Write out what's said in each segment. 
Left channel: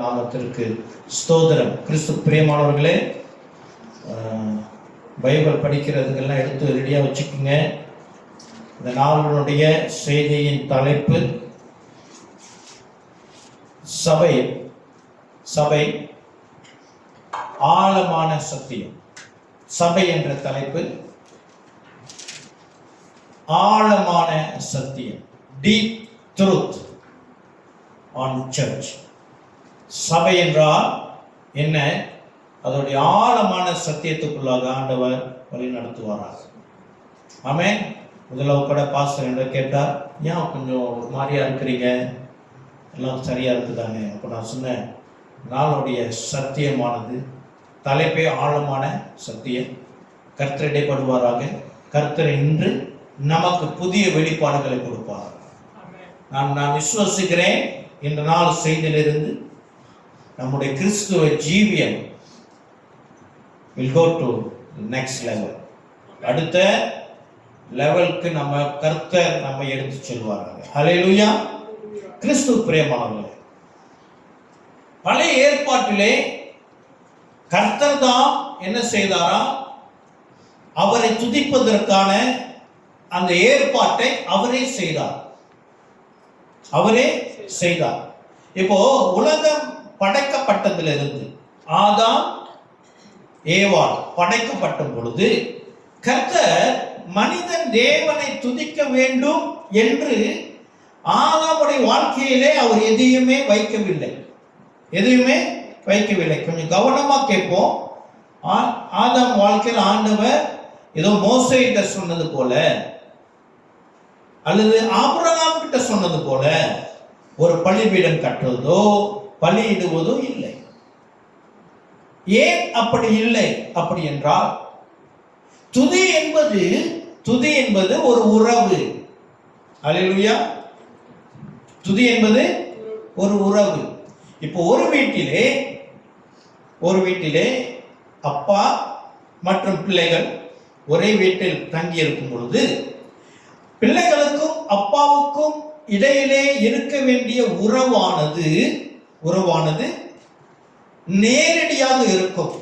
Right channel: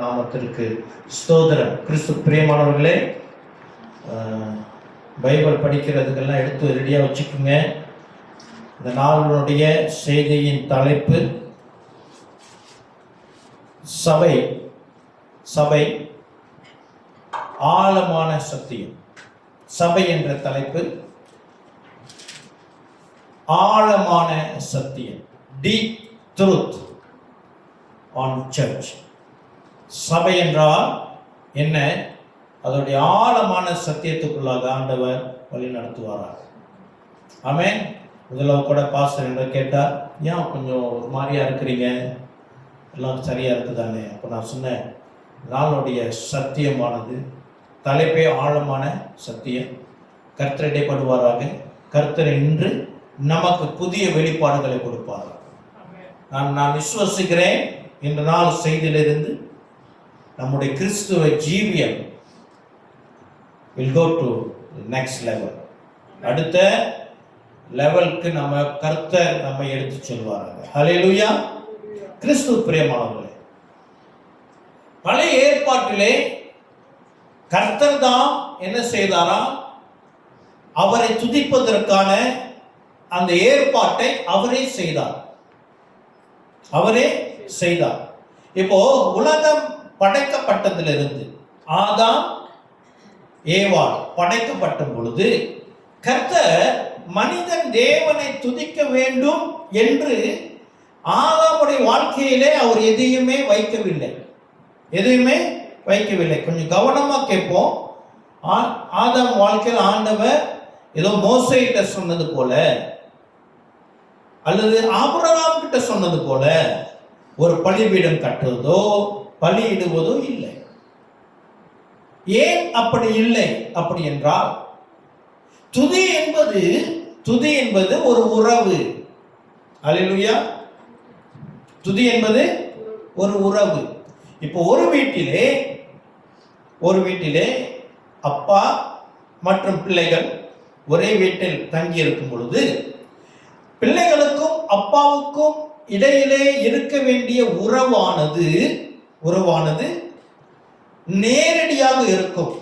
நாமத்திற்கு ஸ்தோத்திரம். கிறிஸ்து பிரியமானவர்களே, பைபிள் படிக்கிறதுக்கெல்லாம் எடுத்து ரெடியாக வச்சுக்கோங்க. இந்த நாளுடைய செய்தியின் தலைப்பு சபை சபை ஆழமான சத்தியம். சபை என்ற தலைப்பு ஆழமான சத்தியம், டீப் ட்ரூத் ஆன் சர்ச். சபை என்றால் என்ன? அதோடைய ஆழமான சத்தியத்துக்குள்ளாக ஆண்டவர் வழி நடத்துவாராக. ஆமென். முதல்ல கூட பாஸ்டர் என்று கேட்டார், ஏன் கொஞ்சம் ஒரு மாதிரியா இருக்கிறீங்க, எல்லாம் சரியா இருக்குதானே? அப்போ நான் சொன்னேன், நாளுடைய சத்தியமானது தலைப்பே ஆழமான சத்தியம். கர்த்தர் இடைப்படுவாராக. கர்த்தர் இன்று நமக்கு புதிய வெளிப்பாடுகளை கொடுப்பார். நான் விசுவசிக்கிறேன். இந்த நாள் செய்தியிலிருந்து நம்முடைய கிறிஸ்துவ ஜீவியம் will go to the next level. அடுத்த லெவலுக்கு நம்ம கர்த்தர் நம்ம எடுத்து செல்வார்கள். ஹல்லேலூயா. கிறிஸ்துவ பிரியமானவர்களே, பழைய ஏற்பாட்டிலே கர்த்தர் தான் என்ன செய்தாரா? அவரை துதிப்பதற்கான அந்த ஏற்பாட்டை அவரே செய்தார். இப்போ உலகம் படைக்கப்பட்டதிலிருந்து ஆதாம் ஏவாள் படைக்கப்பட்ட பொழுது கர்த்தர் மனிதன் தேவனை துதிக்க வேண்டும் என்று ஆதாமுடைய வாழ்க்கையிலே அவர் எதையுமே வைக்கவில்லை. கொஞ்சம் கவனமா கேட்போம். ஆதாம் வாழ்க்கையில் ஆண்டவர் ஏதோ மோசேயிட்ட சொன்னது போல அல்லது ஆபிரகாம் கிட்ட சொன்னது போல ஒரு பலிபீடம் கட்டுவதோ பலியிடுவதோ இல்லை. ஏன் அப்படி இல்லை? அப்படி என்றால் துதி என்பது ஒரு உறவு. அல்லேலூயா. துதி என்பது ஒரு உறவு. இப்போ ஒரு வீட்டிலே அப்பா மற்றும் பிள்ளைகள் ஒரே வீட்டில் தங்கி இருக்கும் பொழுது பிள்ளைகளுக்கும் அப்பாவுக்கும் இடையிலே இருக்க வேண்டிய உறவானது நேரடியாக இருக்கும்.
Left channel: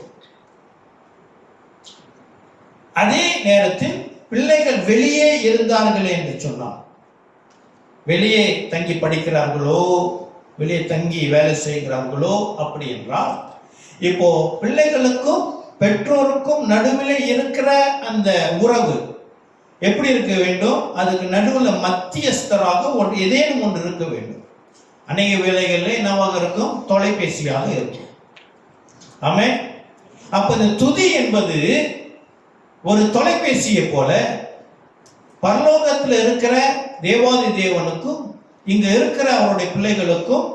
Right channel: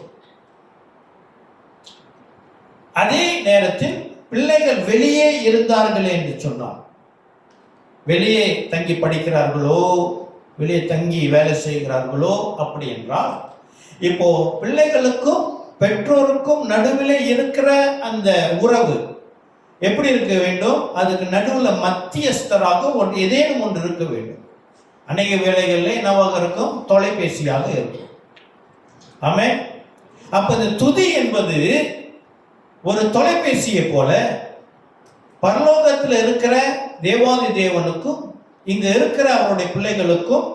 அதே நேரத்தில் பிள்ளைகள் வெளியே இருந்தார்கள் என்று சொன்னார், வெளியே தங்கி படிக்கிறார்களோ, வெளியே தங்கி வேலை செய்கிறார்களோ, அப்படி என்றால் இப்போ பிள்ளைகளுக்கும் பெற்றோருக்கும் நடுவில் இருக்கிற அந்த உறவு எப்படி இருக்க வேண்டும்? அதுக்கு நடுவில் மத்தியஸ்தராக ஏதேனும் ஒன்று இருக்க வேண்டும். அநேக வேளைகளில் என்னவாக இருக்கும்? தொலைபேசியாக இருக்கும். ஆமென். அப்ப இந்த துதி என்பது ஒரு தொலைபேசியை போல பரலோகத்தில் இருக்கிற தேவாதி தேவனுக்கும் இங்க இருக்கிற அவருடைய பிள்ளைகளுக்கும்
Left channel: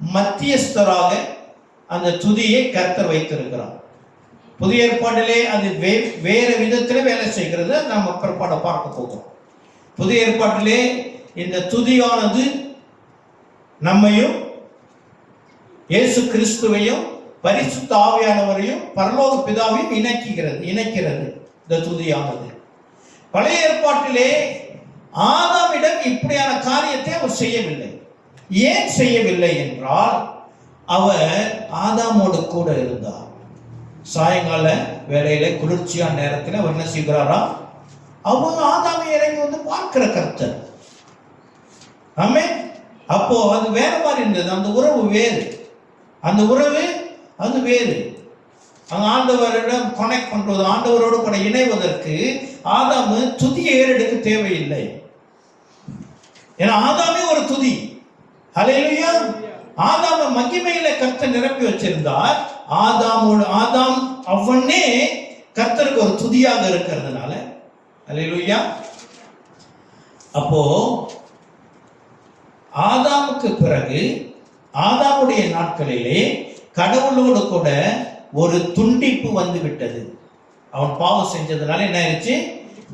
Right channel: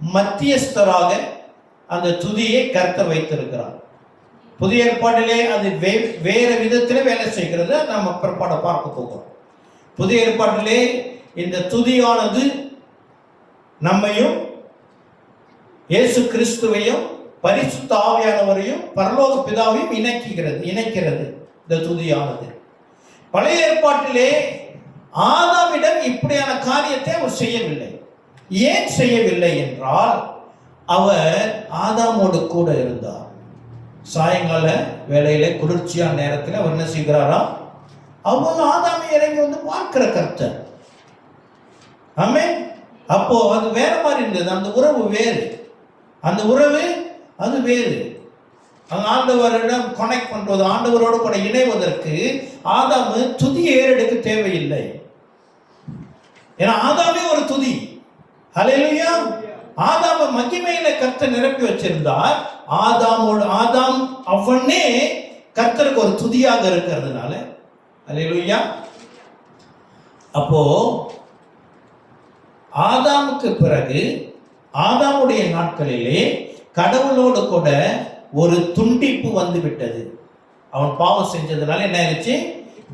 மத்தியஸ்தராக அந்த துதியை கர்த்தர் வைத்திருக்கிறார். புதிய ஏற்பாட்டிலே அது வேற விதத்தில் வேலை செய்கிறது. நம்ம பிற்பாட பார்க்க போகிறோம். புதிய ஏற்பாட்டிலே இந்த துதியானது நம்மையும் இயேசு கிறிஸ்துவையும் பரிசுத்த ஆவியானவரையும் பரலோக பிதாவையும் இணைக்கிறது இந்த துதியானது. பழைய ஏற்பாட்டிலே ஆதாமிடம் இப்படியான காரியத்தை அவர் செய்யவில்லை. ஏன் செய்யவில்லை என்றால் அவர் ஆதாமோடு கூட இருந்தார். சாயங்கால வேளையில குளிர்ச்சியான நேரத்தில் அவர் என்ன செய்கிறாரா? அவங்க ஆதாமை இறங்கி வந்து பார்க்கிற கர்த்தர். ஆமென். அப்போ அது வேற மாதிரி இருந்தது. அந்த உறவு வேறு. அது வேறு. ஆண்டவரிடம் கனெக்ட் பண்றது, ஆண்டவரோடு கூட இணைவதற்கு ஆதாமு துதி ஏறெடுக்க தேவையில்லை. ஏன்னா ஆதாமே ஒரு துதி. ஹல்லேலூயா. ஆதாம மகிமையில கர்த்தர் நிரப்பி வச்சிருந்தார். ஆதாம் அவனே கர்த்தருக்கு ஒரு துதியாக இருக்கிறதுனால. ஹல்லேலூயா. அப்போ ஆதாமுக்கு பிறகு ஆதாமுடைய நாட்களிலே கடவுளோடு கூட ஒரு துண்டிப்பு வந்து விட்டது. அவன் பாவம் செஞ்சதுனால என்ன ஆயிடுச்சு?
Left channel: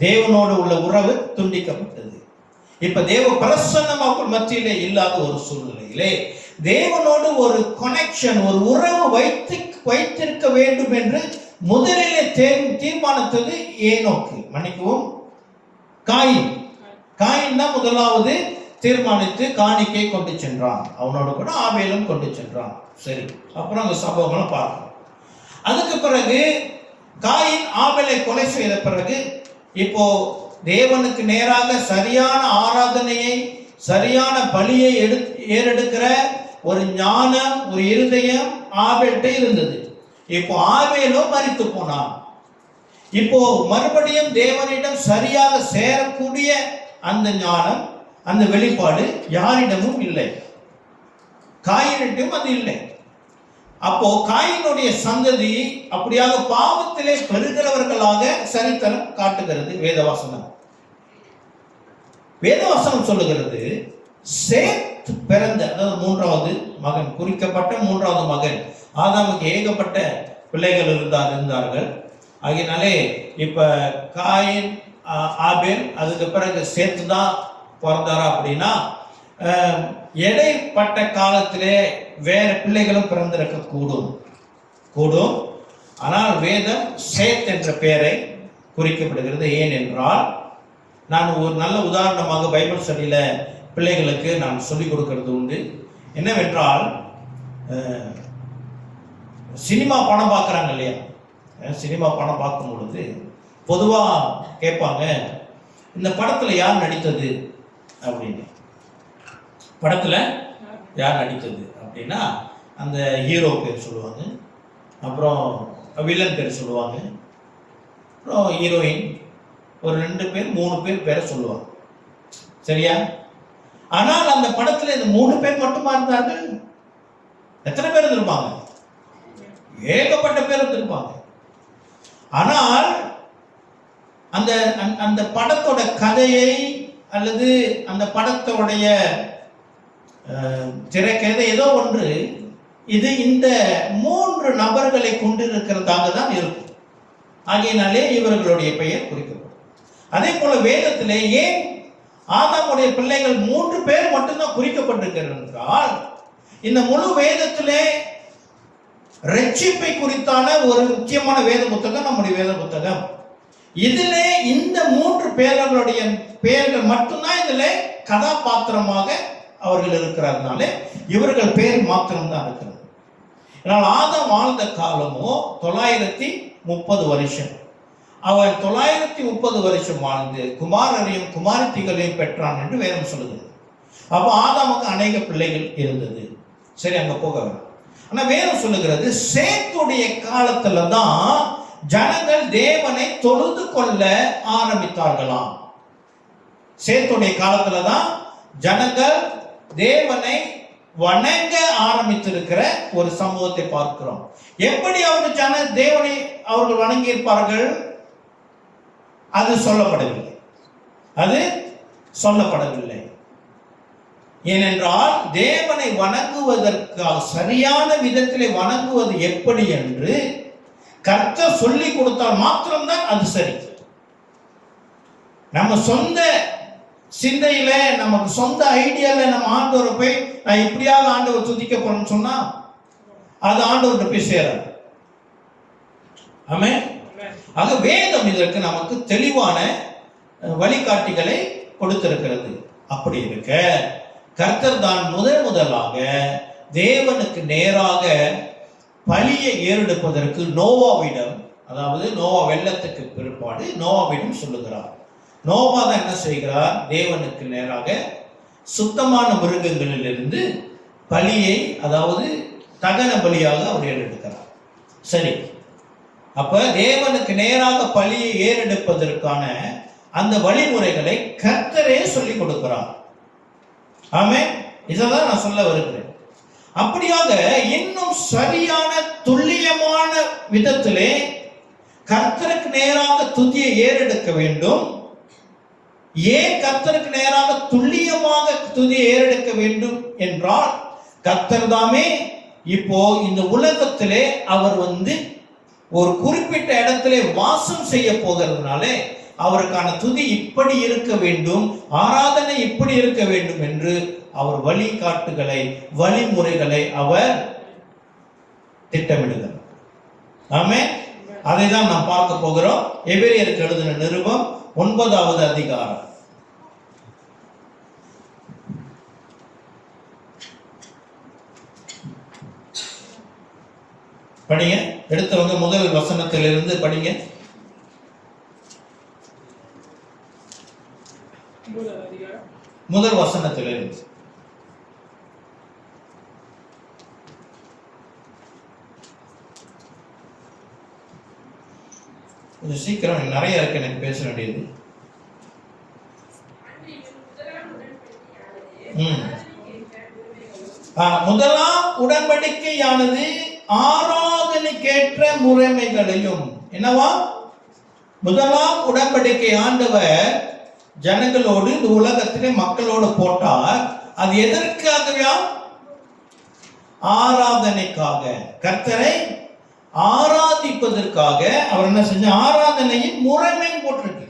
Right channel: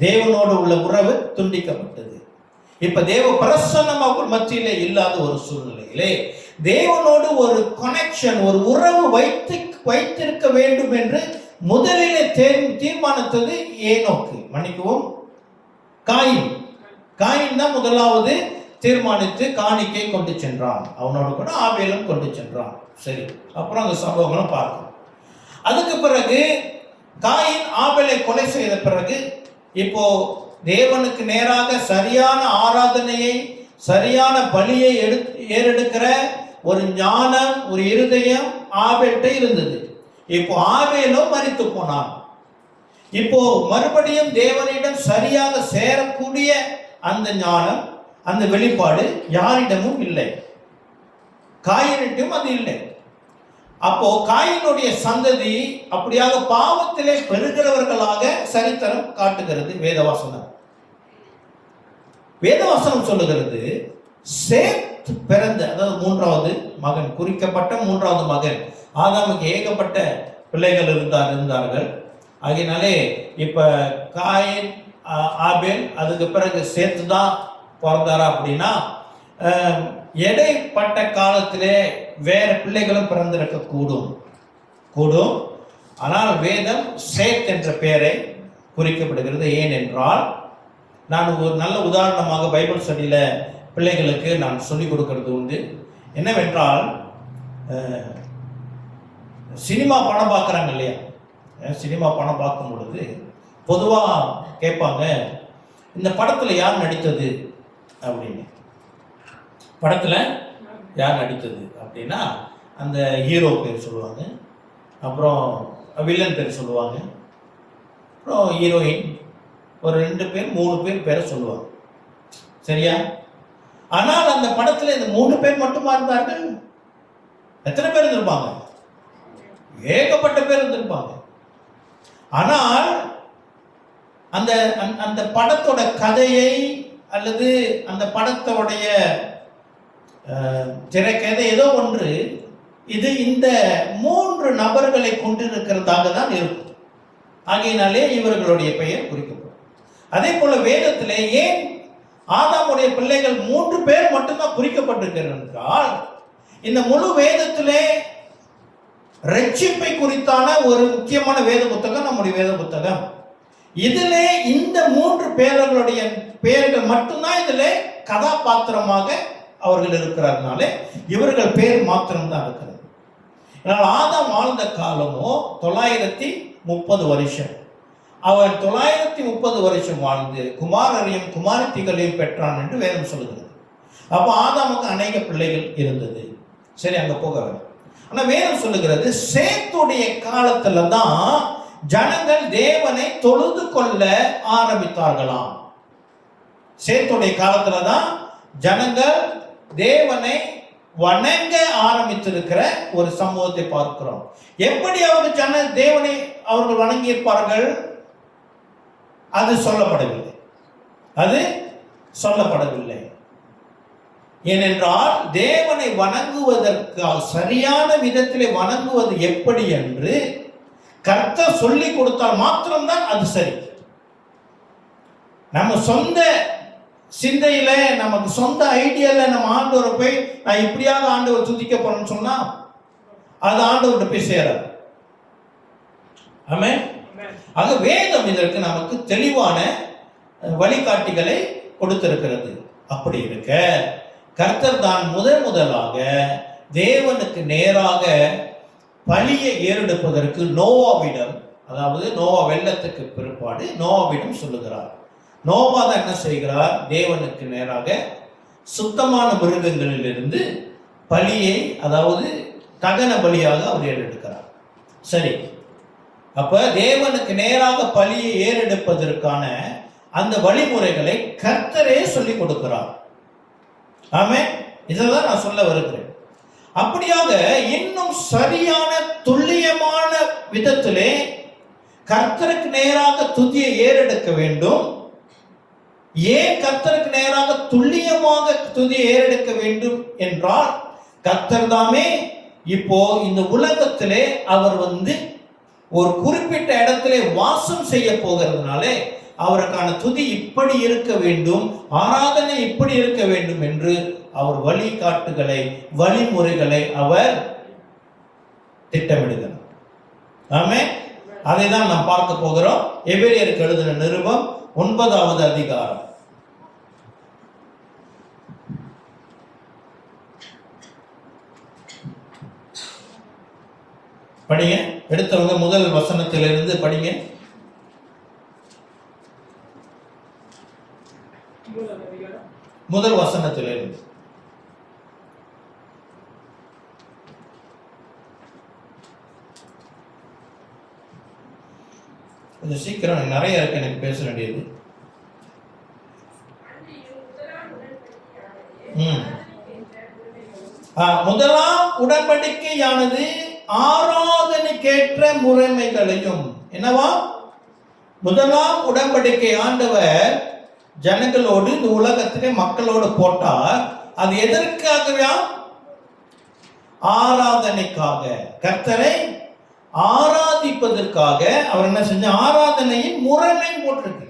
தேவனோடு உள்ள உறவு துண்டிக்கப்பட்டது. இப்ப தேவ பிரசன்னம் அவங்க மத்தியிலே இல்லாத ஒரு சூழ்நிலையிலே தேவனோடு ஒரு கனெக்ஷன், ஒரு உறவு வைத்திருக்க வேண்டும் என்று முதலிலே தீர்மானித்தது காயின் தான் முதலாவது தீர்மானித்து காணிக்கை கொண்டு சென்றான். அவனோடு கூட ஆபேலும் கொண்டு சென்றான். சரி, அப்புறம் அந்த சம்பவங்களும் பார்க்கணும். அதுக்கு பிறகு காயின் ஆபேலை கொலை செய்த பிறகு இப்போ தேவனுக்கு நேராக சரியான ஆராதனையை, சரியான பலியை ஏறெடுக்கிற ஒரு ஞானம், ஒரு இருதயம் ஆபேல்கிட்ட இருந்தது. இப்போ ஆபேலும் மரித்து போனான். இப்போ மறுபடியும் தேவனிடம் சரியாக சேரக்கூடிய அந்த ஞானம், அந்த வெளிப்பாடு யாரிடமும் இல்லை, காயினிட்டும் அது இல்லை. அப்போ காயினுடைய சந்ததி அப்படியாக பாவத்திலே பெறுகிறவர்களாக சரித்திரம் காட்டுகிறது வேதவாசனம். வேதவாசனம் சொல்லுகிறது, சேத் பிறந்த, அதாவது மூன்றாவது மகன், குறிக்கப்பட்ட மூன்றாவது மகன். ஆதாமுக்கு ஏகப்பட்ட பிள்ளைகள் இருந்தார்கள். ஆகினாலே இப்ப காயின், ஆபேல், அதுக்கு பிறகு சேத்து தான் பிறந்தாரா அப்படின்னா, இடைப்பட்ட காலத்திலே வேற பிள்ளைகளும் பிறந்திருக்க கூடும். ஆனால் வேதம் சேத் என்ற பெயரை குறிக்கப்படுகிறது. ஏனென்றால், நான் ஒரு நல்ல உதாரணமாக பைபிள் ஸ்டடியில பிள்ளைகளுக்கு நான் சொல்லிக் கொடுக்கிறது உண்டு. என்னவென்றால், சினிமா படம் பார்க்குறாங்க இல்லையா, சினிமா படம் பார்க்கும் பொழுது பொதுவாக கேட்பாங்க, இந்த படத்தில் யார் நடித்தது அப்படின்னு. படத்தில் யார் நடித்தது அப்படின்னா அந்த ஹீரோ பேர் சொல்லுவாங்க, அப்புறம் வில்லன் பேர் சொல்லுவாங்க, அப்புறம் ஹீரோயின் ஒரு 2 பேர் 3 பேர் பேரை சொல்லுவாங்க. சரியா? ஆனால் அந்த படத்தில் இந்த 3 பேர் மட்டுமா இருந்தார்கள்? எத்தனை பேர் இருந்திருப்பாங்க? ஏகப்பட்ட பேர் இருந்திருப்பாங்க. ஆனால் அந்த அந்த படத்தோட கதையை அல்லது அந்த படத்தோடைய திரைக்கதை ஏதோ ஒன்று இது இந்த 3 நபர்களை கொண்டிருக்கிறதாக தான் இருக்கும். ஆகையினாலே இவர்களுடைய பெயர் குறிக்கப்படும். அதே போல வேதத்திலே ஏன் ஆதாமுடைய பிள்ளைகள் 3 பேர் மட்டும்தான் குறிக்கப்பட்டிருக்கிறது என்றால், இந்த முழு வேதத்திலே ரட்சிப்பை குறித்தான ஒரு முக்கியமான வேத புத்தகம் நம்முடைய வேத புத்தகம். இதிலே இந்த 3 பேர்களுடைய பெயர்கள் மட்டும்தான் இதில் கதாபாத்திரமாக அவர்கள் இருக்கிறதுனால இவர்கள் பேர் மாத்திரம்தான் இருக்கிறது. ஆனால் ஆதாம் வாழ்ந்த காலமோ 930 வருஷம். அவன் 930 வருஷம் வாழ்ந்து குமாரரையும் குமாரத்திகளையும் பெற்றான் என்று வேதம் சொல்லுகிறது. அப்போ ஆதாமுக்கு அநேக பிள்ளைகள் இருந்தது. சரி, அங்க போக வேண்டாம். ஆனா வேதம் சொல்லுகிறது, சேத்துடைய காலத்துல தான் ஜனங்கள் தேவனை தொழுது கொள்ள ஆரம்பித்தார்களாம். சேத்துடைய காலத்துல தான் ஜனங்கள் தேவனை வணங்க ஆரம்பித்திருக்கிற ஒரு சம்பவத்தை பார்க்கிறோம். எப்படி அவர்கள் தேவனை அவர்கள் வணங்கி இருப்பார்கள்? அது சொல்லப்படவில்லை. ஏனென்றால் தேவனை வணங்குவதற்காக சரியான விதத்திலே வணங்குவது எப்படி என்று கர்த்தர் சொல்லி கொடுத்தால் மாத்திரம்தான் அது சரி. நம்ம சொந்த சிந்தையில, நமக்கு சொந்த ஐடியால நம்ம ஆண்டவரை போய் நான் இப்படியாக ஆண்டவர் துதிக்க போறேன்னு சொன்னா அது ஆண்டவர்கிட்ட போய் சேராது. ஆமென். ஆக வேதம் இதற்கு நமக்கு தெளிவான வழிகாட்டிகளை கொடுத்திருக்கிறது. அப்படி இருக்க கர்த்தர் தான் முதலாக தேவனுக்கு நேராக பலியை ஏறெடுப்பதற்கு நோவாவிடம், அதாவது நோவா வெள்ளத்துக்கு பிற்பாடு நோவாவிடம் சொல்லுகிறார். நோவா தான் என்ன செய்கிறார்? தேவனுக்கு நேராக சுத்தமான மிருகங்களிலிருந்து பலியை, அதாவது தகன பலியாக அவர் ஏறெடுக்கிறார். சரி, அப்ப தேவனுக்கு நேராக பலியை ஏறெடுப்பதற்கான அந்த வழிமுறைகளை கர்த்தரே சொல்லிக் கொடுக்கிறார். ஆமென். இதெல்லாம் நான் சொல்ல வருகிறேன். அப்படியாக இன்னும் சரியான துல்லியமான விதத்திலே கர்த்தருக்கு நேராக துதியை ஏறெடுக்க வேண்டும். ஏன் கர்த்தருக்கு நேராக துல்லியமாக துதியை ஏறெடுக்க வேண்டும் என்றால், கர்த்தர் தாமே இப்போ இந்த உலகத்திலே அவர் ஒரு குறிப்பிட்ட இடத்திலே வாசம் செய்ய போகிறதுனாலே அவருக்கான துதி இப்படி இருக்க வேண்டும், ஆராதனை இப்படி இருக்க வேண்டும் என்று அவர் வழிகாட்டுகளை, வழிமுறைகளை அவர் திட்டமிடுகிறார். ஆமென். அதை தான் நாம் பார்க்க போகிறோம். எபிரேயருக்கு எழுதின நிருபம் 9வது அதிகாரம். படிங்க, எடுத்தவங்க முதல் வசனத்திலிருந்து படிங்க. முதல் வசனத்திலிருந்து. கொஞ்சம் சீக்கிரம், நிறைய இருக்கு எனக்கு பேச வேண்டியது. முதலாம் உடன்படிக்கையானது ஆராதனைக்கேற்ற முறைமைகளையும், என்னவா? முதலாம் உடன்படிக்கை ஆண்டவர் ஜனங்களோடு இந்த உலகத்திலே மக்களோடு போட்டார். அது எதற்காகவே? ஆராதனைக்காக, கர்த்தரை ஆராதிப்பதற்காக. அவர் என்ன செஞ்ச? ஆராதனையின் முறைமை போட்டிருக்கு,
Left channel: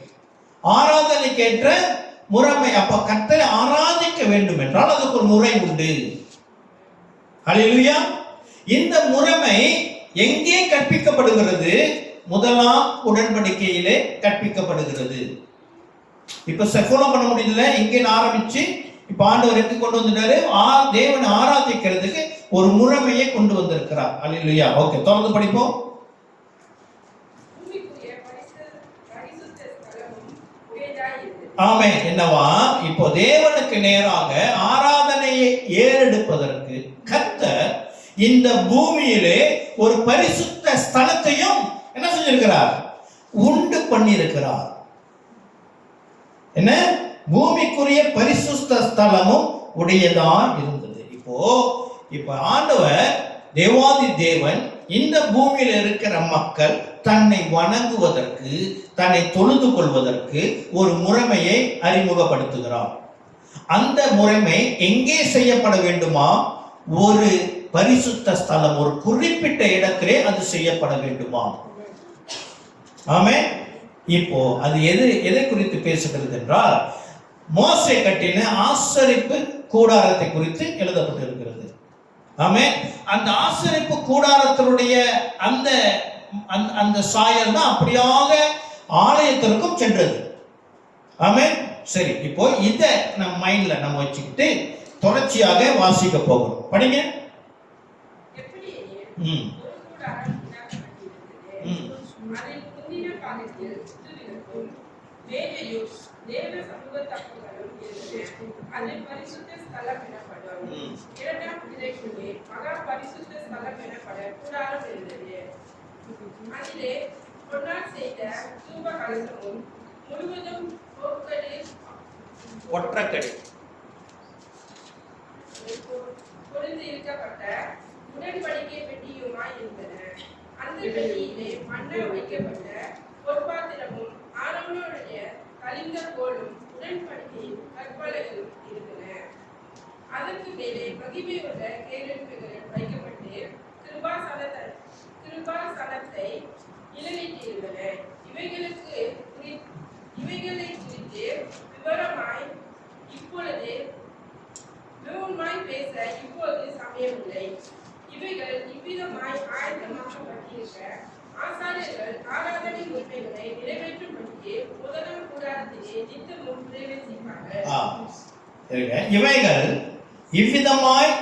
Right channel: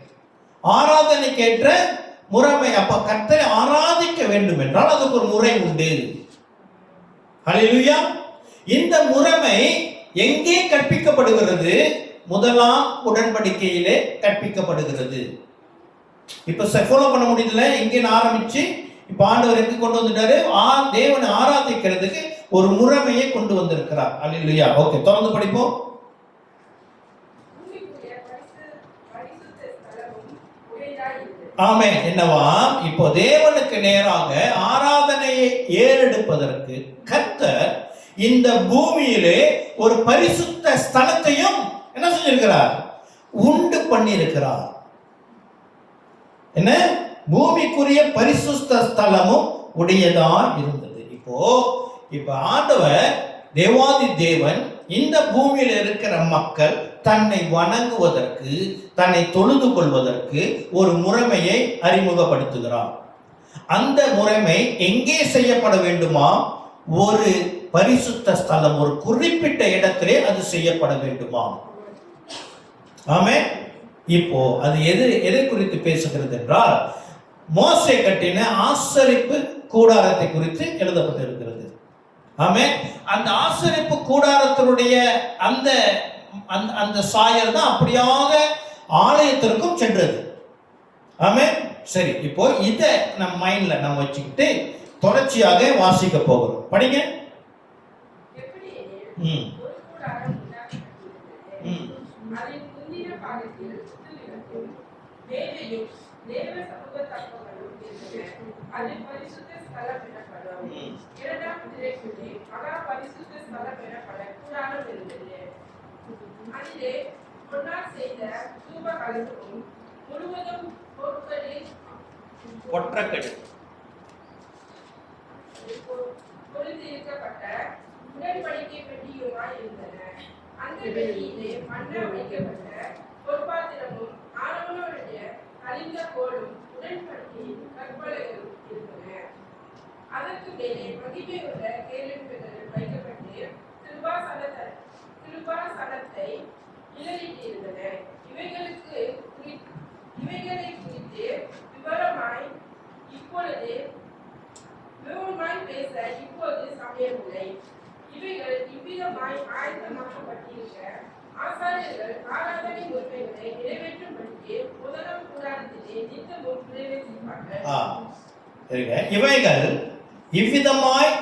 ஆராதனைக்கேற்ற முறைமை. அப்ப கர்த்தரை ஆராதிக்க வேண்டும் என்றால் அதுக்கு ஒரு முறை உண்டு. ஹல்லேலூயா. இந்த முறைமை எங்கே கற்பிக்கப்படுகிறது? முதலாம் உடன்படிக்கையிலே கற்பிக்கப்படுகிறது. இப்ப ஃபாலோ பண்ண முடியல. எங்கே ஆரம்பிச்சு இப்ப ஆண்டவர் எங்க கொண்டு வந்துட்டாரு? தேவனை ஆராதிக்கிறதுக்கு ஒரு முறைமையை கொண்டு வந்திருக்கிறார். ஹல்லேலூயா. ஓகே, தொடர்ந்து படிப்போம். ஆமென். என்னவா? இப்போ தேவனுக்கு நேராக ஆராதனையை ஏறெடுப்பதற்கு கர்த்தர் இந்த பூமியிலே ஒரு பரிசுத்த ஸ்தலத்தையும் என்ன செஞ்சிருக்கிறார்? உண்டு பண்ணி இருக்கிறார். என்ன? பூமிக்குரிய பரிசுத்த ஸ்தலமும் உடையதான் இருந்தது. இப்போ ஆண்டவர் தேவாதி தேவன் இந்த பூமியில் இருக்கிற மக்கள் தன்னை வணங்குவதற்கு, தன்னை தொழுது கொள்வதற்கு ஒரு முறைமையை அறிமுகப்படுத்துகிறார். அந்த முறைமை எங்கே செய்யப்பட வேண்டுமா? ஒரு பரிசுத்த ஸ்தலம், ஒரு குறிப்பிட்ட இடத்திலே அது செய்யப்பட வேண்டுமா? ஆமென். இப்போ அது எதை குறித்து பேசுகிறது என்றால், மோசே கட்டின ஆசரிப்பு கூடாரத்தை குறித்து எழுதப்பட்டு இருக்கிறது. ஆமென். அந்த ஆசரிப்பு கூடாரத்தினுடைய அந்த சாயல் தான் அப்படியாக ஆலயத்திற்கும் சென்றது. ஆமென். சரி, இப்போ இதை நம்ம மைண்ட்ல நம்ம வச்சுக்கிட்டு தொடர்ச்சியாக வாசிக்க போகிறோம். படிங்க. ஒற்றக்கடி உடன்படிக்கை பெட்டியுமாய் இருந்தன. அந்த பெட்டியிலே மன்னா வைக்கப்பட்ட பொற்பாத்திரமும் ஆரோனுடைய கலிந்த கோலும் உடன்படிக்கை கற்பலகளும் இருந்தன. அதற்கு மேலே மகிமையுள்ள கேருபீன்கள் வைக்கப்பட்டு கிருபாசனத்தை நிழலிட்டிருந்தன. இவைகளை குறித்து விவரமாய் பேச இப்போது சமயமில்லை. இவைகள் இவ்விதமாய் ஆயத்தமாக்கப்பட்டிருக்க ஆசாரியர்கள் ஆராதனை முறைமைகளை நிறைவேற்றும்படிக்கு முதலாம் கூடாரத்திலே நித்தமும் பிரவேசிப்பார்கள். இவைகள் இவ்விதமாய்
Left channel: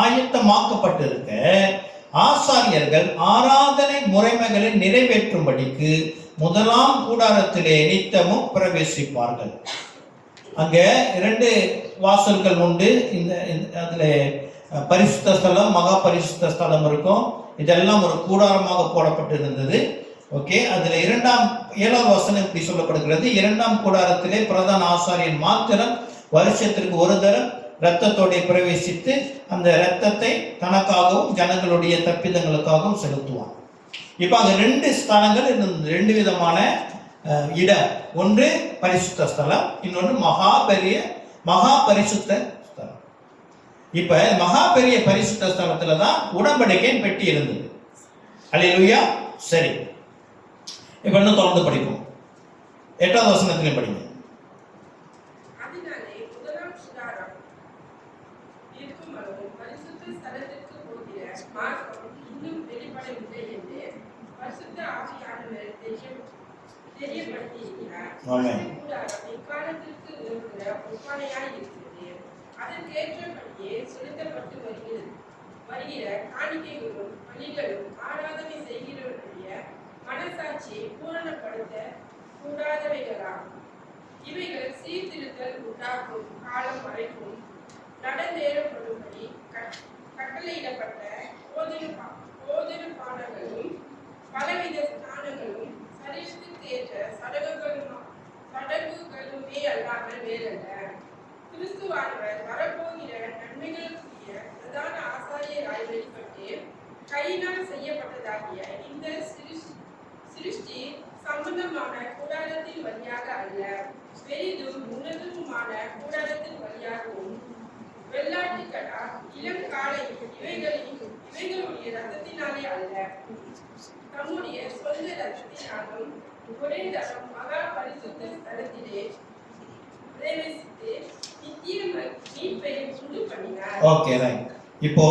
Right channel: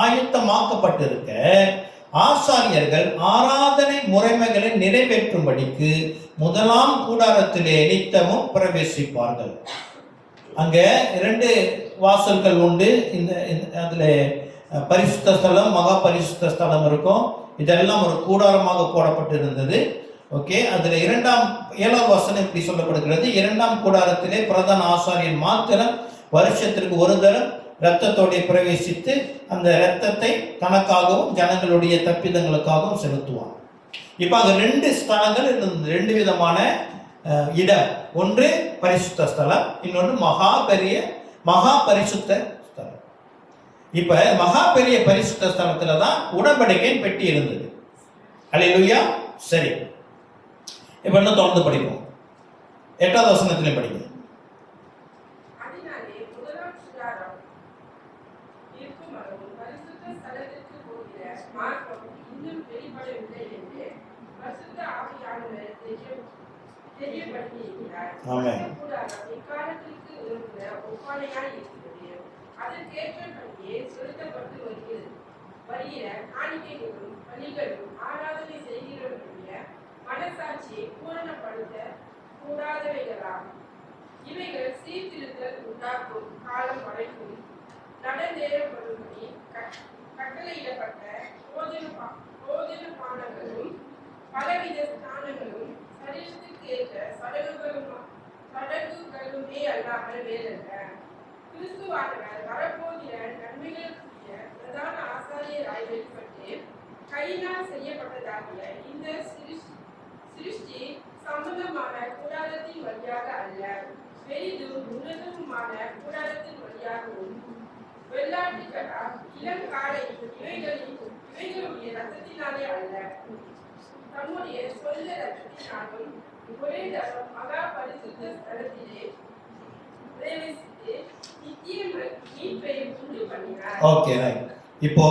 ஆயத்தமாக்கப்பட்டிருக்க ஆசாரியர்கள் ஆராதனை முறைமைகளை நிறைவேற்றும்படிக்கு முதலாம் கூடாரத்திலே நித்தமும் பிரவேசிப்பார்கள். அங்க 2 வாசல்கள் உண்டு. அதுல பரிசுத்த ஸ்தலம், மகா பரிசுத்த ஸ்தலம் இருக்கும். இதெல்லாம் ஒரு கூடாரமாக போடப்பட்டிருந்தது. ஓகே, அதுல 7ஆம் வசனம் இப்படி சொல்லப்படுகிறது. 2ஆம் கூடாரத்திலே பிரதான ஆசாரியன் மாத்திரம் வருஷத்திற்கு ஒரு தரம் இரத்தத்தோட பிரவேசித்து அந்த இரத்தத்தை தனக்காகவும் ஜனங்களுடைய தப்பிதங்களுக்காகவும் செலுத்துவான். இப்ப அங்க 2 ஸ்தலங்கள், 2 விதமான இடம். ஒன்று பரிசுத்த ஸ்தலம், இன்னொன்று மகா பரிசுத்த ஸ்தலம். இப்ப மகா பெரிய பரிசுத்த ஸ்தலத்துல தான் உடன்படிக்கையின் பெட்டி இருந்தது. அல்லேலூயா. சரி, இப்ப இன்னும் தொடர்ந்து படிப்போம். 8ஆவது வசனத்திலே படிங்க. வருகிற காணிக்கைகளும் பலிகளும் ஆராதனை செய்கிறவர்களுடைய மனசாட்சியை பூரணப்படுத்த கூடாதவைகளாம். இவைகள் சீர்திருத்தல் உண்டாக்கும் காலம் வரைக்கும் நடந்தேறப்படும்படி கட்டளையிடப்பட்ட போதன பானங்களும் பலவித ஸ்நானங்களும் சரீரத்துக்கு ஏற்ற சடங்குகளுமே அல்லாமல் வேறல்ல. கிறிஸ்துவானவர் வரப்போகிற நன்மைகளுக்குரிய பிரதான ஆசாரியராய் வெளிப்பட்டு கையினால் செய்யப்பட்டதாகிய இந்த சிருஷ்டி சம்பந்தமான கூடாரத்தின் வழியாக அல்ல, பெரிதும் உன்னதமான கூடாரத்தின் வழியாகவும் வெள்ளாட்டுக்கடா இளங்காலை இவைகளுடைய ரத்தத்தினாலே அல்ல, தம்முடைய சொந்த ரத்தத்தினாலும் ஒரே தரம் மகா பரிசுத்த ஸ்தலத்திலே பிரவேசித்து நித்திய மீட்பை உண்டு பண்ணினார். Okay, right. இப்போ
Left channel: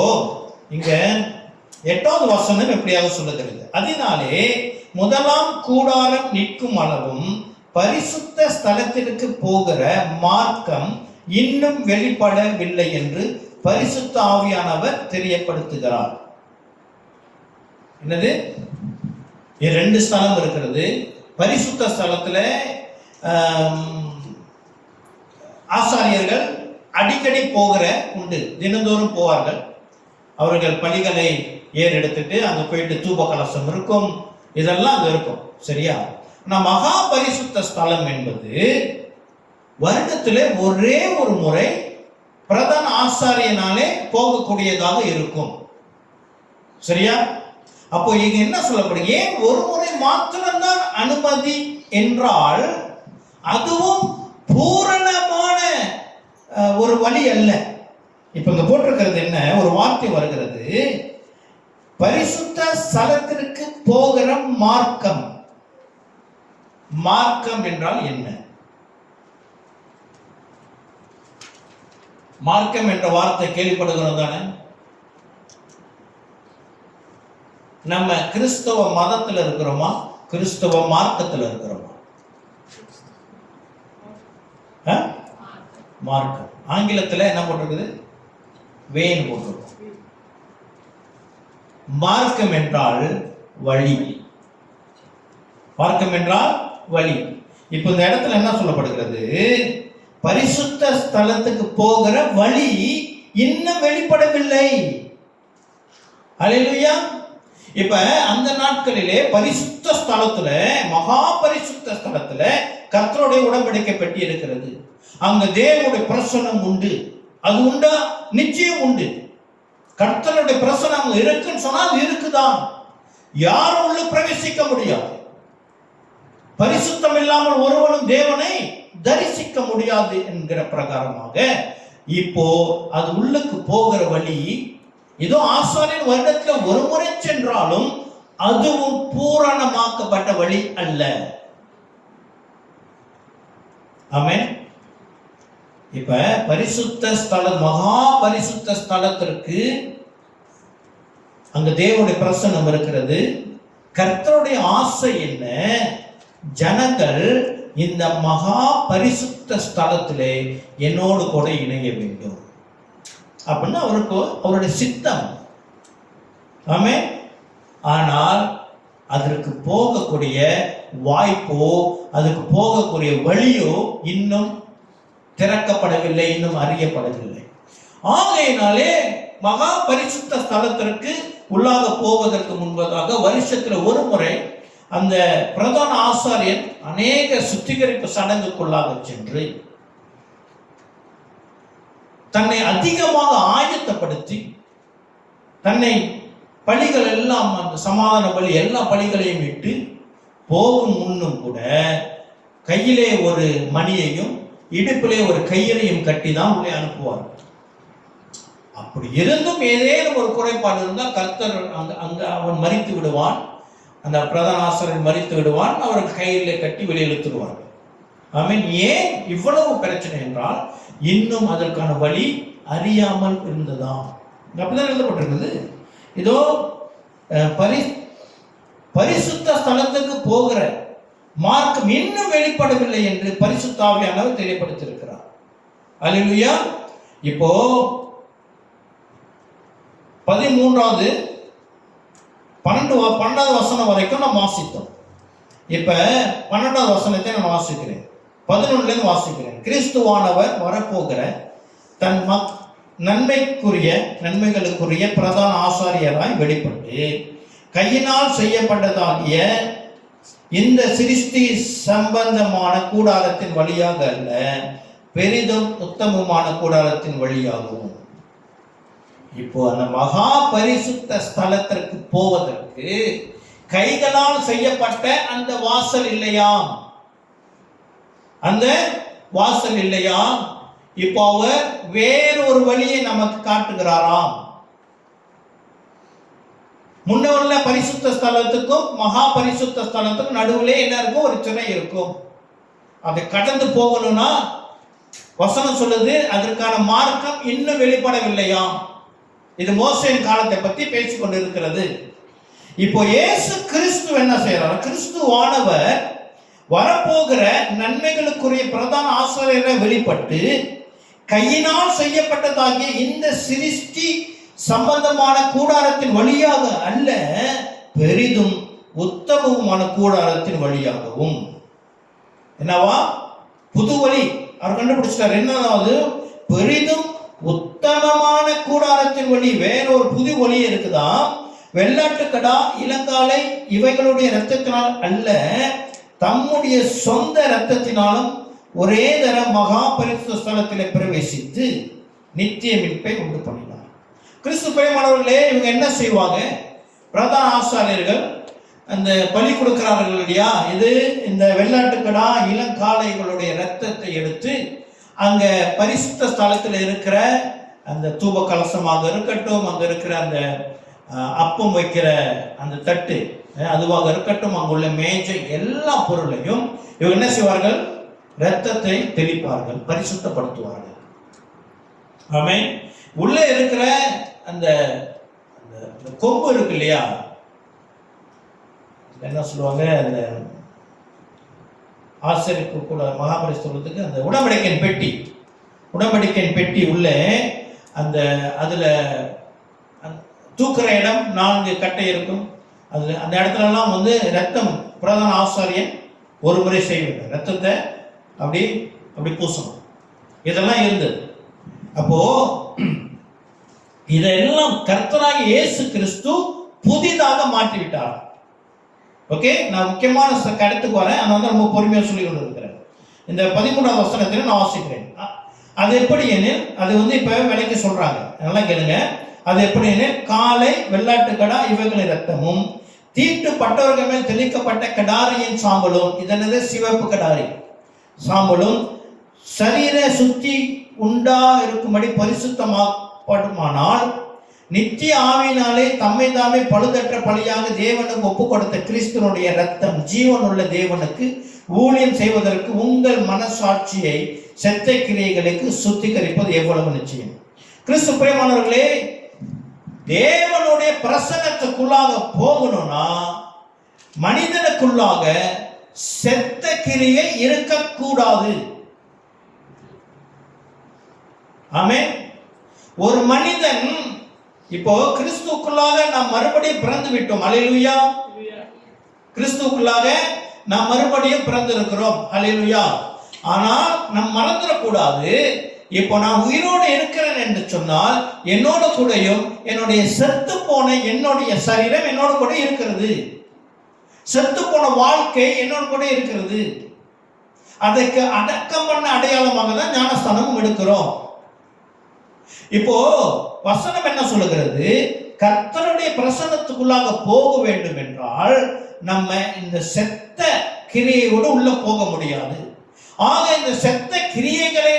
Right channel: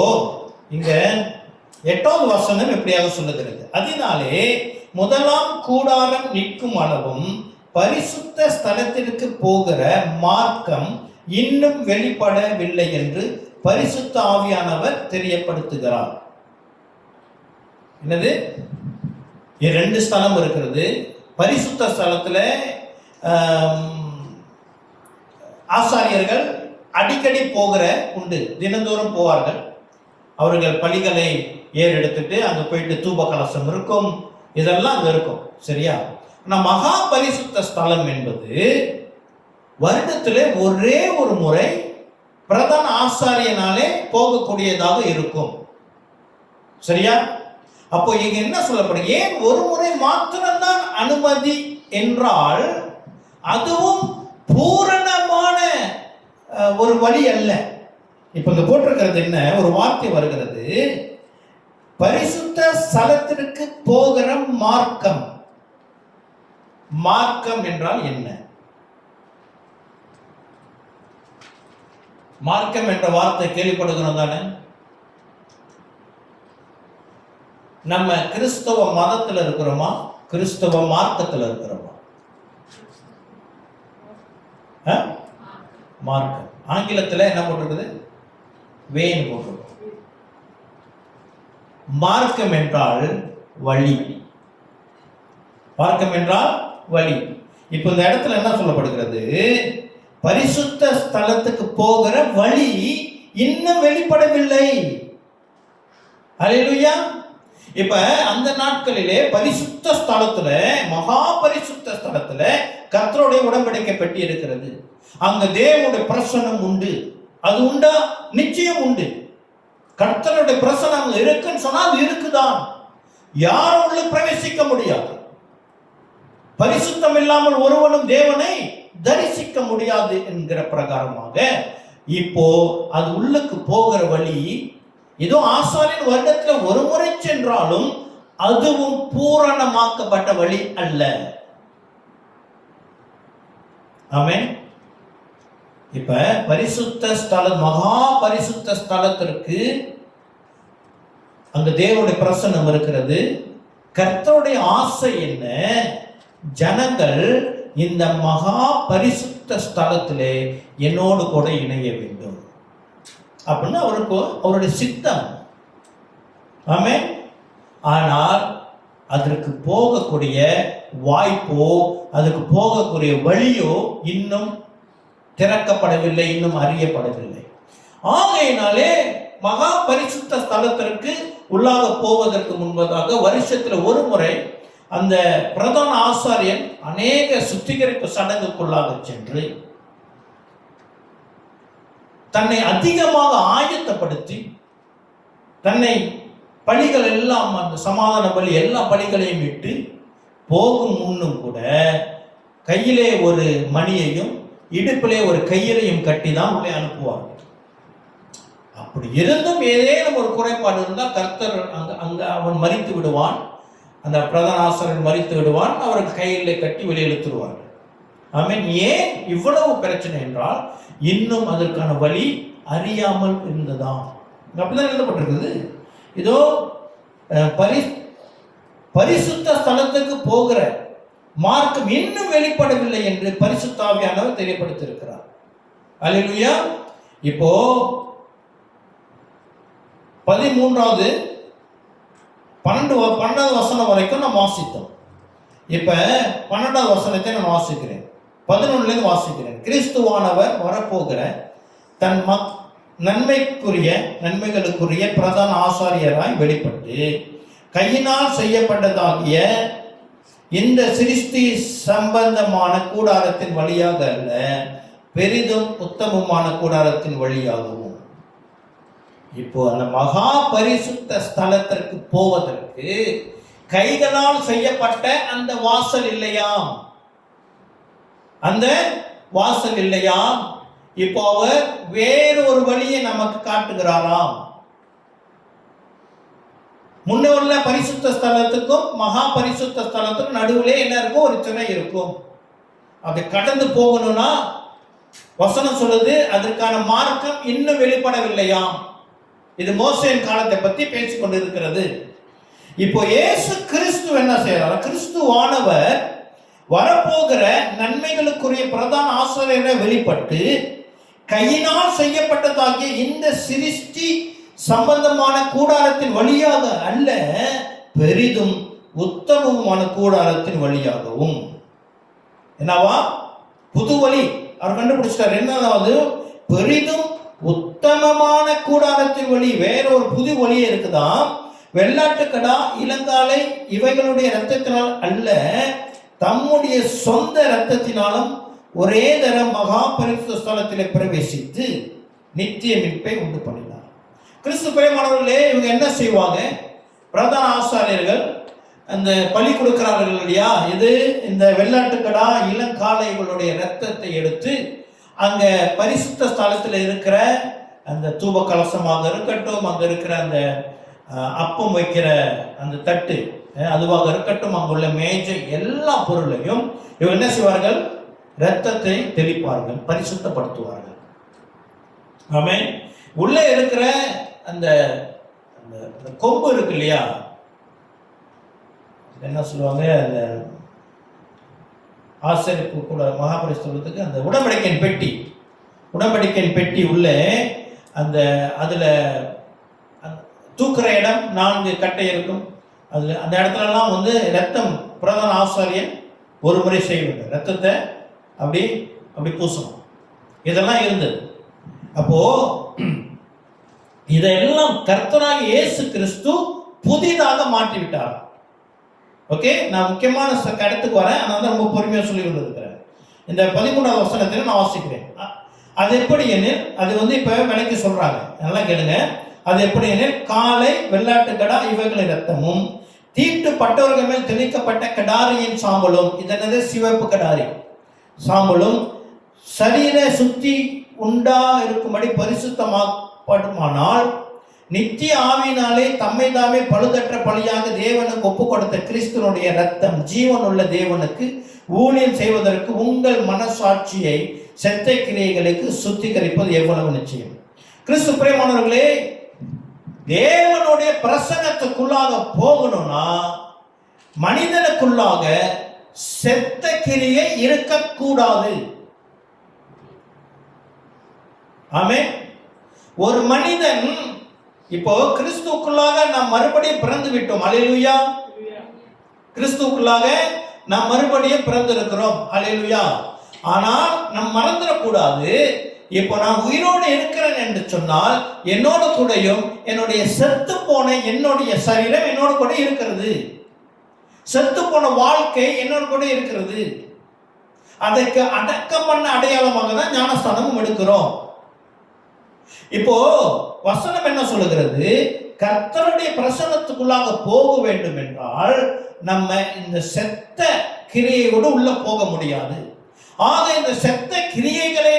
இங்க 8வது வசனம் எப்படியாக சொல்லுகிறது? அதனாலே முதலாம் கூடாரம் நிற்கும் அளவும் பரிசுத்த ஸ்தலத்திற்கு போகிற மார்க்கம் இன்னும் வெளிப்படவில்லை என்று பரிசுத்த ஆவியானவர் தெரியப்படுத்துகிறார். என்னது? 2 ஸ்தலம் இருக்கிறது. பரிசுத்த ஸ்தலத்துல ஆசாரியர்கள் அடிக்கடி போகிற உண்டு, தினந்தோறும் போவார்கள். அவர்கள் பலிகளை ஏறெடுத்துட்டு அங்க போயிட்டு தூப கலசம் இருக்கும், இதெல்லாம் அங்க இருக்கும். சரியா? ஆனா மகா பரிசுத்த ஸ்தலம் என்பது வருடத்திலே ஒரே ஒரு முறை பிரதான ஆசாரியனாலே போகக்கூடியதாக இருக்கும். சரியா? அப்போ இங்க என்ன சொல்லப்படுது? ஏன் ஒரு முறை மாத்திரம்தான் அனுமதி என்றால் அதுவும் பூரணமான ஒரு வழி அல்ல. இப்ப இங்க போட்டிருக்கிறது என்ன? ஒரு வார்த்தை வருகிறது, பரிசுத்த ஸ்தலத்திற்கு போகிற மார்க்கம். மார்க்கம் என்றால் என்ன? மார்க்கம் என்ற வார்த்தை கேள்விப்படுகிறோம் தானே? நம்ம கிறிஸ்தவ மதத்தில் இருக்கிறோமா, கிறிஸ்தவ மார்க்கத்தில் இருக்கிறோமா? மார்க்கம். ஆங்கிலத்தில் என்ன போட்டிருக்குது? வேன் போட்டிருக்கும். மார்க்கம் என்றால் வழி. மார்க்கம் என்றால் வழி. இப்ப இந்த இடத்துல என்ன சொல்லப்படுகிறது? பரிசுத்த ஸ்தலத்துக்கு போகிற வழி இன்னும் வெளிப்படவில்லை. அல்லேலூயா. இப்ப அந்த நாட்களிலே பரிசுத்த ஸ்தலத்துல, மகா பரிசுத்த ஸ்தலத்துல கர்த்தருடைய உடன்படிக்கை பெட்டி இருக்கிறது. அங்க தேவனுடைய பிரசன்னம் உண்டு. அது உண்டா? நிச்சயம் உண்டு. கர்த்தருடைய பிரசன்னம் அங்க இருக்குன்னு சொன்னா அது இருக்குதான். யாரும் உள்ள பிரவேசிக்க முடியாது. பரிசுத்தம் இல்லாமல் ஒருவனும் தேவனை தரிசிக்க முடியாது என்கிற பிரகாரமாக இப்போ அது உள்ளுக்கு போகிற வழி ஏதோ ஆசாரியன் வருடத்துல ஒரு முறை சென்றாலும் அதுவும் பூரணமாக்கப்பட்ட வழி அல்ல. ஆமென். இப்ப பரிசுத்த ஸ்தலம், மகா பரிசுத்த ஸ்தலத்திற்கு அங்க தேவனுடைய பிரசன்னம் இருக்கிறது. கர்த்தருடைய ஆசை என்ன? ஜனங்கள் இந்த மகா பரிசுத்த ஸ்தலத்திலே என்னோடு கூட இணைய வேண்டும் அப்படின்னா அவருடைய சித்தம். ஆமென். ஆனால் அதற்கு போகக்கூடிய வாய்ப்போ அதுக்கு போகக்கூடிய வழியோ இன்னும் திறக்கப்படவில்லை, இன்னும் அறியப்படவில்லை. ஆகையினாலே மகா பரிசுத்த ஸ்தலத்திற்கு உள்ளாக போவதற்கு முன்பதாக வருஷத்துல ஒரு முறை அந்த பிரதான ஆசாரியன் அநேக சுத்திகரிப்பு சடங்குக்குள்ளாக சென்று தன்னை அதிகமாக ஆயத்தப்படுத்தி தன்னை பலிகள் எல்லாம், அந்த சமாதான பலி எல்லா பலிகளையும் விட்டு போகும் முன்னும் கூட கையிலே ஒரு மணியையும் இடுப்பிலே ஒரு கயிறையும் கட்டி தான் உள்ளே அனுப்புவார்கள். அப்படி இருந்தும் ஏதேனும் ஒரு குறைபாடு இருந்தால் கர்த்தர் அங்க அவன் மரித்து விடுவான். அந்த பிரதான ஆசாரியன் மரித்து விடுவான். அவருக்கு கையிலே கட்டி வெளியெழுத்துருவார்கள். ஆமென். ஏன் இவ்வளவு பிரச்சனை என்றால் இன்னும் அதற்கான வழி அறியாமல் இருந்ததாம். அப்படிதான் எழுதப்பட்டிருக்குது. இதோ பரிசுத்த ஸ்தலத்துக்கு போகிற மார்க்கம் இன்னும் வெளிப்படவில்லை என்று பரிசுத்த ஆவியானவர் தெரியப்படுத்தியிருக்கிறார். அல்லேலூயா. இப்போ 13வது 12வது வசனம் வரைக்கும் நாம் வாசித்தோம். இப்ப 12வது வசனத்தை நான் வாசிக்கிறேன். 11லேருந்து வாசிக்கிறேன். கிறிஸ்துவானவர் வரப்போகிற தன் நன்மைகளுக்குரிய பிரதான ஆசாரியராய் வெளிப்பட்டு கையினால் செய்யப்பட்டதாகிய இந்த சிருஷ்டி சம்பந்தமான கூடாரத்தின் வழியாக அல்ல, பெரிதும் உத்தமமான கூடாரத்தின் வழியாகவும். இப்போ அந்த மகா பரிசுத்த ஸ்தலத்திற்கு போவதற்கு கைகளால் செய்யப்பட்ட அந்த வாசல் இல்லையாம், அந்த வாசல் இல்லையாம். இப்போ அவர் வேறொரு வழியை நமக்கு காட்டுகிறாராம். முன்ன உள்ள பரிசுத்த ஸ்தலத்துக்கும் மகா பரிசுத்த ஸ்தலத்துக்கும் நடுவிலே என்ன இருக்கும்? ஒரு சிறை இருக்கும். அதை கடந்து போகணும்னா வசனம் சொல்லுது அதற்கான மார்க்கம் இன்னும் வெளிப்படவில்லையாம். இது மோசேயின் காலத்தை பத்தி பேசிக் கொண்டிருக்கிறது. இப்போ இயேசு கிறிஸ்து என்ன செய்யறார்? கிறிஸ்துவானவர் வரப்போகிற நன்மைகளுக்குரிய பிரதான ஆசாரியரை வெளிப்பட்டு கையினால் செய்யப்பட்டதாகிய இந்த சிருஷ்டி சம்பந்தமான கூடாரத்தின் வழியாக அல்ல, பெரிதும் உத்தமமான கூடாரத்தின் வழியாகவும். என்னவா? புது வழி அவர் கண்டுபிடிச்சிட்டார். என்னதாவது? பெரிதும் உத்தமமான கூடாரத்தின் வழி. வேறொரு புது வழியே இருக்குதான். வெள்ளாட்டுக்கடா, இளங்காலை இவைகளுடைய இரத்தத்தினால் அல்ல, தம்முடைய சொந்த இரத்தத்தினாலும் ஒரே தரம் மகா பரிசுத்த ஸ்தலத்திலே பிரவேசித்து நித்திய மீட்பை உண்டு பண்ணினார். கிறிஸ்து பிரியமானவர்களே, இவங்க என்ன செய்வாங்க? பிரதான ஆசாரியர்கள் அந்த பலி கொடுக்கிறார்கள் இல்லையா? இது இந்த வெள்ளாட்டுக்கடா இளங்காளைகளுடைய இரத்தத்தை எடுத்து அங்க பரிசுத்த ஸ்தலத்தில் இருக்கிற அந்த தூப கலசமாக இருக்கட்டும், அங்க இருக்கிற அந்த அப்பம் வைக்கிற அந்த தட்டு அதுவாக இருக்கட்டும், அங்குள்ள மேஜை எல்லா பொருளையும் இவங்க என்ன செய்வார்கள்? இரத்தத்தை தெளிப்பார்கள், பரிசுத்தப்படுத்துவார்கள். ஆமென். உள்ளே இருக்கிற அந்த கொம்பு இருக்கு இல்லையா, என்ன சொல்லுவாங்க, அந்த ஆசரிப்புக்குள்ள மகாபரிசுத்தத்துக்கு அந்த உடன்படிக்கையின் பெட்டி உள்ளே அந்த அதுல தூக்குற இடம் 4 கட்டை இருக்கும். அதுல அந்த இடத்துலலாம் வந்து ரத்தம் பிரதான ஆசாரியன் ஒரு முறை செய்ய வேண்டும். ரத்தத்தை அப்படி பூசணும். இதெல்லாம் இருந்தது. அப்போ இதெல்லாம் கர்த்தராகிய இயேசு கிறிஸ்து புதிதாக மாற்றிவிட்டார். ஓகே, நான் முக்கியமான கருத்துக்கு வரேன். அதனால தான் ரொம்ப பொறுமையாக சொல்லி கொண்டு இருக்கிறேன். இந்த 13வது வசனத்தில் நான் வாசிக்கிறேன். அது எப்படி எனில், அது வந்து இப்போ விலைக்கு சொல்றாங்க, நல்லா கேளுங்க. அது எப்படி எனில், காலை வெள்ளாட்டுக்கடா இவைகளின் இரத்தமும் தீட்டுப்பட்டவர்கள் மேல் தெளிக்கப்பட்ட கடாரியின் சாம்பலும், இதனது சிவப்பு கடாரி சாம்பலும் சரீர சுத்தி உண்டா இருக்கும்படி பரிசுத்தமாகப்படுமானால், நித்திய ஆவியினாலே தம்மை தாமே பழுதற்ற பலியாக தேவனுக்கு ஒப்பு கொடுத்த கிறிஸ்துவனுடைய இரத்தம் ஜீவனுள்ள தேவனுக்கு ஊழியம் செய்வதற்கு உங்கள் மனசாட்சியை செத்த கிரியைகளுக்கு சுத்திகரிப்பது எவ்வளவு நிச்சயம். கிறிஸ்து பிரியமானவர்களே, தேவனுடைய பிரசன்னத்துக்குள்ளாக போகணும்னா மனிதனுக்குள்ளாக செத்த கிரியை இருக்கக்கூடாது. ஆமென். ஒரு மனிதன் இப்போ கிறிஸ்துவுக்குள்ளாக நாம் மறுபடியும் பிறந்து விட்டோம். அல்லேலூயா. கிறிஸ்துவுக்குள்ளாக நாம் மறுபடியும் பிறந்திருக்கிறோம். அல்லேலூயா. ஆனால் நாம் மறந்துடக்கூடாது, இப்போ நான் உயிரோடு இருக்கிறேன் என்று சொன்னால் என்னோட கூடயும் என்னுடைய செத்து போன என்னுடைய சரீரம் என்னோட கூட இருக்கிறது. செத்து போன வாழ்க்கை என்னோட கூட இருக்கிறது. அதற்கு அடக்கம் பண்ண அடையாளமாக தான் ஞானஸ்தானம் எடுக்கிறோம். இப்போ வசனம் என்ன சொல்லுகிறது? கர்த்தருடைய பிரசன்னத்துக்குள்ளாக போக வேண்டும் என்றால் நம்ம இந்த செத்த கிரியையோடு உள்ள போக முடியாது. ஆக இந்த செத்த கிரியைகளை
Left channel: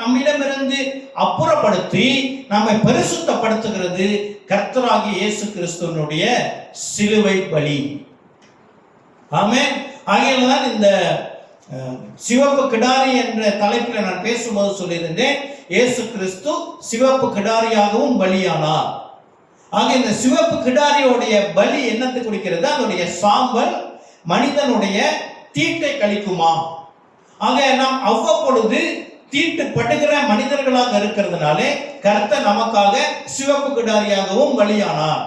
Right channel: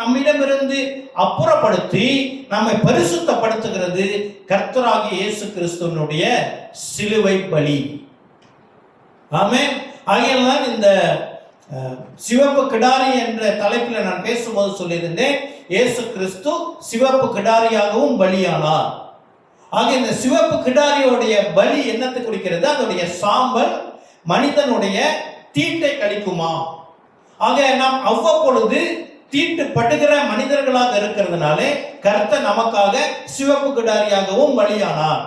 நம்மிடமிருந்து அப்புறப்படுத்தி நம்மை பரிசுத்தப்படுத்துகிறது கர்த்தராகிய இயேசு கிறிஸ்துவினுடைய சிலுவை பலி. ஆமென். ஆகையால் இந்த சிவப்பு கிடாரி என்ற தலைப்பில் நான் பேசும்போது சொல்லியிருந்தேன், இயேசு கிறிஸ்து சிவப்பு கிடாரியாகவும் பலியானார். ஆக இந்த சிவப்பு கிடாரியோடைய பலி என்னத்தை குறிக்கிறது? அதனுடைய சாம்பல் மனிதனுடைய தீட்டை கழிக்குமா? ஆக நாம் அவ்வப்பொழுது தீட்டுப்படுகிற மனிதர்களாக இருக்கிறதுனாலே கர்த்தர் நமக்காக சிவப்பு கிடாரியாகவும் பலியானார்.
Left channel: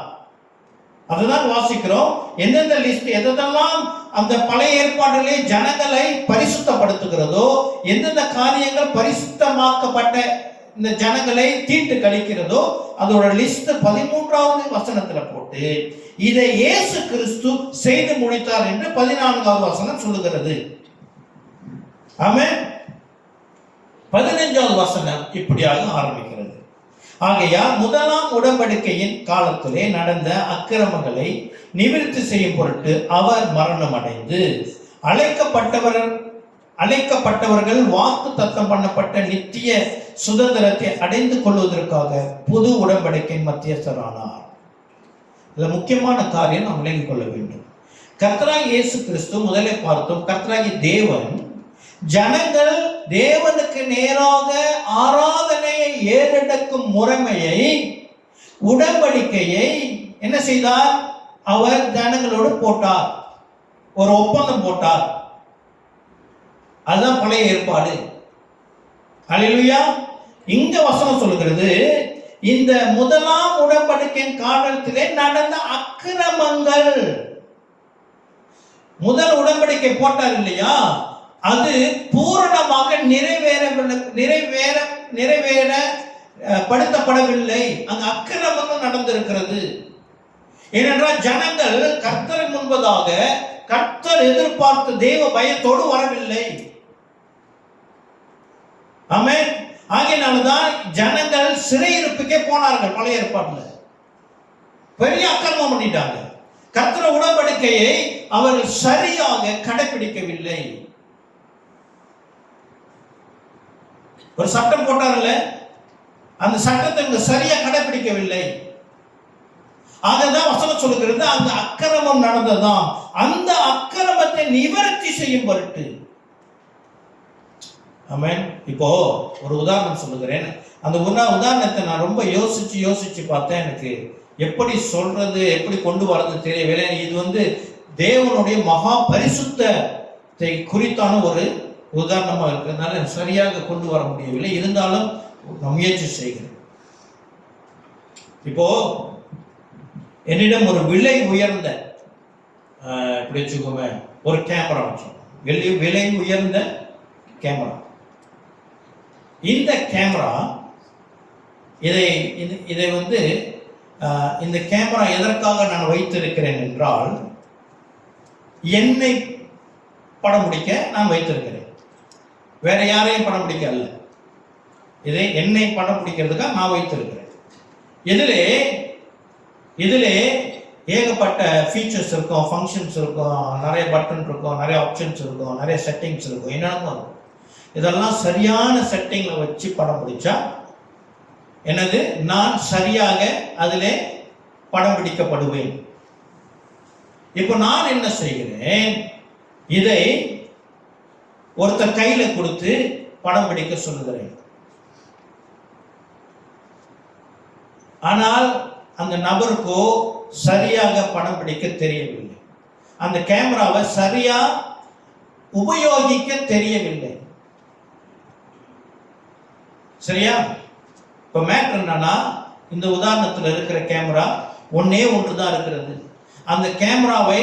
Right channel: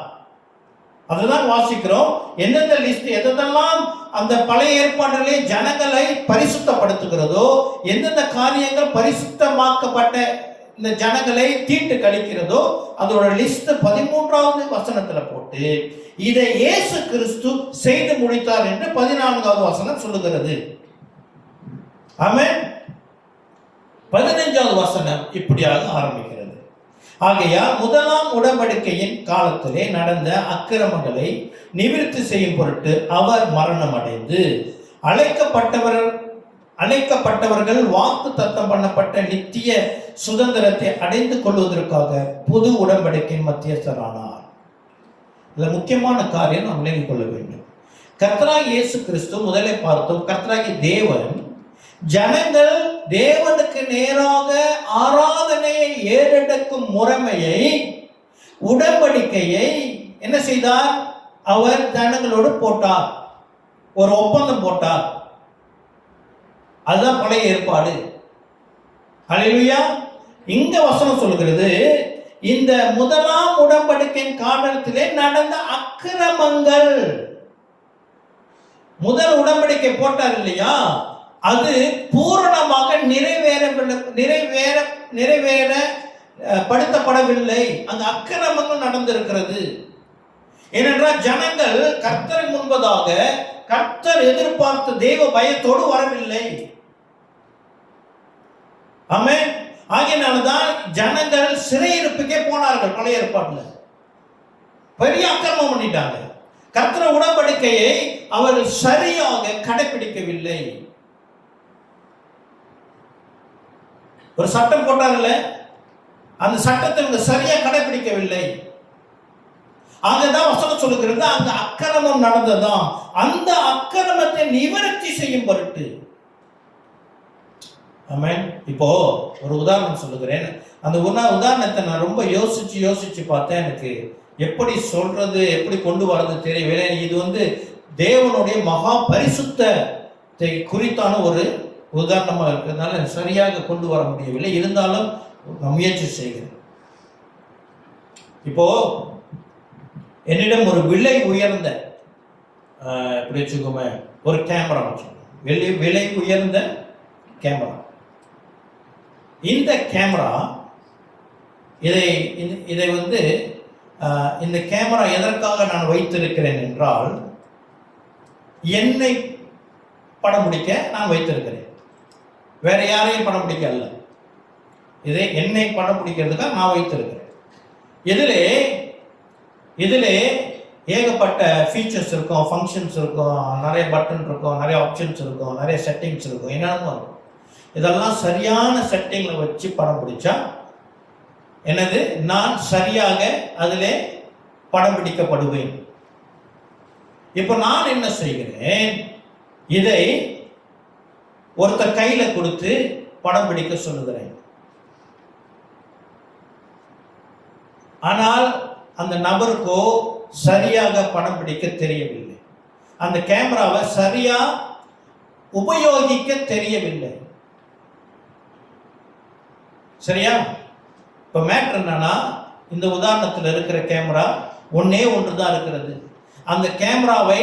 அதுதான் வாசிக்கிறோம். எந்தெந்த லிஸ்ட் எதெல்லாம் அந்த பழைய ஏற்பாட்டிலே ஜனங்களை பரிசுத்தப்படுத்துகிறதோ, எந்தெந்த காரியங்கள் பரிசுத்தமாக்கப்பட்ட இந்த ஜனங்களை தீட்டு கழிக்கிறதோ அதோட லிஸ்ட் 13வது வசனத்துல போட்டு இதை இயேசு கிறிஸ்து செய்து முடித்தார் என்று 14வது வசனம் சொல்லுகிறது. ஆமென். 15வது வசனம் இப்படியாக ஆரம்பிக்கிறது. ஆகையால் முதலாம் உடன்படிக்கையின் காலத்திலே நடந்த அக்கிரமங்களை நிவிர்த்தி செய்யும் பொருட்டு அவர் மரணம் அடைந்து அழைக்கப்பட்டவர்கள் வாக்கு தத்தம் பண்ணப்பட்ட நித்திய சுதந்திரத்தை அடைந்து கொள்வதற்காக புது உடன்படிக்கையின் மத்தியஸ்தரானார். இதுல முக்கியமான காரியம் நாம் விளங்கிக் கொள்ள வேண்டும். கர்த்தராகிய இயேசு கிறிஸ்து முதலே பார்த்தோம். கர்த்தராகிய தேவன் ஜனங்கள் தேவனுக்கு நேராக ஆராதனையை ஏறெடுக்கும் முறைமையை, உடன்படிக்கையை என்ன செய்தார்? அவர் ஜனங்களோடு போட்டார், ஒரு ஒப்பந்தம் போட்டார். அதுதான் பழைய ஏற்பாடு. ஹல்லேலூயா. இங்க வசனம் சொல்லுகிறது, இந்த முதலாம் உடன்படிக்கையின் காலத்திலே நடந்த அக்கிரமங்கள். முதல் உடன்படிக்கை போட்டார் இல்லையா, அது பூரணமாக நிறைவேறப்படுத்தப்படவில்லை. அங்க அக்கிரமங்கள் நடந்திருக்கிறது. ஏனென்றால் ஜனங்கள் கர்த்தரை முன்பதாக கர்த்தர் எதிர்பார்த்த தேவ பயத்தோடு வரவில்லை. ஆமென். ஆகையினால்தான் ஜனங்கள் சிறையிருப்புக்கே போனார்கள். பழைய ஏற்பாட்டுல பெரிய அக்கிரமம் பண்ணிட்டாங்க. கர்த்தர் உடன்படிக்கையை அவர்கள் சரியாக கடைபிடிக்கவில்லை. ஒரு சட்டம் போட்டார்ல, அந்த சட்டத்தை இவங்க சரியா கடைபிடிக்கவில்லை. அங்கதான் வசனம் சொல்லுகிறது, அந்த அக்கிரமம் நடந்ததாம். அந்த அக்கிரமத்தை நிவர்த்தி செய்யும் பொருட்டு. ஆமென். இப்போ ஒரு உதாரணம் சொல்லுகிறேன். அந்த உதாரணத்தை நான் ரொம்ப யோசிச்சு பார்த்தேன். எனக்கு எப்படி சொல்றது, எப்படி கொண்டு வரது தெரியவில்லை. இது தேவனுடைய மகா பரிசுத்தத்தை குறித்தான ஒரு உதாரணமாக இருக்கிறதுனால சரியாக கொண்டு வர முடியவில்லை. இருந்தாலும் நான் முயற்சி செய்கிறேன். இப்போ என்னிடம் ஒரு விலை உயர்ந்த எப்படி வச்சுக்கோமே ஒரு கேமரா வச்சுக்கோங்க, விலை உயர்ந்த கேமரா. இந்த கேமரா இதை இந்த கேமரா எதற்காக நான் வைத்திருக்கிறேன் என்றால், என்னை படம் பிடிக்க நான் வைத்திருக்கிறேன். வேற யாரையும் படம் பிடிக்க அல்ல. இதை என்னை படம் பிடிக்கிறதுக்காக நான் வைத்திருக்கிறேன். இதிலே ஏகப்பட்ட ஃபீச்சர்ஸ் இருக்கும், ஃபங்க்ஷன்ஸ் இருக்கும், நிறைய பட்டன் இருக்கும், நிறைய ஆப்ஷன்ஸ் இருக்கும், நிறைய செட்டிங்ஸ் இருக்கும், என்னென்னமோ இருக்கும். இதெல்லாம் சரியான செட்டிங்கில் வச்சு படம் பிடிச்சா என்னது, நான் சரியாக அதிலே படம் பிடிக்கப்படுவேன். இப்போ நான் என்ன செய்கிறேன், இதை ஒருத்தர் கையில கொடுத்து படம் பிடிக்க சொல்லுகிறேன். ஆனால் அந்த நபருக்கோ சரியாக படம் பிடிக்க தெரியவில்லை. அந்த கேமராவை சரியா உபயோகிக்க தெரியவில்லை. சரியா? இப்ப மேட்டர் என்னன்னா, இந்த உதாரணத்தில் இருக்கிற கேமரா ஒன்னே ஒன்றுதான் இருக்கிறது. அந்த கேமராவை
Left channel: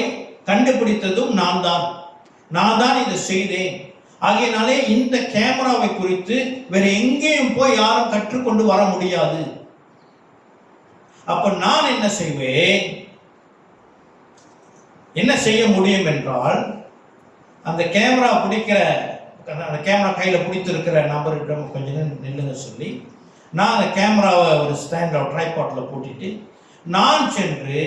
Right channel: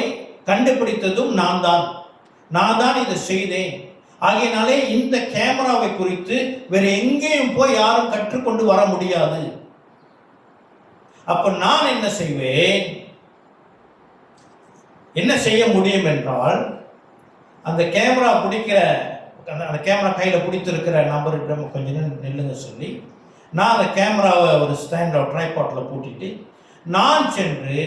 கண்டுபிடித்ததும் நான் தான் இதை செய்தேன். ஆகையினாலே இந்த கேமராவை குறித்து வேற எங்கேயும் போய் யாரும் கற்றுக்கொண்டு வர முடியாது. அப்ப நான் என்ன செய்வேன், என்ன செய்ய முடியும் என்றால், அந்த கேமரா பிடிக்கிற, அந்த கேமரா கையில பிடித்திருக்கிற நபரிடம் கொஞ்சம் நில்லுங்க சொல்லி, நான் அந்த கேமராவை ஒரு ஸ்டாண்ட் ட்ரைபாட்ல போட்டுட்டு நான் சென்று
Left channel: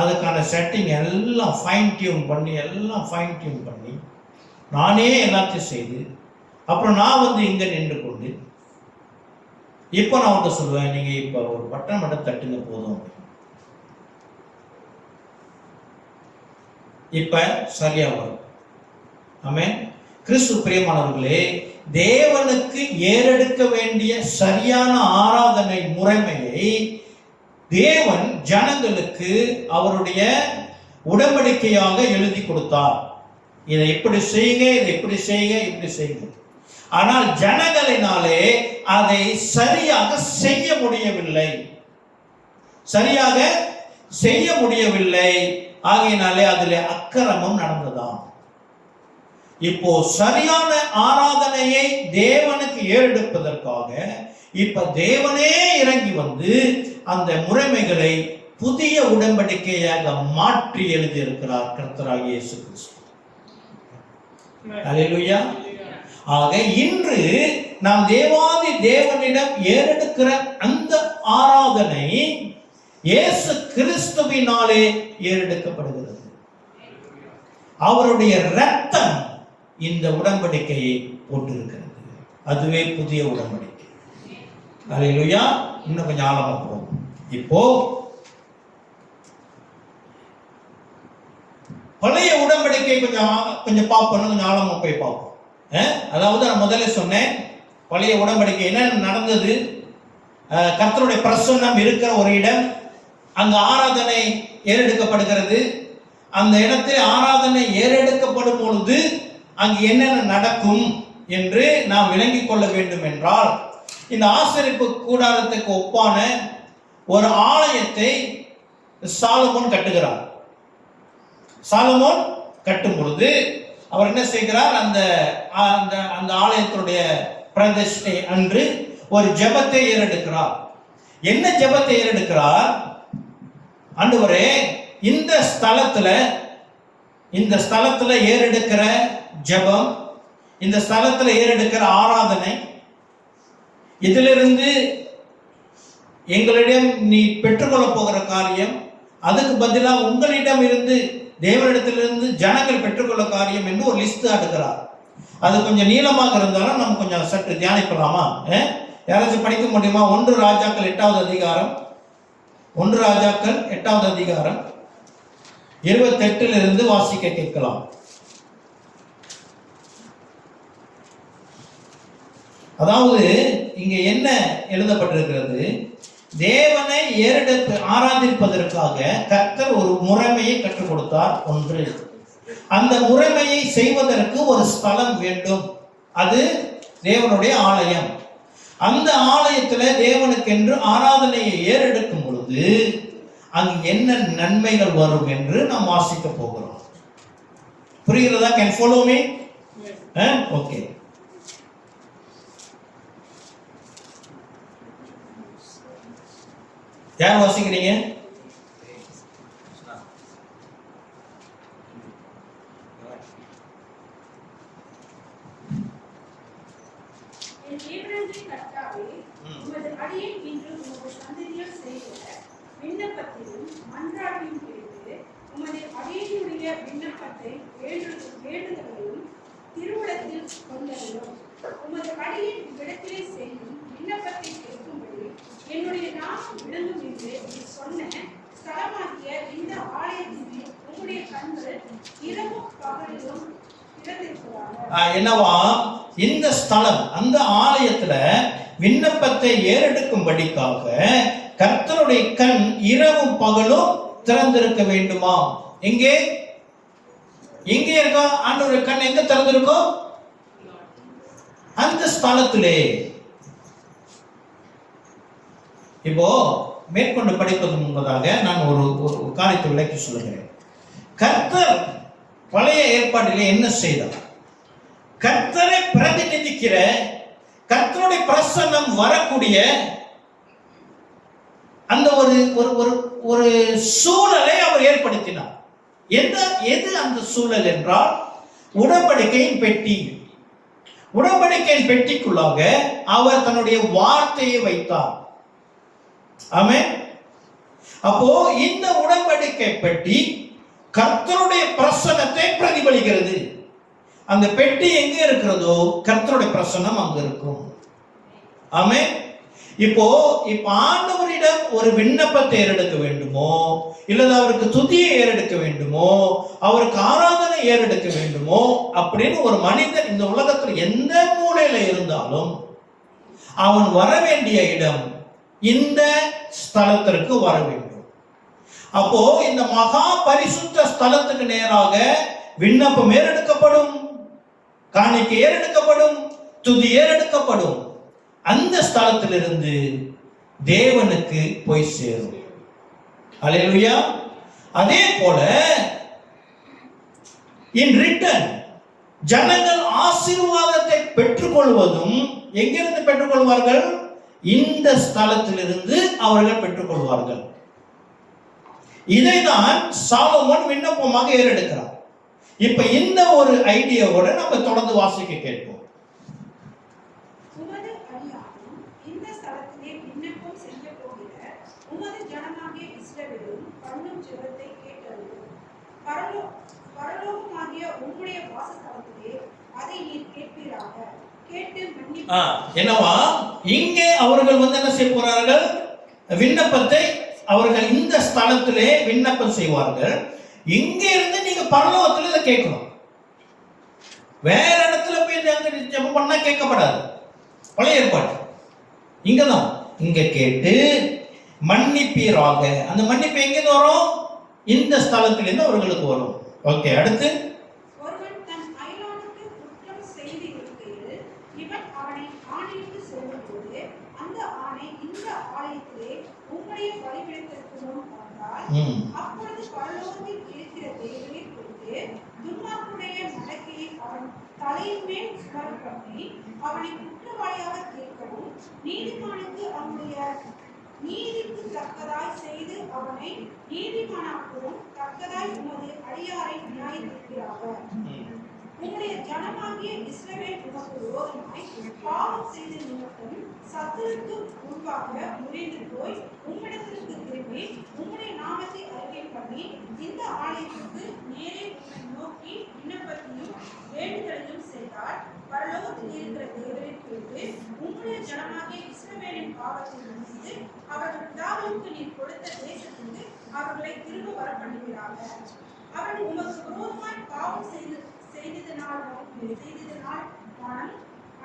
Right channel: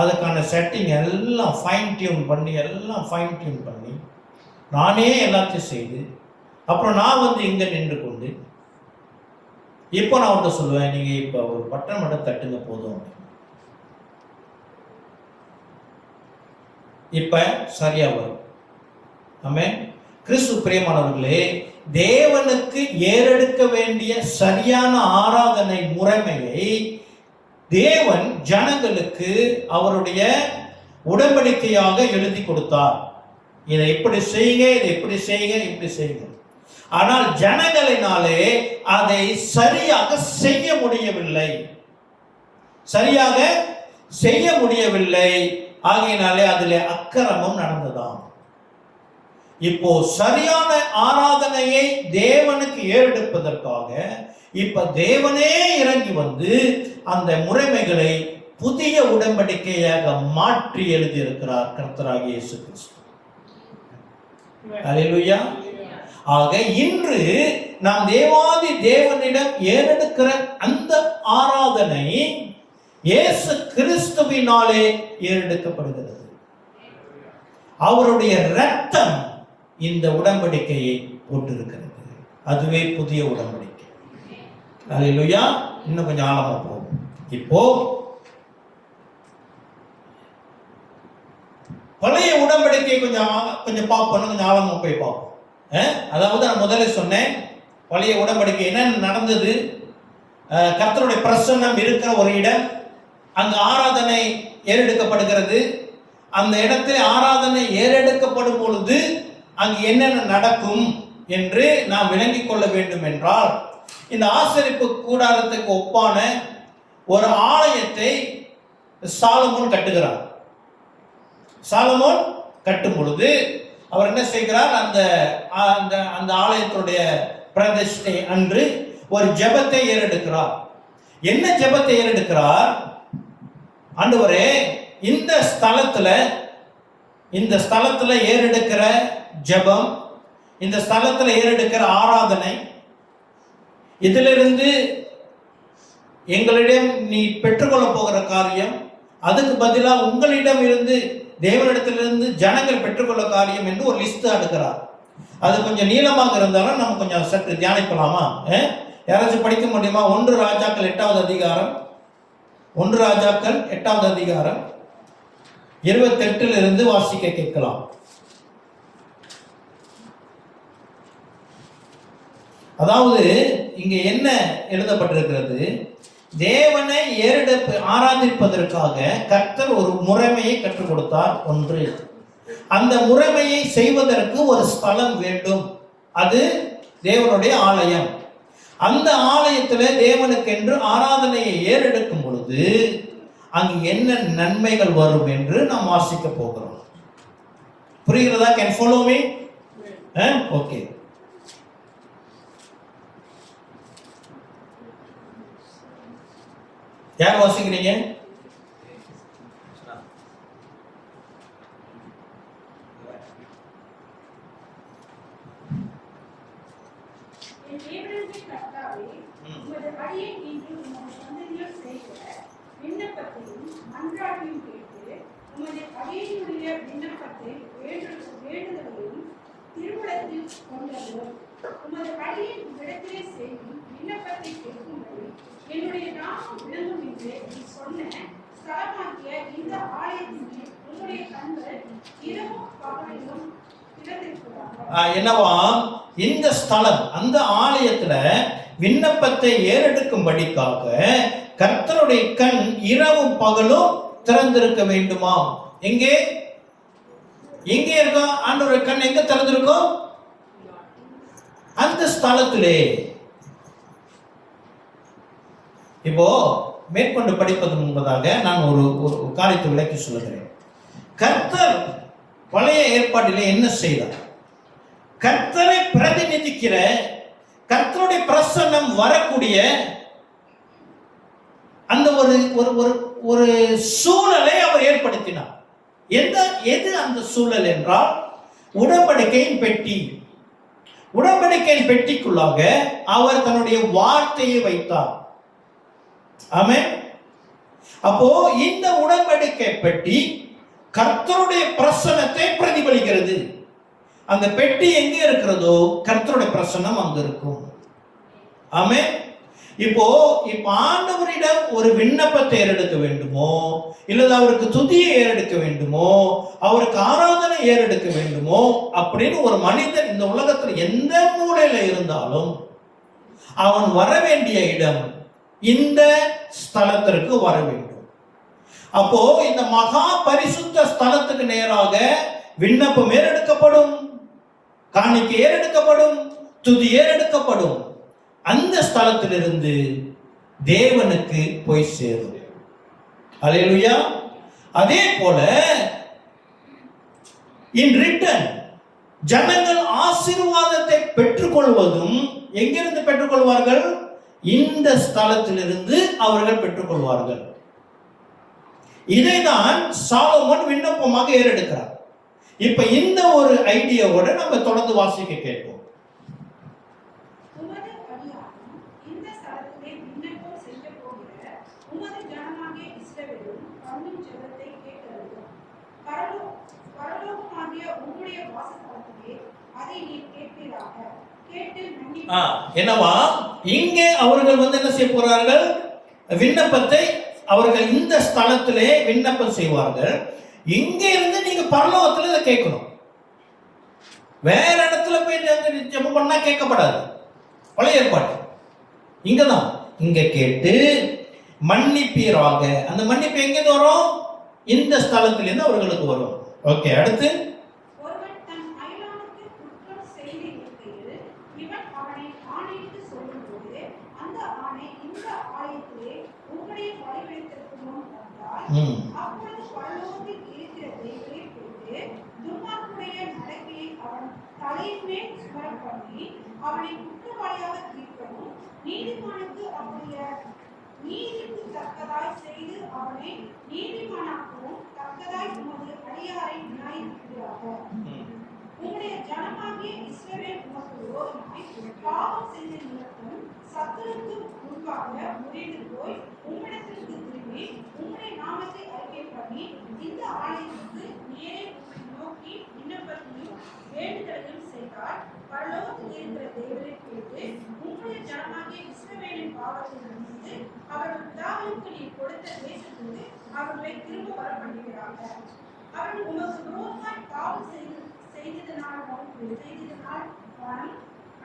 அதுக்கான செட்டிங் எல்லாம் ஃபைன் டியூன் பண்ணி நானே எல்லாத்தையும் செய்து, அப்புறம் நான் இங்க நின்று கொண்டு இப்போ நான் அவன்கிட்ட சொல்லுவேன், நீங்க இப்போ ஒரு பட்டன் மட்டும் தட்டுங்க போதும். இப்ப சரியா வரும். ஆமென். கிறிஸ்து பிரியமானவர்களே, தேவனுக்கு ஏறெடுக்க வேண்டிய சரியான ஆராதனை முறைமையை தேவன் ஜனங்களுக்கு அவருடைய உடன்படிக்கையாக எழுதி கொடுத்தார். இதை இப்படி செய்யுங்க, இதை இப்படி செய்யுங்க, இப்படி செய்யுங்க. ஆனால் ஜனங்களினாலே அதை சரியாக செய்ய முடியவில்லை. ஆகையினாலே அதிலே அக்கிரமம் நடந்ததாம். இப்போ சரியான ஆராதனையை தேவனுக்கு ஏறெடுப்பதற்காக இப்ப தேவனே இறங்கி வந்து அந்த முறைமைகளை புதிய உடன்படிக்கையாக மாற்றி எழுதி இருக்கிறார் கர்த்தராகிய இயேசு கிறிஸ்து. அல்லேலூயா. ஆக இன்று நாம் தேவாதி தேவனிடம் ஏறெடுக்கிற அந்த ஆராதனை இயேசு கிறிஸ்துவினாலே ஏறெடுக்கப்படுகிறது. அவருடைய இரத்தம் இந்த உடன்படிக்கையை போட்டிருக்கிறது. அதுவே புதிய உடன்படிக்கை. அல்லேலூயா. இன்னும் கொஞ்சம் ஆழமா போகும். இப்போ பழைய உடன்படிக்கை கொஞ்சம் பார்ப்போம், கொஞ்சம் ஆழமா போய் பார்ப்போம். அதாவது நான் முதல்ல சொன்னேன், பழைய உடன்படிக்கை என்ன நடந்தது. கர்த்தருடைய பிரசன்னம் இருக்கிற ஒரு இடம், அங்கு ஆராதனை ஏறெடுக்கப்படுகிறது. அந்த இடத்தில் ஆராதனை ஏறெடுக்கப்படும் பொழுது அங்கு என்னென்ன நடக்கும் என்று நாம் விளங்கிக் கொள்ள வேண்டும் என்றால், இந்த ஆசரிப்பு கூடாரத்துக்கு ஒப்பான ஒரு ஆலயத்தை சாலமோன் கட்டுகிறார். சாலமோன் கட்டும் பொழுது அவர் என்ன செய்கிறார், அந்த அந்த ஆலயத்துடைய பிரதிஷ்டை அன்று ஒரு ஜெபத்தை ஏறெடுக்கிறார். என்ன ஜெபத்தை ஏறெடுக்கிறார்? ஆண்டவரே, இந்த ஸ்தலத்துல ஏறெடுக்கிற ஜெபம், இந்த ஸ்தலத்துல ஏறெடுக்கிற ஆராதனை, இதிலிருந்து எங்களிடம் நீ பெற்றுக்கொள்ள போகிற காரியம், அதுக்கு பதிலாக உங்களிடம் இருந்து தேவனிடத்திலிருந்து ஜனங்கள் பெற்றுக்கொள்ள காரியம் என்று ஒரு லிஸ்ட் அடுக்கிறார். அது கொஞ்சம் நீளமாக இருந்தாலும் நம்ம கொஞ்சம் சற்று தியானிக்கலாமா? யாராச்சும் படிக்க முடியுமா? 1 ராஜாக்கள் 8வது அதிகாரம், 1 ராஜாக்கள் 8வது அதிகாரம் 28 வாசிக்க கேட்கலாம். அதாவது இங்க என்ன எழுதப்பட்டிருக்கிறது? தேவனை ஆராதிப்பதற்காக கர்த்தர் ஒரு முறைமையை கற்றுக் கொடுத்தார். ஒன்று, அந்த முறைமையை செய்வதற்கு ஒரு ஸ்தலம் வேண்டும். அது தேவனுடைய ஆலயம். அந்த ஆலயத்தில் தேவனுக்கென்று ஆராதனையை ஏறெடுக்கும் பொழுது அங்கு என்ன நன்மைகள் வரும் என்று நாம் வாசிக்க போகிறோம். புரிகிறதா? Can follow me? ஓகே. யார் வாசிக்கிறீங்க? விண்ணப்பத்தையும் மன்றாட்டையும் கேட்டு உமது அடியேனுடைய விண்ணப்பத்தை வேண்டுதலையும் திருவுளத்தில் கொண்டதும் உமது அடியேன் விடத்திலே செய்யும் விண்ணப்பத்தை கேட்கும்படி என்னுடைய நாமம் விளங்கும் என்று சொன்ன ஸ்தலமாகிய இந்த ஆலயத்தின் உங்களுடைய கண்கள் இரவும் பகலிலும் என்னவா? இந்த ஸ்தலம், அந்த ஆலயத்துல விண்ணப்பத்தை ஏறெடுக்கும்படிக்காக கர்த்தருடைய கண் இரவும் பகலும் திறந்திருக்க வேண்டுமா? எங்கே இருக்கா? ஆண்டவருடைய கண் எங்க திறந்திருக்கும்? அந்த ஸ்தலத்திலே. இப்போ மேற்கொண்டு படிப்பது முன்பதாக நான் ஒரு காரியத்தை விளக்கி சொல்லுகிறேன். கர்த்தர் பழைய ஏற்பாட்டிலே என்ன செய்தார்? கர்த்தரை பிரதிநிதிக்கிற, கர்த்தருடைய பிரசன்னம் வரக்கூடிய அந்த ஒரு சூழலை அவர் ஏற்படுத்தினார். எது அந்த சூழல் என்றால் உடன்படிக்கையின் பெட்டி. உடன்படிக்கையின் பெட்டிக்குள்ளாக அவர் தன்னுடைய வார்த்தையை வைத்தார். ஆமென். அப்போ இந்த உடன்படிக்கை பெட்டி கர்த்தருடைய பிரசன்னத்தை பிரதிபலிக்கிறது. அந்த பெட்டி எங்க இருக்கிறதோ கர்த்தருடைய பிரசன்னம் அங்க இருக்கும். ஆமென். இப்போ ஆண்டவரிடம் ஒரு விண்ணப்பத்தை ஏறெடுக்க வேண்டுமோ, இல்லது அவருக்கு துதியை ஏறெடுக்க வேண்டுமோ, அவருக்கு ஆராதனை ஏறெடுக்க வேண்டுமோ அப்படின்னு ஒரு மனிதன் இந்த உலகத்தில் எந்த மூலையில இருந்தாலும் அவன் வர வேண்டிய இடம் இந்த ஸ்தலத்திற்கு வர வேண்டும். அப்போ இந்த மகா பரிசுத்த ஸ்தலத்துக்கு நேராக விண்ணப்பம் ஏறெடுக்கப்படும், காணிக்கை ஏறெடுக்கப்படும், துதி ஏறெடுக்கப்படும். அந்த ஸ்தலத்திலிருந்து தேவனுக்கு போய் சேரும். அல்லேலூயா. அதே போல இன் ரிட்டன் ஜனங்கள் ஆசீர்வாதத்தை பெற்றுக்கொள்வதும் எங்கிருந்து பெற்றுக்கொள்வார்கள்? இந்த ஸ்தலத்திலிருந்து அவர்கள் பெற்றுக்கொள்வார்கள். இதைதான் சாலமோன் விண்ணப்பமாக ஏறெடுக்கிறார். இப்ப இந்த ஒரு ஐடியாவோட நம்ம தொடர்ந்து வாசிக்க கேட்போம். உமது அடியாரும் இந்த ஸ்தலத்திலே விண்ணப்பம் செய்ய போகிற உமது ஜனமாகிய இஸ்ரவேலும் பண்ணும் ஜெபத்தை கேட்டருளும். பரலோகமாகிய உம்முடைய வாசஸ்தலத்திலே அதை நீர் கேட்பீராக. கேட்டு மன்னிப்பு. என்னவா இங்கே அவர்கள் என்ன செய்ய போறார்கள்? விண்ணப்பத்தை அவர்கள் இந்த ஸ்தலத்திலே விண்ணப்பம் செய்வார்கள். இங்க இருந்து நீங்க பரலோகத்துல இதை கேட்கணும். வேற இடத்துல போய் ஜெபம் பண்ணா கேட்கப்படாது. பழைய ஏற்பாடு இங்கதான். இங்க கேட்டு மன்னிப்பீராக. அந்த மன்னிப்பு எங்க வரும்? இந்த ஸ்தலத்திலிருந்து அவர்களுக்கு வரும். ஓகே, அடுத்து ஒருவன் தன் அயலானுக்கு குற்றம் செய்து இருக்கையில் இவன் அவனை ஆணையிட்டு சொல்லும்போது அந்த ஆணை இந்த ஆலயத்திலே உம்முடைய பலிபீடத்திற்கு முன் வந்தால் அப்பொழுது பரலோகத்தில் இருக்கிற தேவனை குறித்து துன்மார்க்கனுடைய நடக்கையை அவன் தலையின் மேல் சுமரப் பண்ணி அவனை குற்றவாளியாக தீர்க்கவும் நீதிமானுக்கு அவனுடைய நீதிக்கு தக்கதாய் செய்து அவனை நீதிமானாக்கவும் தக்கதாய் உமது அடியாரை நியாயத்தீர்க்கிறார்கள். உம்முடைய ஜனமாகிய இஸ்ரவேல் உமக்கு விரோதமாய் பாவம் செய்த நிமித்தம் சத்துருக்கு முன்பாக முறைந்து போய் உம்மிடத்திற்கு திரும்பி உம்முடைய நாமத்தை அறிக்கை பண்ணி இந்த ஆலயத்திற்கு நேரே உம்மை நோக்கி விண்ணப்பத்தையும் வேண்டுதலையும் செய்தார். பரலோகத்தில் இருக்கிற தேவரை கேட்டு உம்முடைய ஜனமாகிய இஸ்ரவேலின் பாவத்தை மன்னித்து அவர்கள் பிதாவுக்கு நீர் கொடுத்த தேசத்துக்கு அவர்களை திரும்ப வர பண்ணுகிறார்கள். அவர்கள் உமக்கு விரோதமாய் பாவம் செய்ததினால் மனம்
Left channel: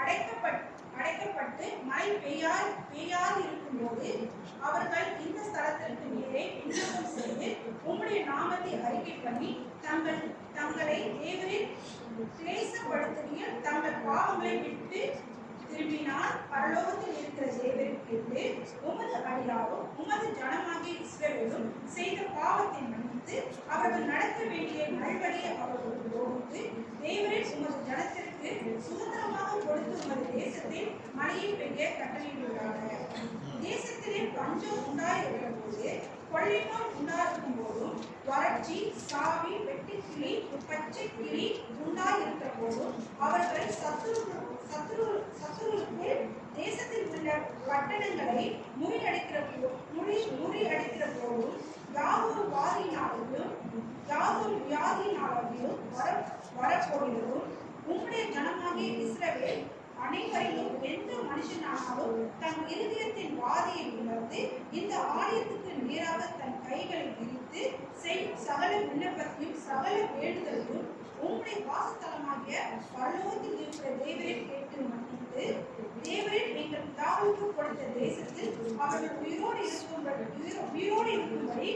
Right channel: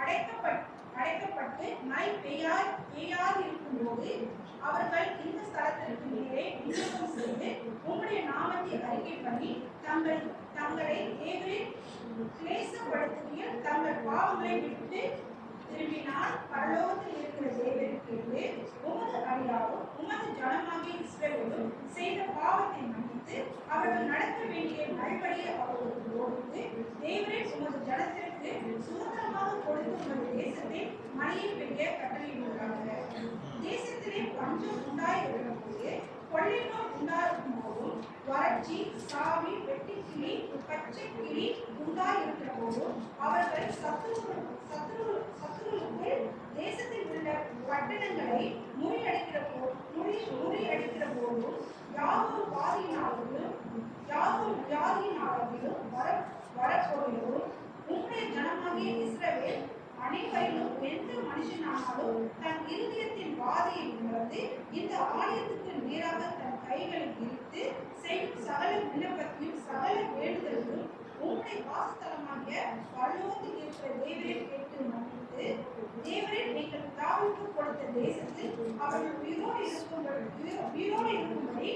அடைக்கப்பட்டு மழை பெய்யாது இருக்கும்போது அவர்கள் இந்த ஸ்தலத்திற்கு நேரே விண்ணப்பம் செய்து உம்முடைய நாமத்தை அறிக்கை பண்ணி தங்களை தேவரில் கிளேசப்படுத்துகையில் தங்கள் பாவங்களை விட்டு திரும்பினால் பரலோகத்தில் இருக்கிற தேவருக்கு உமது அடியாரும் உமது ஜனமாகிய இஸ்ரவேலும் செய்த பாவத்தை மன்னித்து அவர்கள் நடத்த வேண்டிய மறுபடியை அவர்களுக்கு போதித்து தேவரே உமது ஜனத்திற்கு சுதந்திரமாக கொடுத்து உமது தேசத்தில் மழையை பெய்ய கட்டளையிடுகிறார்கள். தேசத்திலே பஞ்சம் உண்டாயிருக்கிற போது கொள்ளை நோய் உண்டாயிருக்கும் போதும் வறட்சி சாவி வெட்டுக்கிளி பச்சை கிளி உண்டாயிருக்கிற போதும் அவர்கள் சத்துருக்குள் தேசத்தில் உள்ள பட்டணங்களை முறியடிக்கிற போதும் யாதொரு வியாதியினாலும் வரப்போகிறதும் உம்முடைய ஜனமாகிய இஸ்ரவேல் அனைவரிலும் எந்த மனுஷனானாலும் தன் இருதயத்தின் வாதியை உணர்ந்து இந்த ஆலயத்துக்கு நேராக தன் கைகளை விரித்து சகல விண்ணப்பத்தையும் சகல வேண்டுதலையும் உம்முடைய வாசஸ்தலமாகிய பரலோகத்தில் இருக்கிற தேவரை கேட்டு மன்னித்து தேவரின் எங்கள் பிதாவுக்கு கொடுத்த தேசத்தில் அவர்கள் உயிரோடு இருக்கும்படி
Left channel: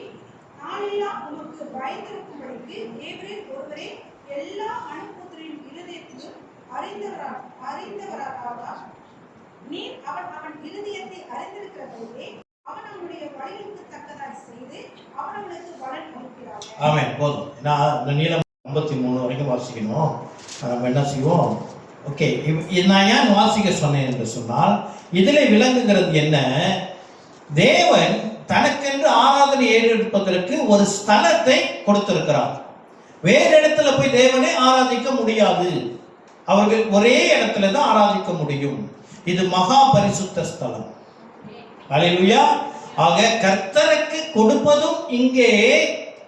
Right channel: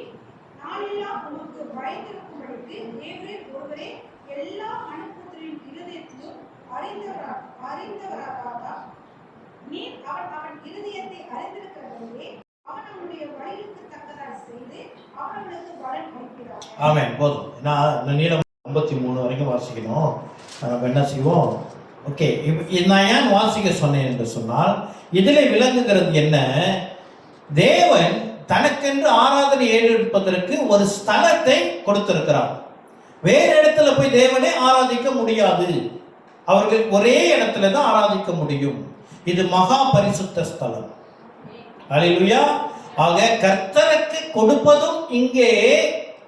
நாளெல்லாம் உமக்கு பயந்திருக்கும்படிக்கு தேவரின் ஒருவரே எல்லா மனுபுத்திரின் இருதயத்திலும் அறிந்தவராக நீர் அவன் இருதயத்தை அறிந்திருக்கிறதே அவன் அவனுடைய வழிக்கு தக்கதாய் செய்து அவர்களுக்கு பலன் அளிக்கிறார். ஆமென். போதும். நான் நீளம் 53 வரைக்கும் வாசிக்கணும். நம்ம என்ன செய்வோம்? ஓகே, நான் ஏன் வாசிக்க சொன்னேன் என்று சொன்னால் இதில் விளங்குகிறது என்ன? தேவன் தனக்கென்று ஆராதனை ஏறெடுப்பதற்கு ஒரு ஸ்தலத்தை கொடுத்திருக்கிறார். வேறு இடத்துல போய் தேவனை ஆராதிக்க முடியாது. அவர்கள் ஒரே இடத்துல தான் ஆராதிக்க முடியும். இது மகா பரிசுத்த ஸ்தலம். அல்லேலூயா. ஆக கர்த்தருக்கு கொடுப்பதும் இங்கே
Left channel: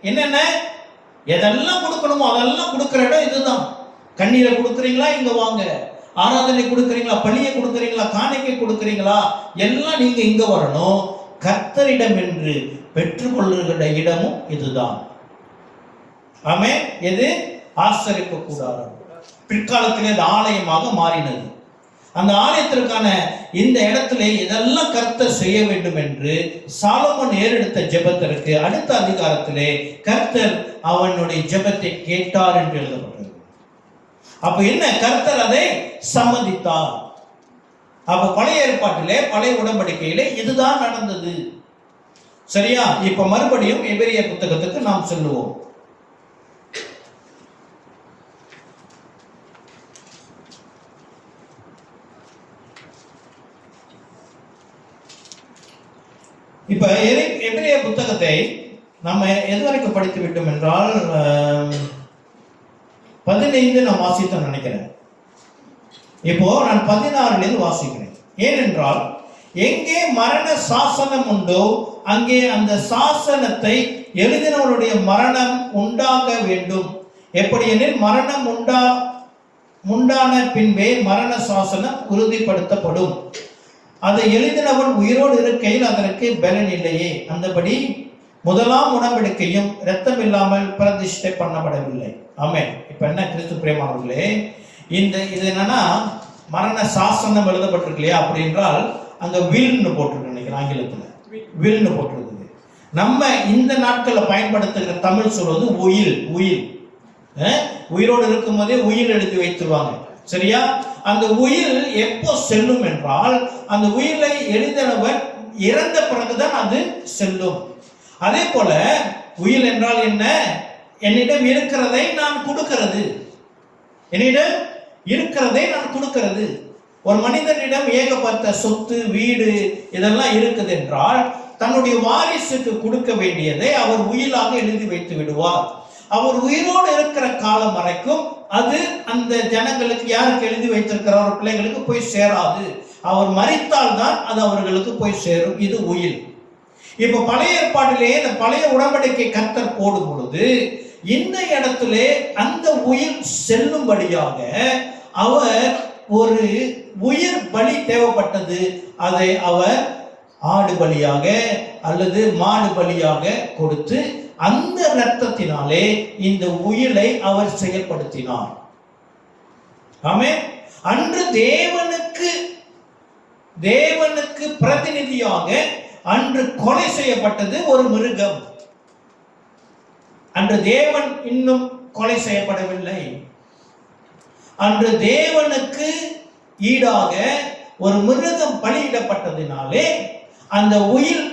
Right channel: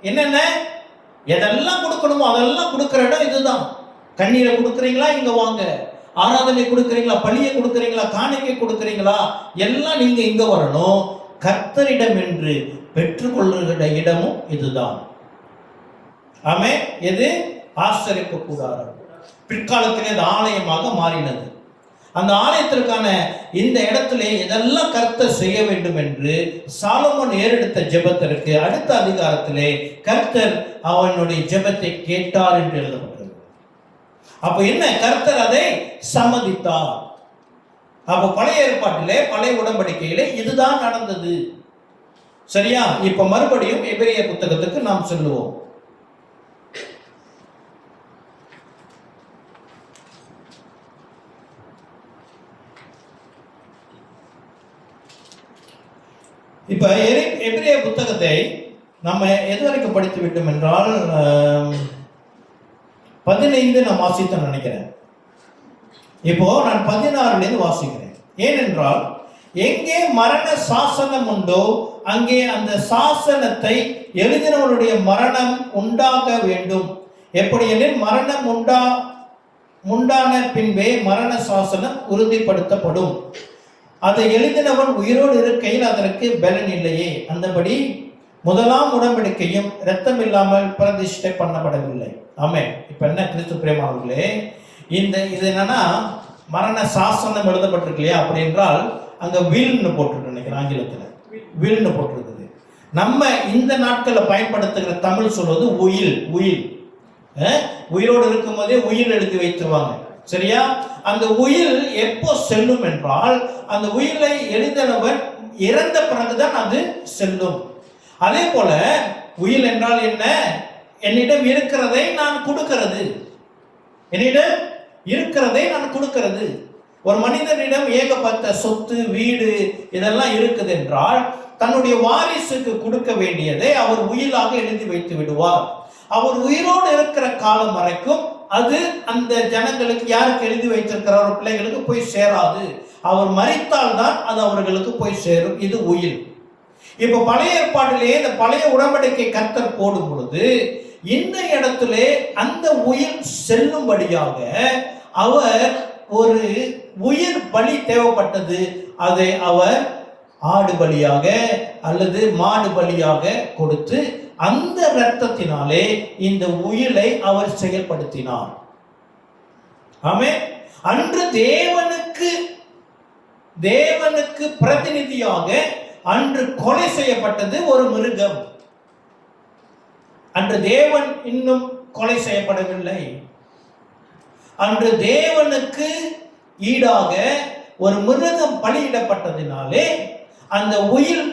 என்னென்ன எதெல்லாம் கொடுக்கணுமோ அதெல்லாம் கொடுக்கிற இடம் இதுதான். கண்ணீரை கொடுக்குறீங்களா, இங்க வாங்க. ஆராதனை கொடுக்குறீங்களா, பலியை கொடுக்குறீங்களா, காணிக்கை கொடுக்குறீங்களா, எல்லாம் நீங்க இங்க வரணும். கர்த்தரிடம் என்று பெற்றுக்கொள்ளுகிற இடமும் இதுதான். ஆமே. எது? ஆசரிப்பு கூடாரம். பிற்காலத்திலே இது ஆலயமாக மாறினது. அந்த ஆலயத்திற்கான இந்த இடத்திலே இதெல்லாம் கர்த்தர் செய்ய வேண்டும் என்று சாலமோன் ஏறெடுத்த ஜெபத்திற்கு அடுத்த அதிகாரத்திலே கர்த்தர் அவனுடைய ஜெபத்தை கேட்டார் என்று எழுதப்பட்டது. அப்ப என்ன? கர்த்தர் அதை சம்மதித்தார். அப்போ பழைய ஏற்பாட்டிலே, பழைய உடன்படிக்கையிலே இதுதான் நடந்தது. சரியா? இப்ப மறுபடியும் எபிரேய புத்தகத்துக்கு நாம் சொல்லுவோம். இப்ப எபிரேய புத்தகத்தை நம்ம எதுவரைக்கும் படித்து விட்டோம் என்றால் 15 நான் வாசித்து நினைக்கிறேன். இப்போ நான் 16 வாசிக்கிறேன். ஏனென்றால் எங்கே மரண சாசனம் உண்டோ அங்கே அந்த சாசனத்தை எழுதினவருடைய மரணம் உண்டாக வேண்டும். எப்படியெனில் மரணம் உண்டான பின்பே மரண சாசனம் உறுதிப்படுத்தப்படும். அதை எழுதினவன் உயிரோடு இருக்கையில் அதற்கு பலன் இல்லையே. அந்தபடி முதலாம் உடன்படிக்கையும் இரத்தம் இல்லாமல் பிரதிஷ்டை பண்ணப்படவில்லை. ஆமென். இப்ப என்ன கிறிஸ்து பிரியமானவர்களே, இது என்னன்னா மரண சாசனம் எழுதப்பட்டிருக்கு இல்லையா? அப்படி என்றால் அங்க வில்னு போட்டிருக்கு நினைக்கிறேன், ஆங்கிலத்தில் வில்னு போட்டிருக்குது. நம்ம இந்த நாட்களில் பயன்படுத்துகிற தமிழ் சொல்வது உயில். உயிரோடு இருக்கும் போதே உயில் எழுதி வைத்துருவாங்க. சரியா? அந்த உயில் எப்போ செல்லும் என்றால் அந்த உயிலை எழுதினவன் இறந்த பிறகுதான் அது செல்லும். அதே போல உயில் என்றால் என்ன? என்னிடம் இருக்கிறதை நான் கொடுக்கிறது. என்னிடம் இருக்கிறதை நான் கொடுக்கிறது. ஒரு மனிதனிடம் ஏகப்பட்ட சொத்து, வீடு இதெல்லாம் இருக்குது என்றால் தன்னுடைய வாரிசுக்கு கொடுக்க வேண்டியதை அவர் உயிலாக எழுதி வைத்து விடுவார். அவர் உயிரோடு இருக்கிற காலம் வரைக்கும் அது அந்த ஜனங்களுக்கு, யாருக்கு எழுதி வைத்திருக்கிறார் பிள்ளைகளுக்கு போய் சேராது. அவர் மரித்தால் தான் அது அவர்களுக்கு போய் சேரும். இது உயில். இப்ப பழைய ஏற்பாட்டிலேயே இந்த பழைய உடன்படிக்கை கர்த்தர் போடும் பொழுது இந்த இடத்திலே அந்த உயிர் செல்லும்படியாக அவர் ஒரு உயிர் பலி தேவைப்பட்டது. அதை அவர் ஆடு பலியாக அல்லது மாடு பலியாக கொடுத்து அந்த இரத்தத்தினாலே இந்த உயிரை அவர் செயல்படுத்தினார். ஆமென். அன்று தேவனுக்கு பிரதிநிதியாக அன்று கொலை செய்யப்பட்டது ஒரு மிருகம். அன்று தேவன் இன்னும் கொலை செய்யப்படவில்லை. அன்று தேவனுக்கு ஈடாக ஒரு மிருகம் பலியிடப்பட்டதினாலே அந்த உயில்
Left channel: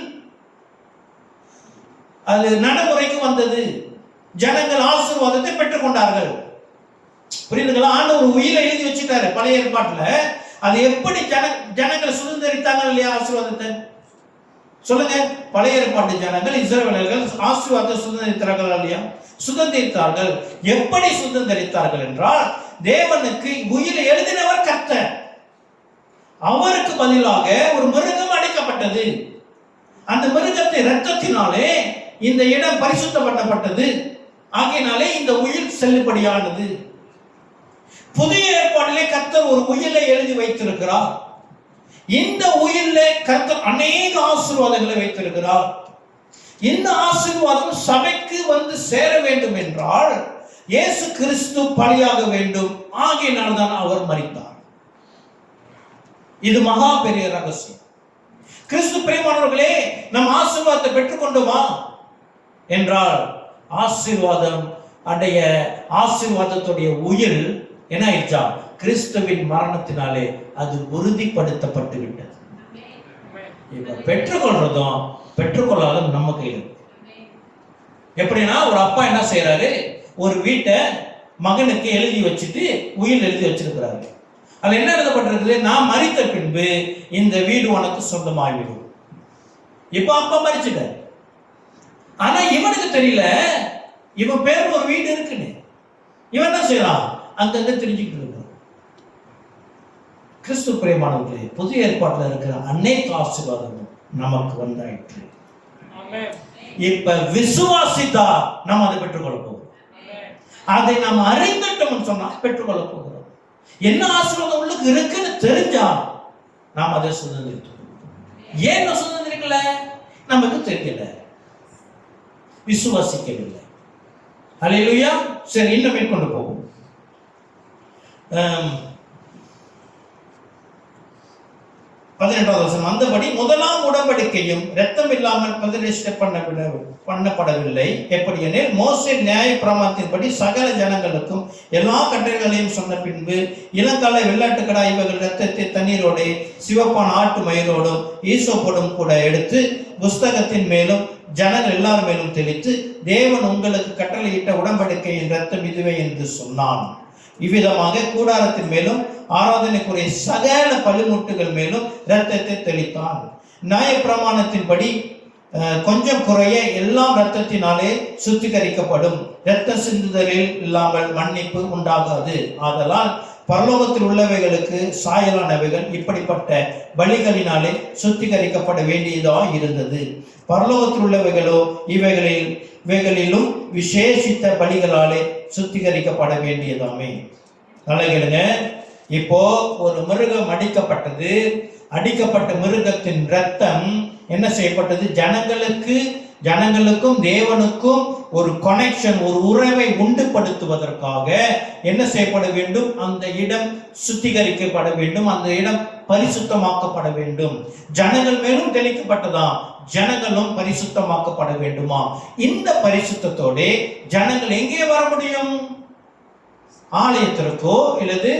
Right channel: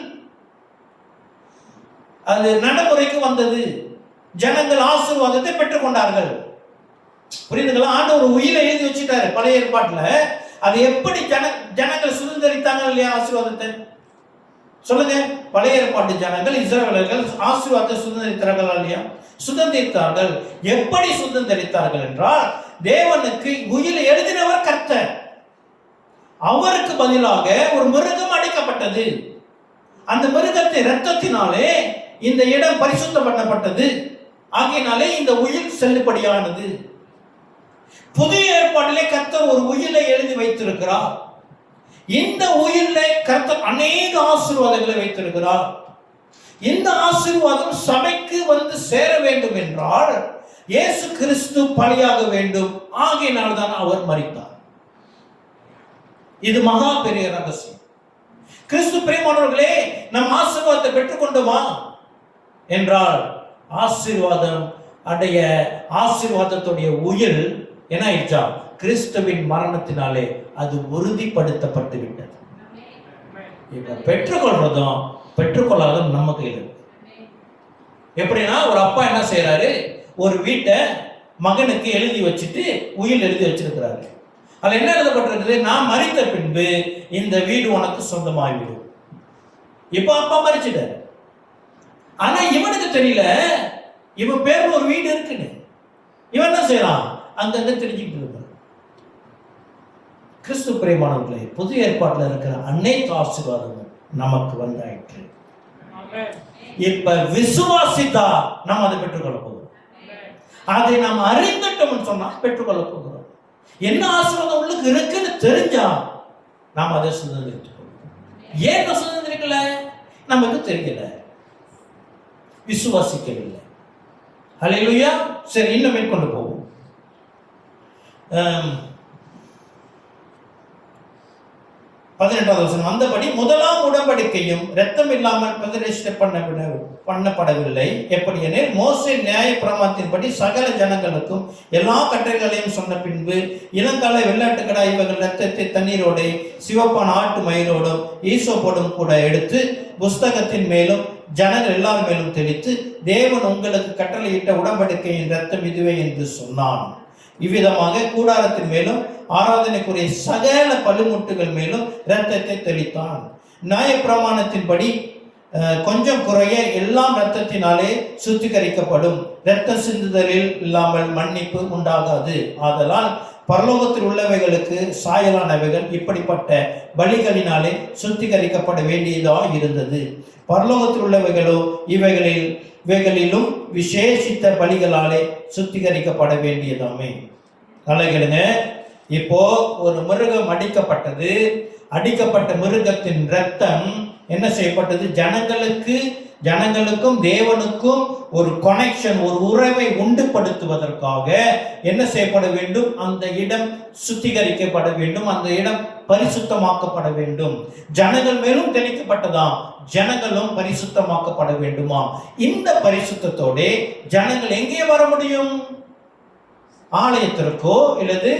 அது நடைமுறைக்கு வந்தது. ஜனங்கள் ஆசீர்வாதத்தை பெற்றுக் கொண்டார்கள். புரியுதுங்களா? ஆண்டவர் ஒரு உயிரை எழுதி வச்சுட்டாரு பழைய ஏற்பாட்டுல. அது எப்படி ஜனங்கள் சுதந்திரித்தாங்க இல்லையா ஆசீர்வாதத்தை? சொல்லுங்க. பழைய ஏற்பாட்டு ஜனங்கள், இஸ்ரவேலர்கள் ஆசீர்வாதத்தை சுதந்திரித்தார்கள் இல்லையா? சுதந்திரித்தார்கள். எப்படி சுதந்திரித்தார்கள் என்றால் தேவனுக்கு உயிரை எழுதினவர் கர்த்தர். அவருக்கு பதிலாக ஒரு மிருகம் அடைக்கப்பட்டது. அந்த மிருகத்தை இரத்தத்தினாலே இந்த இடம் பரிசுத்தப்பட்டது. ஆகையினாலே இந்த உயிர் செல்லுபடியானது. புதிய ஏற்பாட்டிலே கர்த்தர் ஒரு உயிரை எழுதி வைத்திருக்கிறார். இந்த உயிரிலே கர்த்தர் அநேக ஆசீர்வாதங்களை வைத்திருக்கிறார். இந்த ஆசீர்வாதம் சபைக்கு வந்து சேர வேண்டும் என்றால் இயேசு கிறிஸ்து பலியாக வேண்டும். ஆகையினால் தான் அவர் மரித்தார். இது மகா பெரிய ரகசியம். கிறிஸ்து பிரியமானவர்களே, நம் ஆசீர்வாதத்தை பெற்றுக்கொண்டோமா என்றால் ஆசீர்வாதம் அடைய ஆசீர்வாதத்துடைய உயிர் என்ன ஆயிடுச்சா? கிறிஸ்துவின் மரணத்தினாலே அது உறுதிப்படுத்தப்பட்டு விட்டது. இப்ப பெற்றுக்கொள்றதும் பெற்றுக்கொள்ளாததும் நம்ம கையில். எப்படின்னா ஒரு அப்பா என்ன செய்யறாரு, ஒரு வீட்டை மகனுக்கு எழுதி வச்சுட்டு உயில் எழுதி வச்சிருக்கிறாரு. அதுல என்ன எழுதப்பட்டிருக்குது? நான் மரித்த பின்பு இந்த வீடு உனக்கு சொந்தமாகிவிடும். இப்ப அப்பா மரிச்சிட்டாரு. ஆனா இவனுக்கு தெரியல இவன் பேர்ல ஒரு வீடு இருக்குன்னு. இவன் என்ன செய்யறான்? அங்கங்க தெரிஞ்சுக்கிட்டு இருக்கான். கிறிஸ்து பிரியமானவர்களே, புதிய ஏற்பாட்டில் இருக்கிற அநேக ஆசீர்வாதமும் நமக்கு வந்தாயிற்று. இப்ப விசுவாசித்தா நாம் அதை பெற்றுக்கொள்ள போகிறோம். அதை நாம் அறிந்துட்டோம்னு சொன்னா பெற்றுக்கொள்ள போகிறோம். என்ன ஆசீர்வாதம் உள்ளுக்கு இருக்குன்னு தெரிஞ்சா நாம் அதை சுதந்திரித்துக்கொள்வோம். ஏன் சுதந்திரிக்கல? நமக்கு தெரியல, விசுவாசிக்கவில்லை. ஹல்லேலூயா. சரி, இன்னும் மேற்கொண்டு போவோம். 18வது வசனம், அந்தபடி முதலாம் உடன்படிக்கையும் இரத்தம் இல்லாமல் பிரதிஷ்டை பண்ணப்படவில்லை. எப்படியெனில் மோசே நியாய பிரமாணத்தின்படி சகல ஜனங்களுக்கும் எல்லா கட்டளைகளையும் சொன்ன பின்பு இளங்கால வெள்ளாட்டுக்கடா இவர்கள் இரத்தத்தை தண்ணீரோடு சிவப்பான ஆட்டு மயிரோடும் ஈசோப்போடும் கூட எடுத்து புஸ்தகத்தின் மேலும் ஜனங்கள் எல்லாரும் மேலும் தெளித்து, தேவன் உங்களுக்கு கட்டளையிட்ட உடன்படிக்கையின் இரத்தம் இதுவே என்று சொன்னான். இவ்விதமாக கூடாரத்தின் மேலும் ஆராதனைக்குரிய சகல பலிமுட்டுகள் மேலும் இரத்தத்தை தெளித்தான். நியாய பிரமாணத்தின்படி கொஞ்சம் குறைய எல்லாம் இரத்தத்தினாலே சுத்திகரிக்கப்படும். இரத்த சிந்துதலில் இல்லாமல் மன்னிப்பு உண்டாகாது. ஆதலால் பரலோகத்தில் உள்ளவைகளுக்கு சாயலானவைகள் இப்படிப்பட்ட பலிகளினாலே சுத்திகரிக்கப்பட வேண்டியதாக இருந்தது. பரலோகத்தில் உள்ளவைகளோ இவைகளிலும் விசேஷித்த பலிகளாலே சுத்திகரிக்கப்பட வேண்டியதாமே. அழகிடுங்க. இப்போ ஒரு மிருகம் அடிக்கப்பட்ட மிருகத்தின் இரத்தம் என்ன செய்யப்பட்டது? ஜனங்களுக்கும் தேவனுக்கும் ஒரு கனெக்ஷன், ஒரு உறவை உண்டுபடுத்துவதற்காக என்ன செய்யப்பட வேண்டும்? அந்த இடம் சுத்திகரிக்கப்பட வேண்டும், அந்த இடம் பரிசுத்தமாக்கப்பட வேண்டும். ஜனங்கள் மேலும் தெளிக்கப்பட்டதாம், ஜனங்களும் பரிசுத்தமாக்கப்பட வேண்டுமா. இந்த பரிசுத்தத்தோட ஜனங்கள் எங்கே வர முடியும்? ஆலயத்திற்கோ இல்லது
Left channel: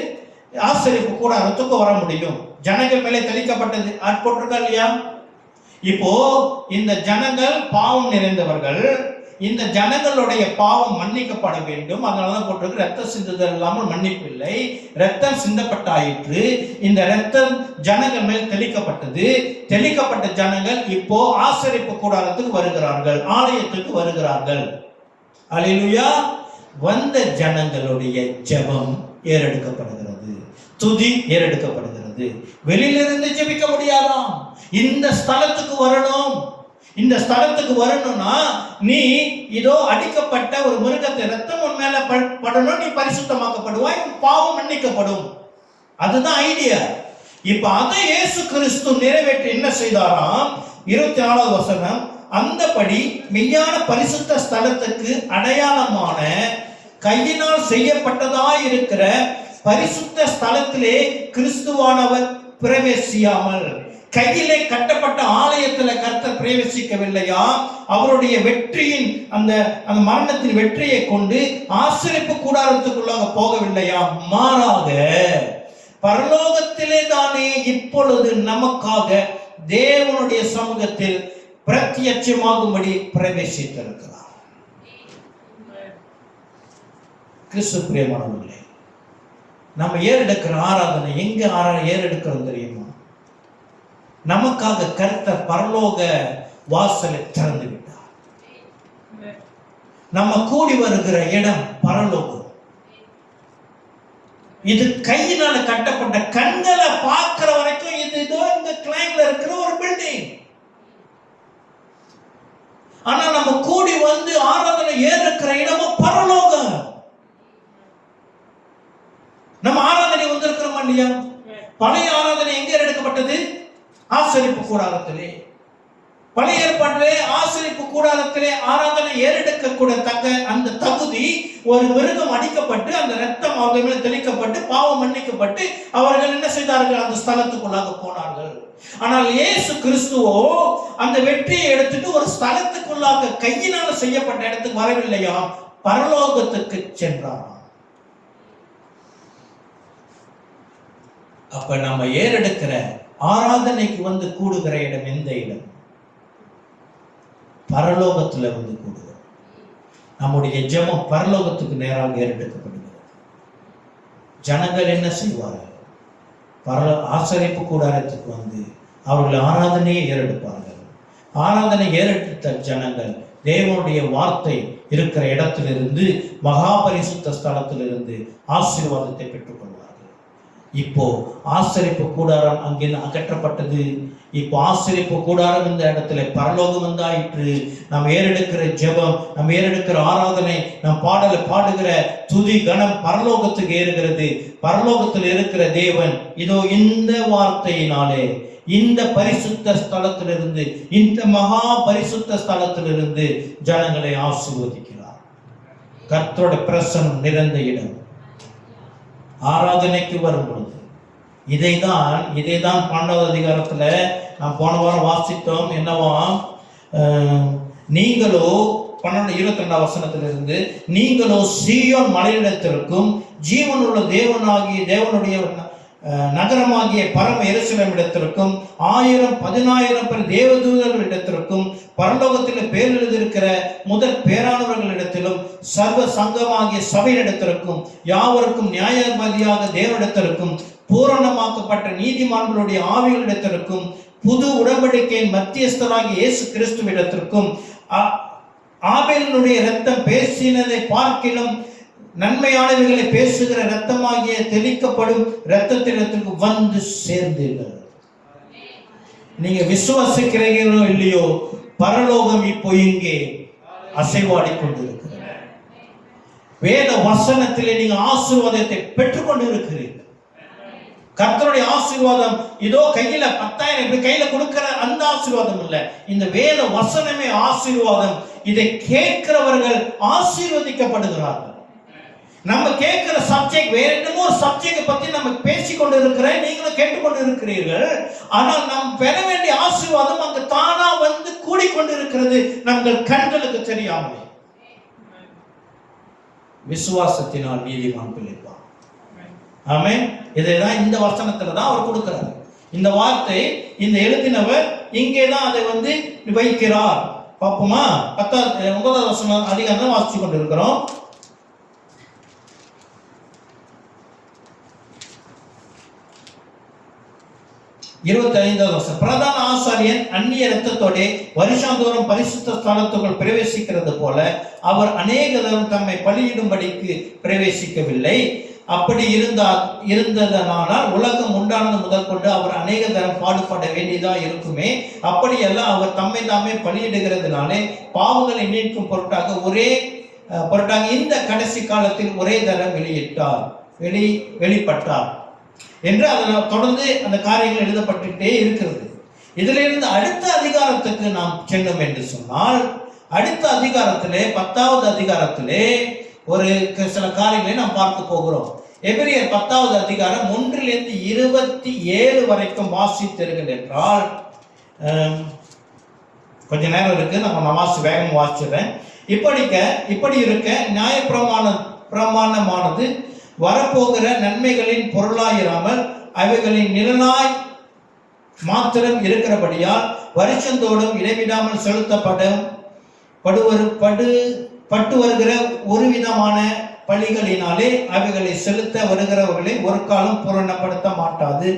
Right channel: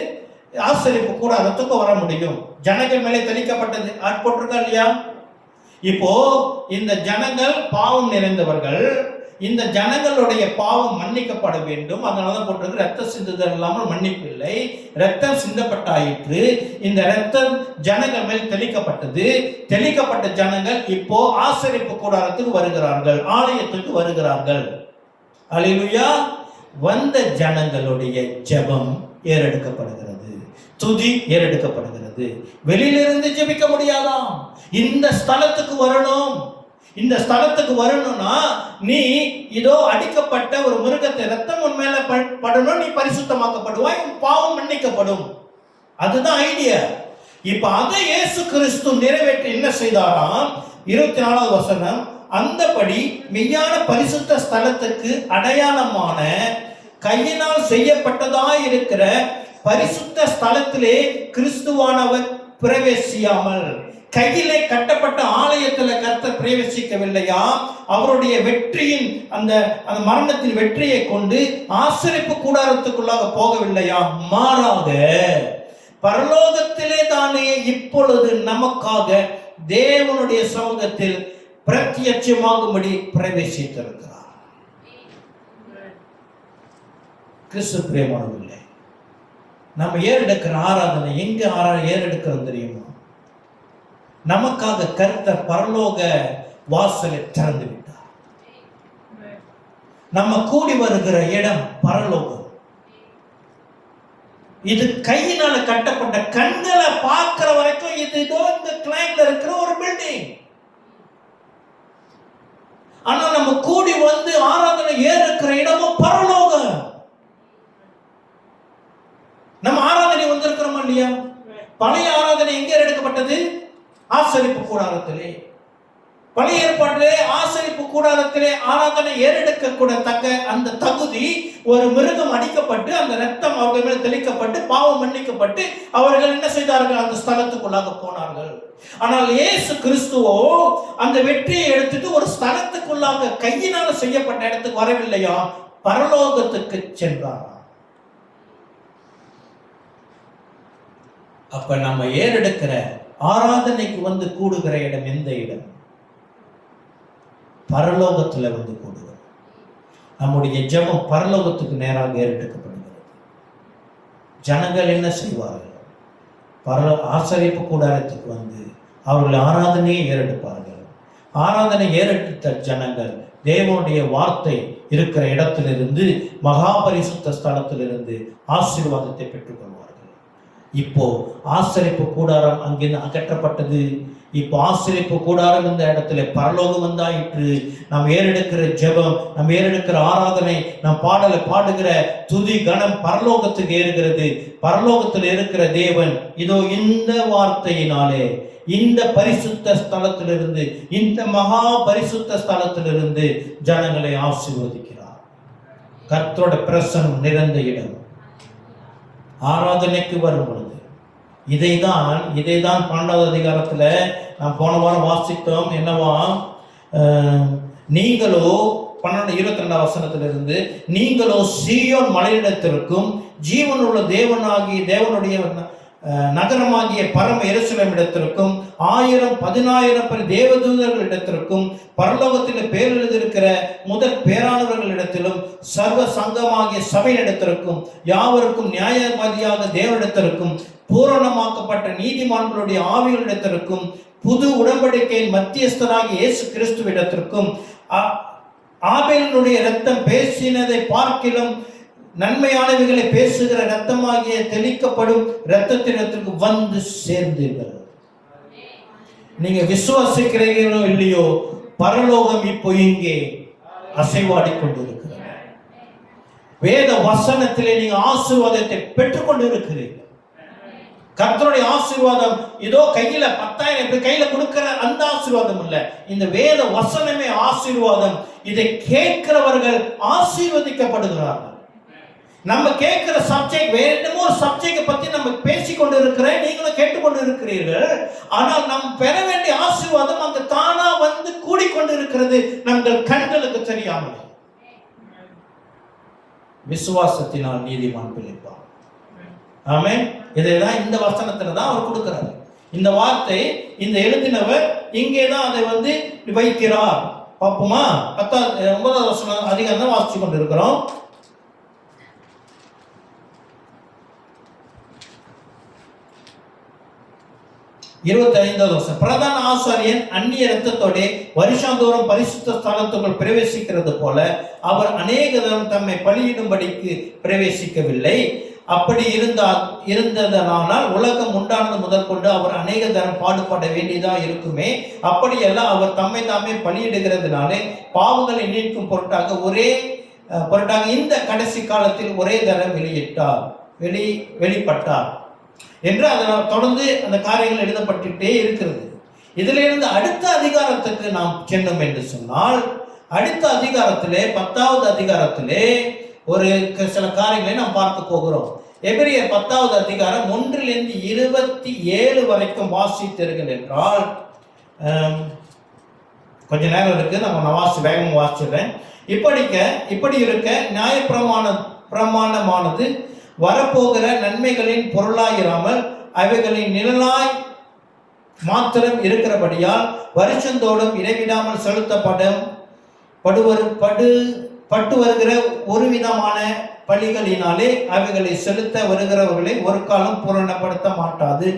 ஆசரிப்பு கூடாரத்துக்கோ வர முடியும். ஜனங்கள் மேலே தெளிக்கப்பட்டது ஆட்பட்டிருக்கா இல்லையா? இப்போ இந்த ஜனங்கள் பாவம் நிறைந்தவர்கள், இந்த ஜனங்களுடைய பாவம் மன்னிக்கப்பட வேண்டும். அதனாலதான் போட்டிருக்கு, ரத்த சிந்துதல் இல்லாமல் மன்னிப்பு இல்லை. ரத்தம் சிந்தப்பட்டாயிற்று. இந்த ரத்தம் ஜனங்கள் மேல் தெளிக்கப்பட்டது. தெளிக்கப்பட்ட ஜனங்கள் இப்போ ஆசரிப்பு கூடாரத்துக்கு வருகிறார்கள், ஆலயத்துக்கு வருகிறார்கள். அல்லேலூயா. வந்த ஜனங்களுடைய ஜெபம் ஏறெடுக்கப்படுகிறது, துதி ஏறெடுக்கப்படுகிறது. வெளியிலிருந்து ஜெபிக்க முடியாதாம். இந்த ஸ்தலத்துக்கு வரணும். இந்த ஸ்தலத்துக்கு வரணும்னா நீ இதோ அடிக்கப்பட்ட ஒரு மிருகத்தை ரத்தம் உன் மேல படணும், நீ பரிசுத்தமாக்கப்படுவாய், பாவம் மன்னிக்கப்படும். அதுதான் ஐடியா. இப்ப அதை இயேசு கிறிஸ்து நிறைவேற்றி என்ன செய்தாராம்? 24வது வசனம், அந்தபடி மெய்யான பரிசுத்த ஸ்தலத்துக்கு அடையாளமான கையினால் செய்யப்பட்டதாய் இருக்கிற பரிசுத்த ஸ்தலத்திலே கிறிஸ்துவானவர் பிரவேசியாமல், கையிலே கட்டப்பட்ட ஆலயத்துல கர்த்தர் பிரவேசிக்கவில்லையா? அவருடைய வெற்றியின் அந்த மரணத்தின் வெற்றியை கொண்டு ஆசரிப்பு கூடாரத்துக்குள்ளாக போகவில்லையா? மாறாக பரலோகத்திலே தானே இப்பொழுது நமக்காக தேவனுடைய சமூகத்தில் பிரத்யட்சமாகும்படி பிரவேசித்திருக்கிறார். கிறிஸ்து பிரியமானவர்களே, நம்ம ஏறெடுக்கிற ஆராதனை எங்க ஏறெடுக்கிறோம் தெரியுமா? நமக்காக கர்த்தர் பரலோக வாசலை திறந்து விட்டார். நம்ம கூடி வருகிற இடம் பரலோகம். இது கையினால கட்டப்பட்ட, கண்களை பார்க்கிற வரைக்கும் இது இந்த கிளைன்ல இருக்கிற ஒரு பில்டிங். ஆனா நம்ம கூடி வந்து ஆராதனை ஏறெடுக்கிற இடமும் பரலோகம். நம்ம ஆராதனை வந்திருக்கிறோமா இல்லையா? பழைய ஆராதனை எங்க எடுக்கப்பட்டது? ஆசரிப்பு கூடாரத்திலே. பழைய ஏற்பாட்டிலே ஆசரிப்பு கூடாரத்திலே ஆராதனை ஏறெடுக்க கூட தக்க அந்த தகுதி, ஒரு மிருகம் அடிக்கப்பட்டு அந்த ரத்தம் அவர்கள் மேல் தெளிக்கப்பட்டு பாவம் மன்னிக்கப்பட்டு அவர்கள் என்ன செய்தார்கள்? அந்த ஸ்தலத்துக்குள்ளாக போனார்கள். ஆனால் இயேசு கிறிஸ்துவோ அந்த வெற்றியை எடுத்துட்டு ஒரு ஸ்தலத்துக்குள்ளாக கையினால செய்யப்பட்ட இடத்துக்கு வரவில்லையா, பரலோகத்துக்கு சென்றார். அப்ப நம்ம ஏறெடுக்கிற ஆராதனைக்கு வந்து கூடுகிற இடம் எந்த இடம்? பரலோகத்துல வந்து கூடுகிறோம். நம்முடைய ஜெபம் பரலோகத்துக்கு நேராக ஏறெடுக்கப்படுகிறது. ஜனங்கள் என்ன செய்வார்கள்? ஆசரிப்பு கூடாரத்துக்கு வந்து அவர்கள் ஆராதனையை ஏறெடுப்பார்கள். ஆராதனை ஏறெடுத்த ஜனங்கள் தேவனுடைய வார்த்தை இருக்கிற இடத்திலிருந்து, மகா பரிசுத்த ஸ்தலத்திலிருந்து ஆசீர்வாதத்தை பெற்றுக்கொள்வார்கள். இப்போ ஆசரிப்பு கூடாரம் அங்கிருந்து அகற்றப்பட்டது. இப்போ ஆசரிப்பு கூடாரம் இந்த இடத்துல பரலோகம் வந்தாயிற்று. நாம் ஏறெடுக்கிற ஜெபம், நாம் ஏறெடுக்கிற ஆராதனை, நாம் பாடுகிற துதி கணம் பரலோகத்துக்கு ஏறுகிறது. பரலோகத்தில் இருக்கிற தேவன் இதோ இந்த வார்த்தையினாலே இந்த பரிசுத்த ஸ்தலத்திலிருந்து, இந்த மகா பரிசுத்த ஸ்தலத்திலிருந்து ஜனங்களை ஆசீர்வதிக்கிறார். கர்த்தருடைய பிரசன்னம் நிறைந்த இடம். ஆராதனைக்கு வரும் பொழுது இதைதான் 12வது அதிகாரத்துல நாம் போன வாரம் வாசித்தோம். என்னவா, நீங்களோ 22ஆம் வசனத்திலிருந்து, நீங்களோ சீயோன் மலையிடத்திற்கும் ஜீவனுள்ள தேவனுடைய நகரமாகிய பரம எருசலேம் இடத்திற்கும் 1000-10,000 பேர் தேவதூதர்கள் இடத்திற்கும் பரலோகத்தில் பேர் எழுதியிருக்கிற முதல் பேரானவர்களிடத்திலும் சர்வ சங்கமாகிய சபையிடத்திற்கும் யாவருக்கும் நியாயபதியாக தேவனிடத்திற்கும் பூரணமாக்கப்பட்ட நீதிமான்களுடைய ஆவிகளிடத்திற்கும் புது உடன்படிக்கையின் மத்தியஸ்தராகிய இயேசு கிறிஸ்துவிடத்திற்கும் ஆபேலினுடைய இரத்தம் பேசினதை பார்க்கிலும் நன்மையானவைகளை பேசுகிற இரத்தமாகிய தெளிக்கப்படும் இரத்தத்திடத்திற்கு வந்து சேர்ந்தீர்கள். நீங்க விசுவாசிக்கிறீர்களோ இல்லையோ, பரலோகம் இப்போ இங்கே அசைவாடி கொண்டிருக்கிறது. வேத வசனத்திலே நீங்க ஆசீர்வாதத்தை பெற்றுக்கொண்டு இருக்கிறீர்கள். கர்த்தருடைய ஆசீர்வாதம் இதோ கையில 10,000 கையில கொடுக்கிற அந்த ஆசீர்வாதம் இல்ல, இந்த வேத வசனமே ஆசீர்வாதம். இதை கேட்கிறவர்கள் ஆசீர்வதிக்கப்படுகிறார்கள். நம்ம கேட்கிற சப்ஜெக்ட் வேற என்னமோ சப்ஜெக்ட் பத்தி நம்ம பேசிக்கொண்டு இருக்கிறேன், நீங்களும் கேட்டுக்கொண்டு இருக்கிறீர்கள். ஆனால் நாம் பெற வேண்டிய ஆசீர்வாதம் அங்கு தானா வந்து கூடிக்கொண்டு இருக்கிறது, நம்மள் கண்களுக்கு தெரியாமல். விசுவாசத்தினால் நீதிமான் பிழைப்பான். ஆமென். இதைதான் இந்த வசனத்துல தான் அவர் கொடுக்கிறார். இந்த வார்த்தை இந்த எழுதினவர் இங்கே தான் அதை வந்து வைக்கிறார். பார்ப்போமா? 9வது வசனம் அதிகாரம் வாசிச்சு கொண்டு இருக்கிறோம். 25வது வசனம், பிரதான ஆசாரியன் அந்நிய இரத்தத்தோட வருஷந்தோறும் பரிசுத்த ஸ்தலத்துக்குள் பிரவேசிக்கிறது போல அவர் அநேக தரம் தம்மை பலியிடும்படிக்கு பிரவேசிக்கவில்லை. அப்படி இருந்ததனால் உலகம் உண்டானது முதல் கொண்டு அவர் அநேக தரம் பாடுபட வேண்டியதா இருக்குமே. அப்படியெல்லாம் அவர் தம்மை தாமே பலியிடுகிறதுனாலே பாவங்களை நீக்கும் பொருட்டாக இந்த கடைசி காலத்தில் ஒரே தரம் வெளிப்பட்டார் என்று அதில் தொடர்ந்து அந்த காரியங்கள் எழுதப்பட்டுட்டே இருக்கிறது. இதிலிருந்து அடுத்த அதிகாரத்துக்கு நாம் சென்றோம் என்று சொன்னால், அடுத்த அதிகாரத்திலே 10வது அதிகாரத்திலே ஒரு சில காரியங்களை நாம் பார்க்க போகிறோம். எபிரியர் 10வது அதிகாரம் 1லிருந்து 27 வரைக்கும் வாசித்தீர்கள் என்றால், கொஞ்ச நேரம் இருக்கு, நான் வேகம் வாசிச்சிடுறேன். இப்படி இருக்க நியாயப்பிரமாணமானது வரப்போகிற நன்மைகளின் பொருளாயிராமல் அவைகளின் நிழலாய் மாத்திரம் இருக்கிறபடியால் வருஷந்தோடும் இடைவிடாமல் பட்டு வருகிற ஒரு விதமான பலிகளினாலே அவைகளை செலுத்த வருகிறவர்களை ஒரு காலம் பூரணப்படுத்த மாட்டாது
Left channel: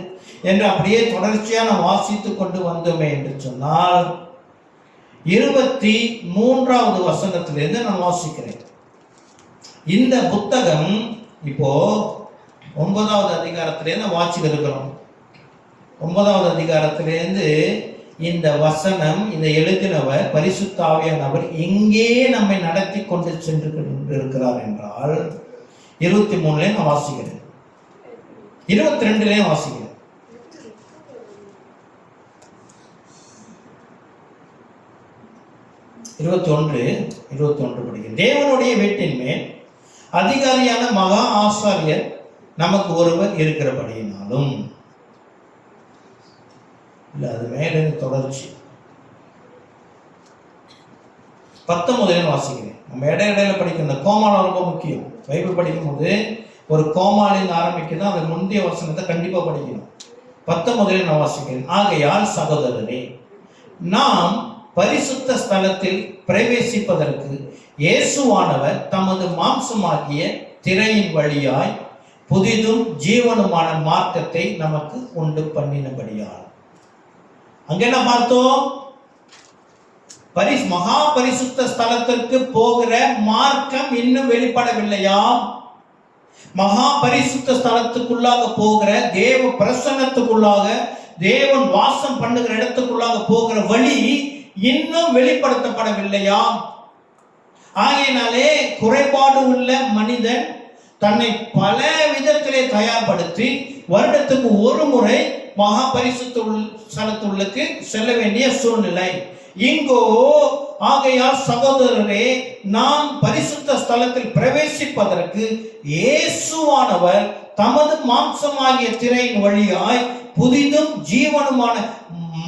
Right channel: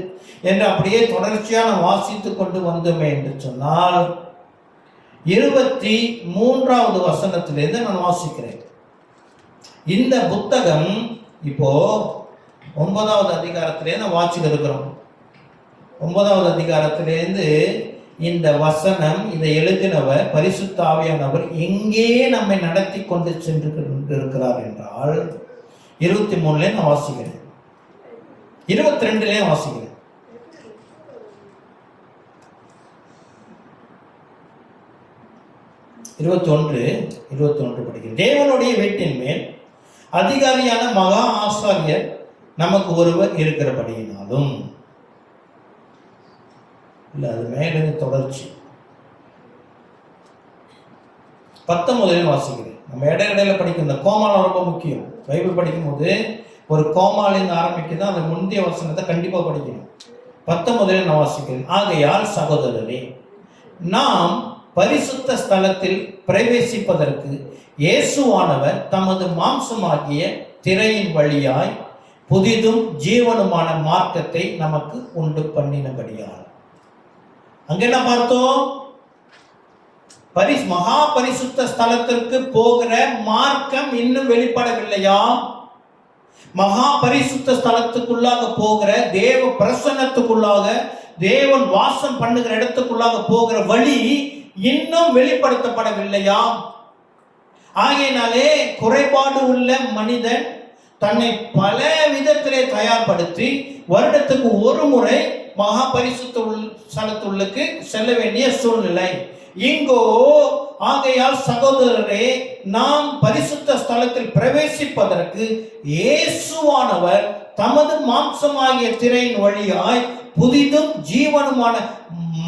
என்று அப்படியே தொடர்ச்சியாக வாசித்து கொண்டு வந்தோமே என்று சொன்னால், 23வது வசனத்திலிருந்து நான் வாசிக்கிறேன். இந்த புத்தகம் இப்போ 9வது அதிகாரத்திலேருந்து வாசிக்க இருக்கிறோம். 9வது அதிகாரத்திலேருந்து இந்த வசனம், இதை எழுதினவர் பரிசுத்த ஆவியானவர் எங்கே நம்மை நடத்தி கொண்டு சென்று இருக்கிறார் என்றால் 23ல நான் வாசிக்கிறேன், 22லயும் வாசிக்கிறேன். 21 படிக்கிறேன். தேவனுடைய வீட்டின் மேல் அதிகாரியான மகா ஆசாரியர் நமக்கு ஒருவர் இருக்கிறபடியினாலும், இல்ல அது மேலிருந்து தொடர்ச்சி 19 வாசிக்கிறேன். நம்ம இடையில படிக்கிற இந்த கோமாளம் ரொம்ப முக்கியம். பைபிள் படிக்கும் போது ஒரு கோமாளின்னு ஆரம்பிக்குதான், அந்த முந்தைய வசனத்தை கண்டிப்பா படிக்கணும். 19 நான் வாசிக்கிறேன். ஆகையால் சகோதரரே, நாம் பரிசுத்த ஸ்தலத்தில் பிரவேசிப்பதற்கு இயேசுவானவர் தமது மாம்சமாகிய திரையின் வழியாய் புதிதும் ஜீவனுமான மார்க்கத்தை நமக்கு உண்டு பண்ணினபடியால். அங்க என்ன பார்த்தோம்? மகா பரிசுத்த ஸ்தலத்திற்கு போகிற மார்க்கம் இன்னும் வெளிப்படவில்லையா? மகா பரிசுத்த ஸ்தலத்துக்குள்ளாக போகிற தேவ பிரசன்னத்துக்குள்ளாக, தேவன் வாசம் பண்ணுகிற இடத்துக்குள்ளாக போகிற வழி இன்னும் வெளிப்படுத்தப்படவில்லையா? ஆகையினாலே குறைபாடு உள்ள மனிதன் தன்னை பல விதத்திலே தயார்படுத்தி வருடத்துக்கு ஒரு முறை மகா பரிசுத்த ஸ்தலத்துள்ளுக்கு செல்ல வேண்டிய சூழ்நிலை இங்கோ. ஆகையால் சகோதரரே, நாம் பரிசுத்த ஸ்தலத்தில் பிரவேசிப்பதற்கு இயேசுவானவர் தமது மாம்சமாகிய திரையின் வழியாய் புதிதும் ஜீவனுமான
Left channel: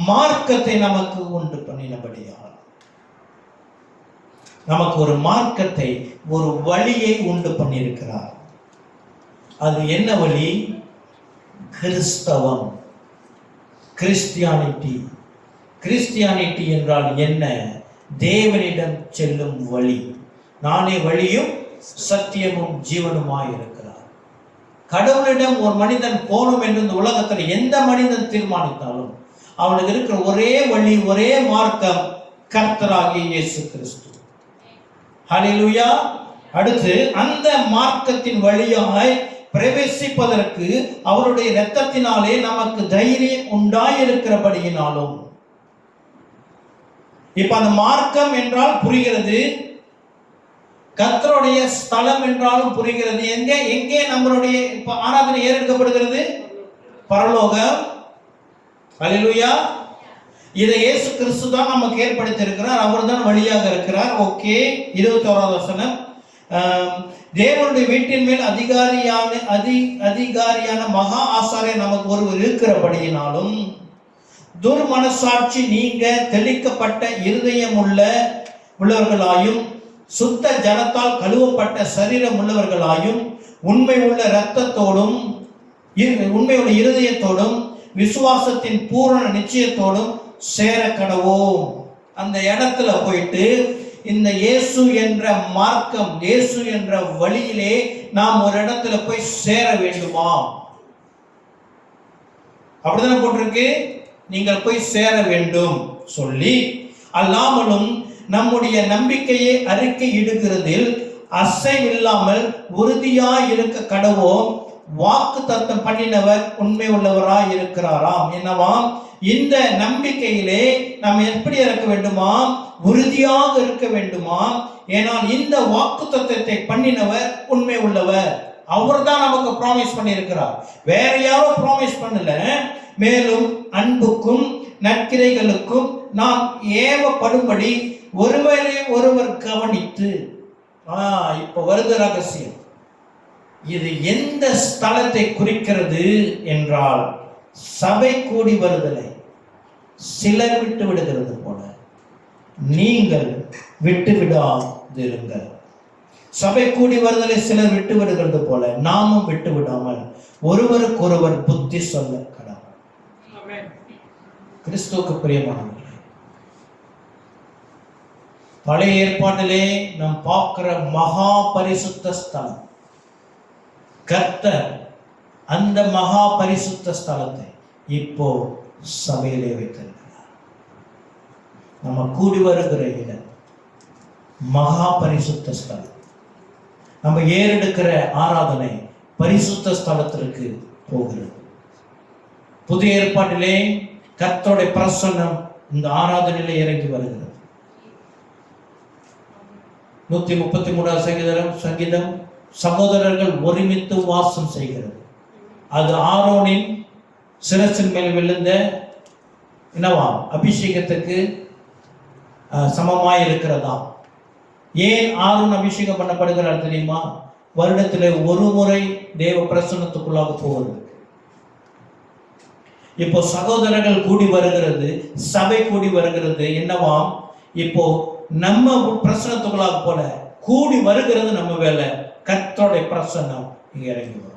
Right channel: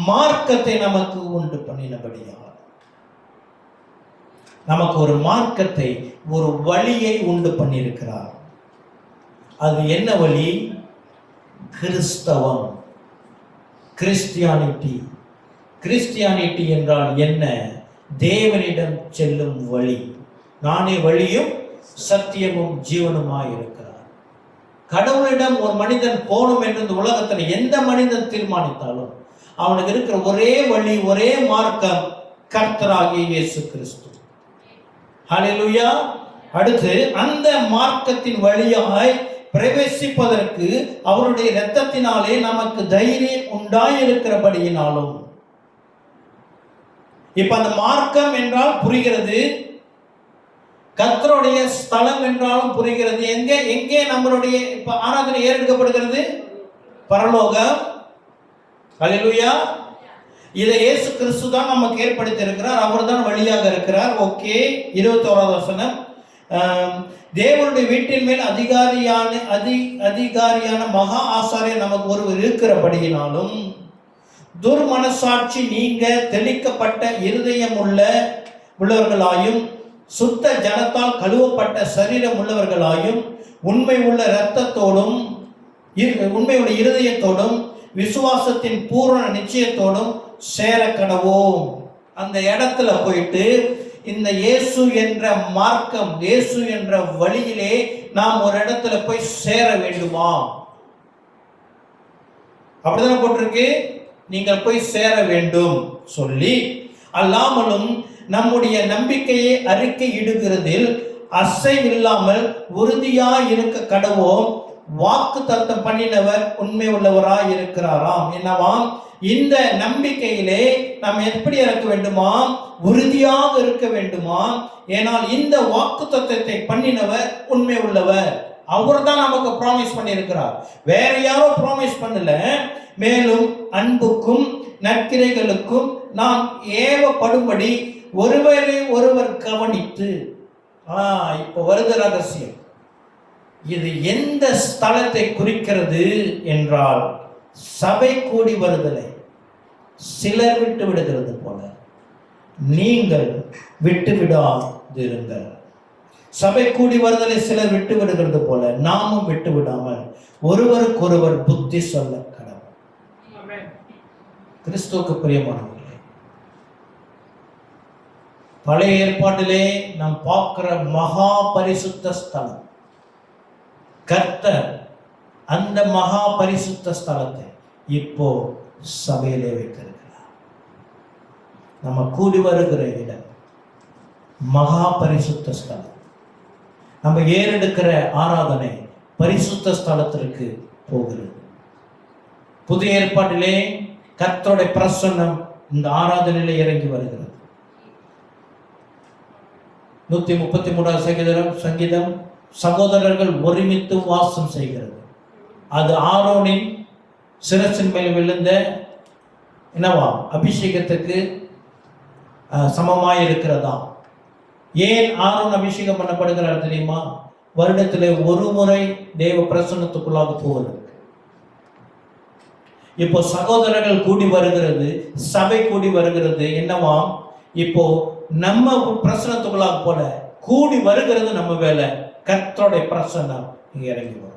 மார்க்கத்தை நமக்கு உண்டு பண்ணினபடியால், நமக்கு ஒரு மார்க்கத்தை, ஒரு வழியை உண்டு பண்ணியிருக்கிறார். அது என்ன வழி? கிறிஸ்தவம், கிறிஸ்டியானிட்டி. கிறிஸ்டியானிட்டி என்றால் என்ன? தேவனிடம் செல்லும் வழி. நானே வழியும் சத்தியமும் ஜீவனுமாய் இருக்கிறார். கடவுளிடம் ஒரு மனிதன் போகணும் என்று இந்த உலகத்தில் எந்த மனிதன் தீர்மானித்தாலும் அவனுக்கு இருக்கிற ஒரே வழி, ஒரே மார்க்கம் கர்த்தராகிய இயேசு கிறிஸ்து. ஹல்லேலூயா. அடுத்து அந்த மார்க்கத்தின் வழியாய் பிரவேசிப்பதற்கு அவருடைய இரத்தத்தினாலே நமக்கு தைரியம் உண்டாயிருக்கிறபடியினாலும், இப்ப அந்த மார்க்கம் என்றால் புரிகிறது, கர்த்தருடைய ஸ்தலம் என்றாலும் புரிகிறது. எங்கே எங்கே நம்மளுடைய இப்ப ஆராதனை ஏறெடுக்கப்படுகிறது? பரலோகம். ஹல்லேலூயா. இதை இயேசு கிறிஸ்து தான் நமக்கு ஏற்படுத்தி இருக்கிறார். அவர் தான் வழியாக இருக்கிறார். ஓகே. 21வது வசனம், தேவனுடைய வீட்டின் மேல் அதிகாரியான மகா ஆசாரியர் நமக்கு ஒருவர் இருக்கிறபடியினாலும், துர்மனசாட்சி நீங்க தெளிக்கப்பட்ட இருதயம் உள்ளவர்களாயும், சுத்த ஜனத்தால் கழுவப்பட்ட சரீரம் உள்ளவர்களாயும், உண்மை உள்ள இரத்தத்தோடும் உண்மையுள்ள இருதயத்தோடும் விசுவாசத்தின் பூரண நிச்சயத்தோடும் சேர கடவோம். அந்த இடத்துல போயிட்டு இந்த இயேசு என்ற மார்க்கம், இயேசு என்ற வழியிலே நாம் ஒரு இடத்துல போய் சேர வேண்டுமா? அப்படிதானே போட்டிருக்கு, நீங்கள் போய் சேர வேண்டும் சொல்லி, அல்லாமலும் நம்முடைய நம்பிக்கையை அறிக்கை இடுகிறதில் அசைவில்லாமல் உறுதியாய் இருக்க கடவோம். வாக்கு தத்தம் பண்ணினவர் உண்மை உள்ளவராய் இருக்கிறாராம். என்னவாம்? இந்த நம்பிக்கையிலே நாம் எப்படி இருக்க வேண்டுமா? உறுதியாக இருக்க வேண்டுமா? ஏனால் இந்த வாக்கு தத்தத்தை பண்ணினவர் உண்மை உள்ளவர். அவர் தான் நமக்கு ப்ராமிஸ் பண்ணியிருக்கிறார், வேற யாரோ ப்ராமிஸ் பண்ணல. மேலும் அன்புக்கும் நற்கிரைகளுக்கும் நாம் ஏவப்படும்படி ஒருவரை ஒருவர் கவனித்து, இப்ப வருத ரகசியம். இது எந்த ஸ்தலத்தை குறிக்கிறது என்றால், சபை கூடி வருதலை சிலர் விட்டு விடுகிறது போல நீங்கள் விட்டு விடாதிருங்கள். சபை கூடி வருதலை சிலர் விட்டு விடுகிறது போல நாமும் விட்டு விடாமல் ஒருவருக்கொருவர் புத்தி சொல்ல கடவுள். கிறிஸ்துவுக்கு பிரியமானவர்களே, பழைய ஏற்பாட்டிலே நாம் பார்க்கிற மகா பரிசுத்த ஸ்தலம் கர்த்தர், அந்த மகா பரிசுத்த ஸ்தலத்தை இப்போ சபையிலே வைத்திருக்கிறார். நம்ம கூடி வருகிற இடம் மகா பரிசுத்த ஸ்தலம். நம்ம ஏறெடுக்கிற ஆராதனை பரிசுத்த ஸ்தலத்திற்கு போகிறது. புதிய ஏற்பாட்டிலே கர்த்தருடைய பிரசன்னம் இந்த ஆராதனையிலே இறங்கி வருகிறது. 133 சங்கீதம் சகோதரர்கள் ஒருமித்து வாசம் செய்கிறது. அது ஆரோனின் சிரசின் மேல் விழுந்த என்னவாம் அபிஷேகத்துக்கு சமமாய் இருக்கிறதா? ஏன் ஆரோன் அபிஷேகம் பண்ணப்படுகிறார் தெரியுமா? வருடத்தில் ஒரு முறை தேவ பிரசன்னத்துக்குள்ளாக போவது. இப்போ சகோதரர்கள் கூடி வருகிறது, சபை கூடி வருகிறது. என்னவாம்? இப்போ நம்ம பிரசன்னத்துக்குள்ளாக போல கூடி வருகிறது நம்ம வேலை. கர்த்தருடைய பிரசன்னம் இங்க இறங்கி வரும்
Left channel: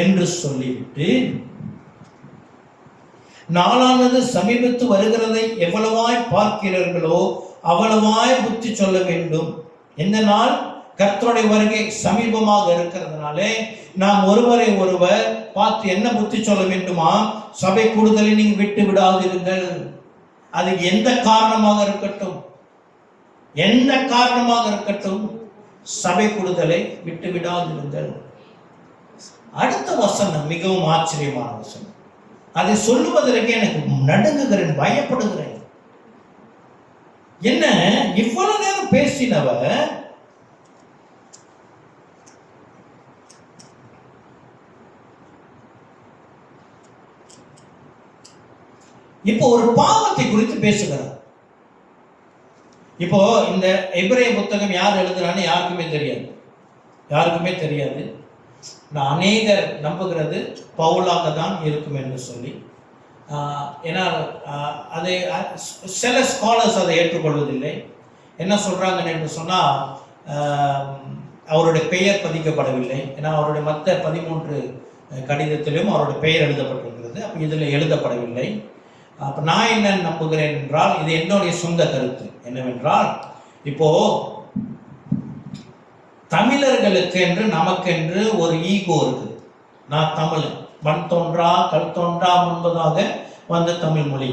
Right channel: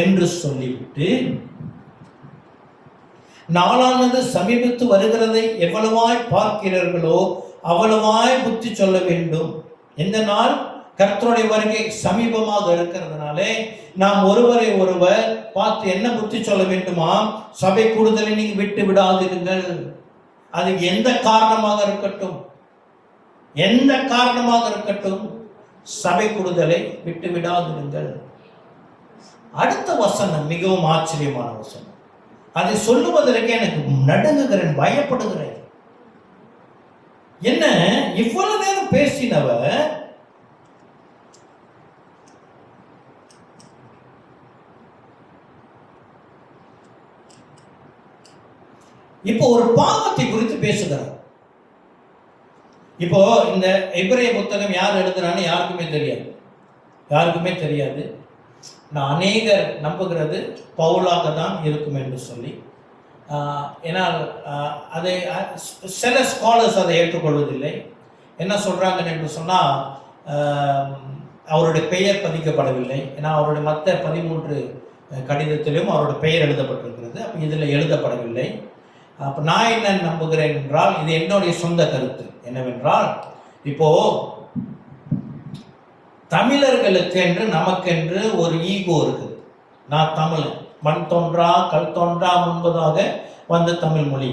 என்று சொல்லிவிட்டு, நாளானது சமீபத்து வருகிறதை எவ்வளவாய் பார்க்கிறீர்களோ அவ்வளவாய் புத்தி சொல்ல வேண்டும். எந்த நாள்? கர்த்தருடைய வருகை சமீபமாக இருக்கிறதுனாலே நாம் ஒருவரை ஒருவர் பார்த்து என்ன புத்தி சொல்ல வேண்டுமா? சபை கூடுதலை நீங்க விட்டு விடாதிருங்கள். அது எந்த காரணமாக இருக்கட்டும், எந்த காரணமாக இருக்கட்டும், சபை கூடுதலை விட்டு விடாதிருங்கள். அடுத்த வசனம் மிகவும் ஆச்சரியமான வசனம். அதை சொல்லுவதற்கு எனக்கு நடுங்குகிறேன், பயப்படுகிறேன். என்ன இவ்வளவு நேரம் பேசினவ இப்போ ஒரு பாவத்தை குறித்து பேசுகிறார். இப்போ இந்த எபிரேய புத்தகம் யார் எழுதுறான்னு யாருக்குமே தெரியாது. நான் அநேகர் நம்புகிறது பவுலாக தான் இருக்கும் என்று சொல்லி. ஏன்னா அதை சில ஸ்காலர்ஸ் அதை ஏற்றுக்கொள்வதில்லை. என்ன சொல்கிறாங்கன்னு என்று சொன்னால், அவருடைய பெயர் பதிக்கப்படவில்லை. ஏன்னா அவருடைய மற்ற 13 கடிதத்திலும் அவருடைய பெயர் எழுதப்பட்டிருக்கிறது. அப்போ இதில் எழுதப்படவில்லை. அப்போ நான் என்ன நம்புகிறேன் என்றால், இது என்னுடைய சொந்த கருத்து என்னவென்றால், இப்போ தமிழர்களுக்கு என்று நமக்கென்று ஒரு ஈகோ இருக்குது. நான் தமிழன், மண் தோன்றா கல் தோன்றா முன்பதாக வந்த தமிழ் மொழி.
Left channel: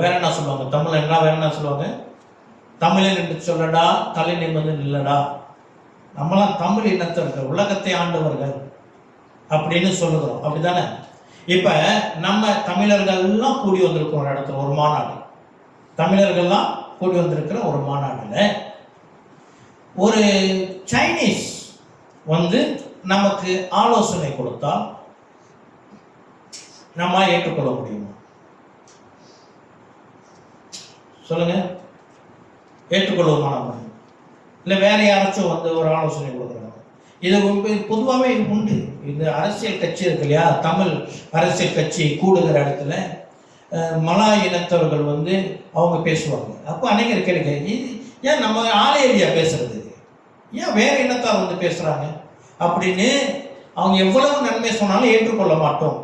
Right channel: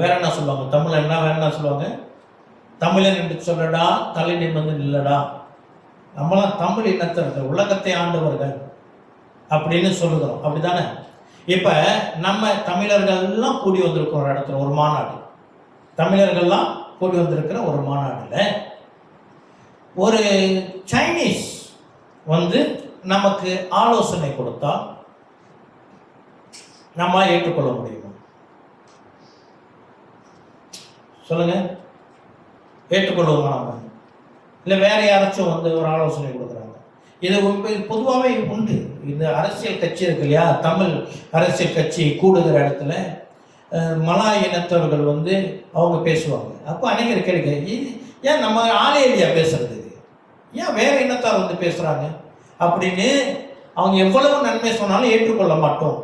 வேற என்ன சொல்லுவாங்க? தமிழன்னா வேற என்ன சொல்லுவாங்க? தமிழன் என்று சொல்லடா, தலை நிமிர்ந்து நில்லடா, நம்மளாம் தமிழ் இனத்தவர்கள், உலகத்தை ஆண்டவர்கள் அப்படின்னு சொல்லுகிறோம். அப்படிதானே? இப்ப நம்ம தமிழர்கள்லாம் கூடி வந்திருக்கிற ஒரு இடத்துல ஒரு மாநாடு, தமிழர்கள்லாம் கூடி வந்திருக்கிற ஒரு மாநாடுல ஒரு சைனீஸ் வந்து நமக்கு ஆலோசனை கொடுத்தா நம்ம ஏற்றுக்கொள்ள முடியுமா? சொல்லுங்க, ஏற்றுக்கொள்வோமா? நம்ம இல்லை வேற யாராச்சும் வந்து ஒரு ஆலோசனை கொடுக்குறாங்க. இது பொதுவாகவே உண்டு. இந்த அரசியல் கட்சி இருக்கு இல்லையா, தமிழ் அரசியல் கட்சி கூடுகிற இடத்துல மலாய் இனத்தவர்கள் வந்து அவங்க பேசுவாங்க. அப்போ அநேகர் கேளுங்க, ஏன் நம்ம ஆளே இல்லையா பேசுறது, ஏன் வேற இனத்தார் வந்து பேசுறாங்க அப்படின்னு. அவங்க எவ்வளவு நன்மை சொன்னாலும் ஏற்றுக்கொள்ள மாட்டோம்.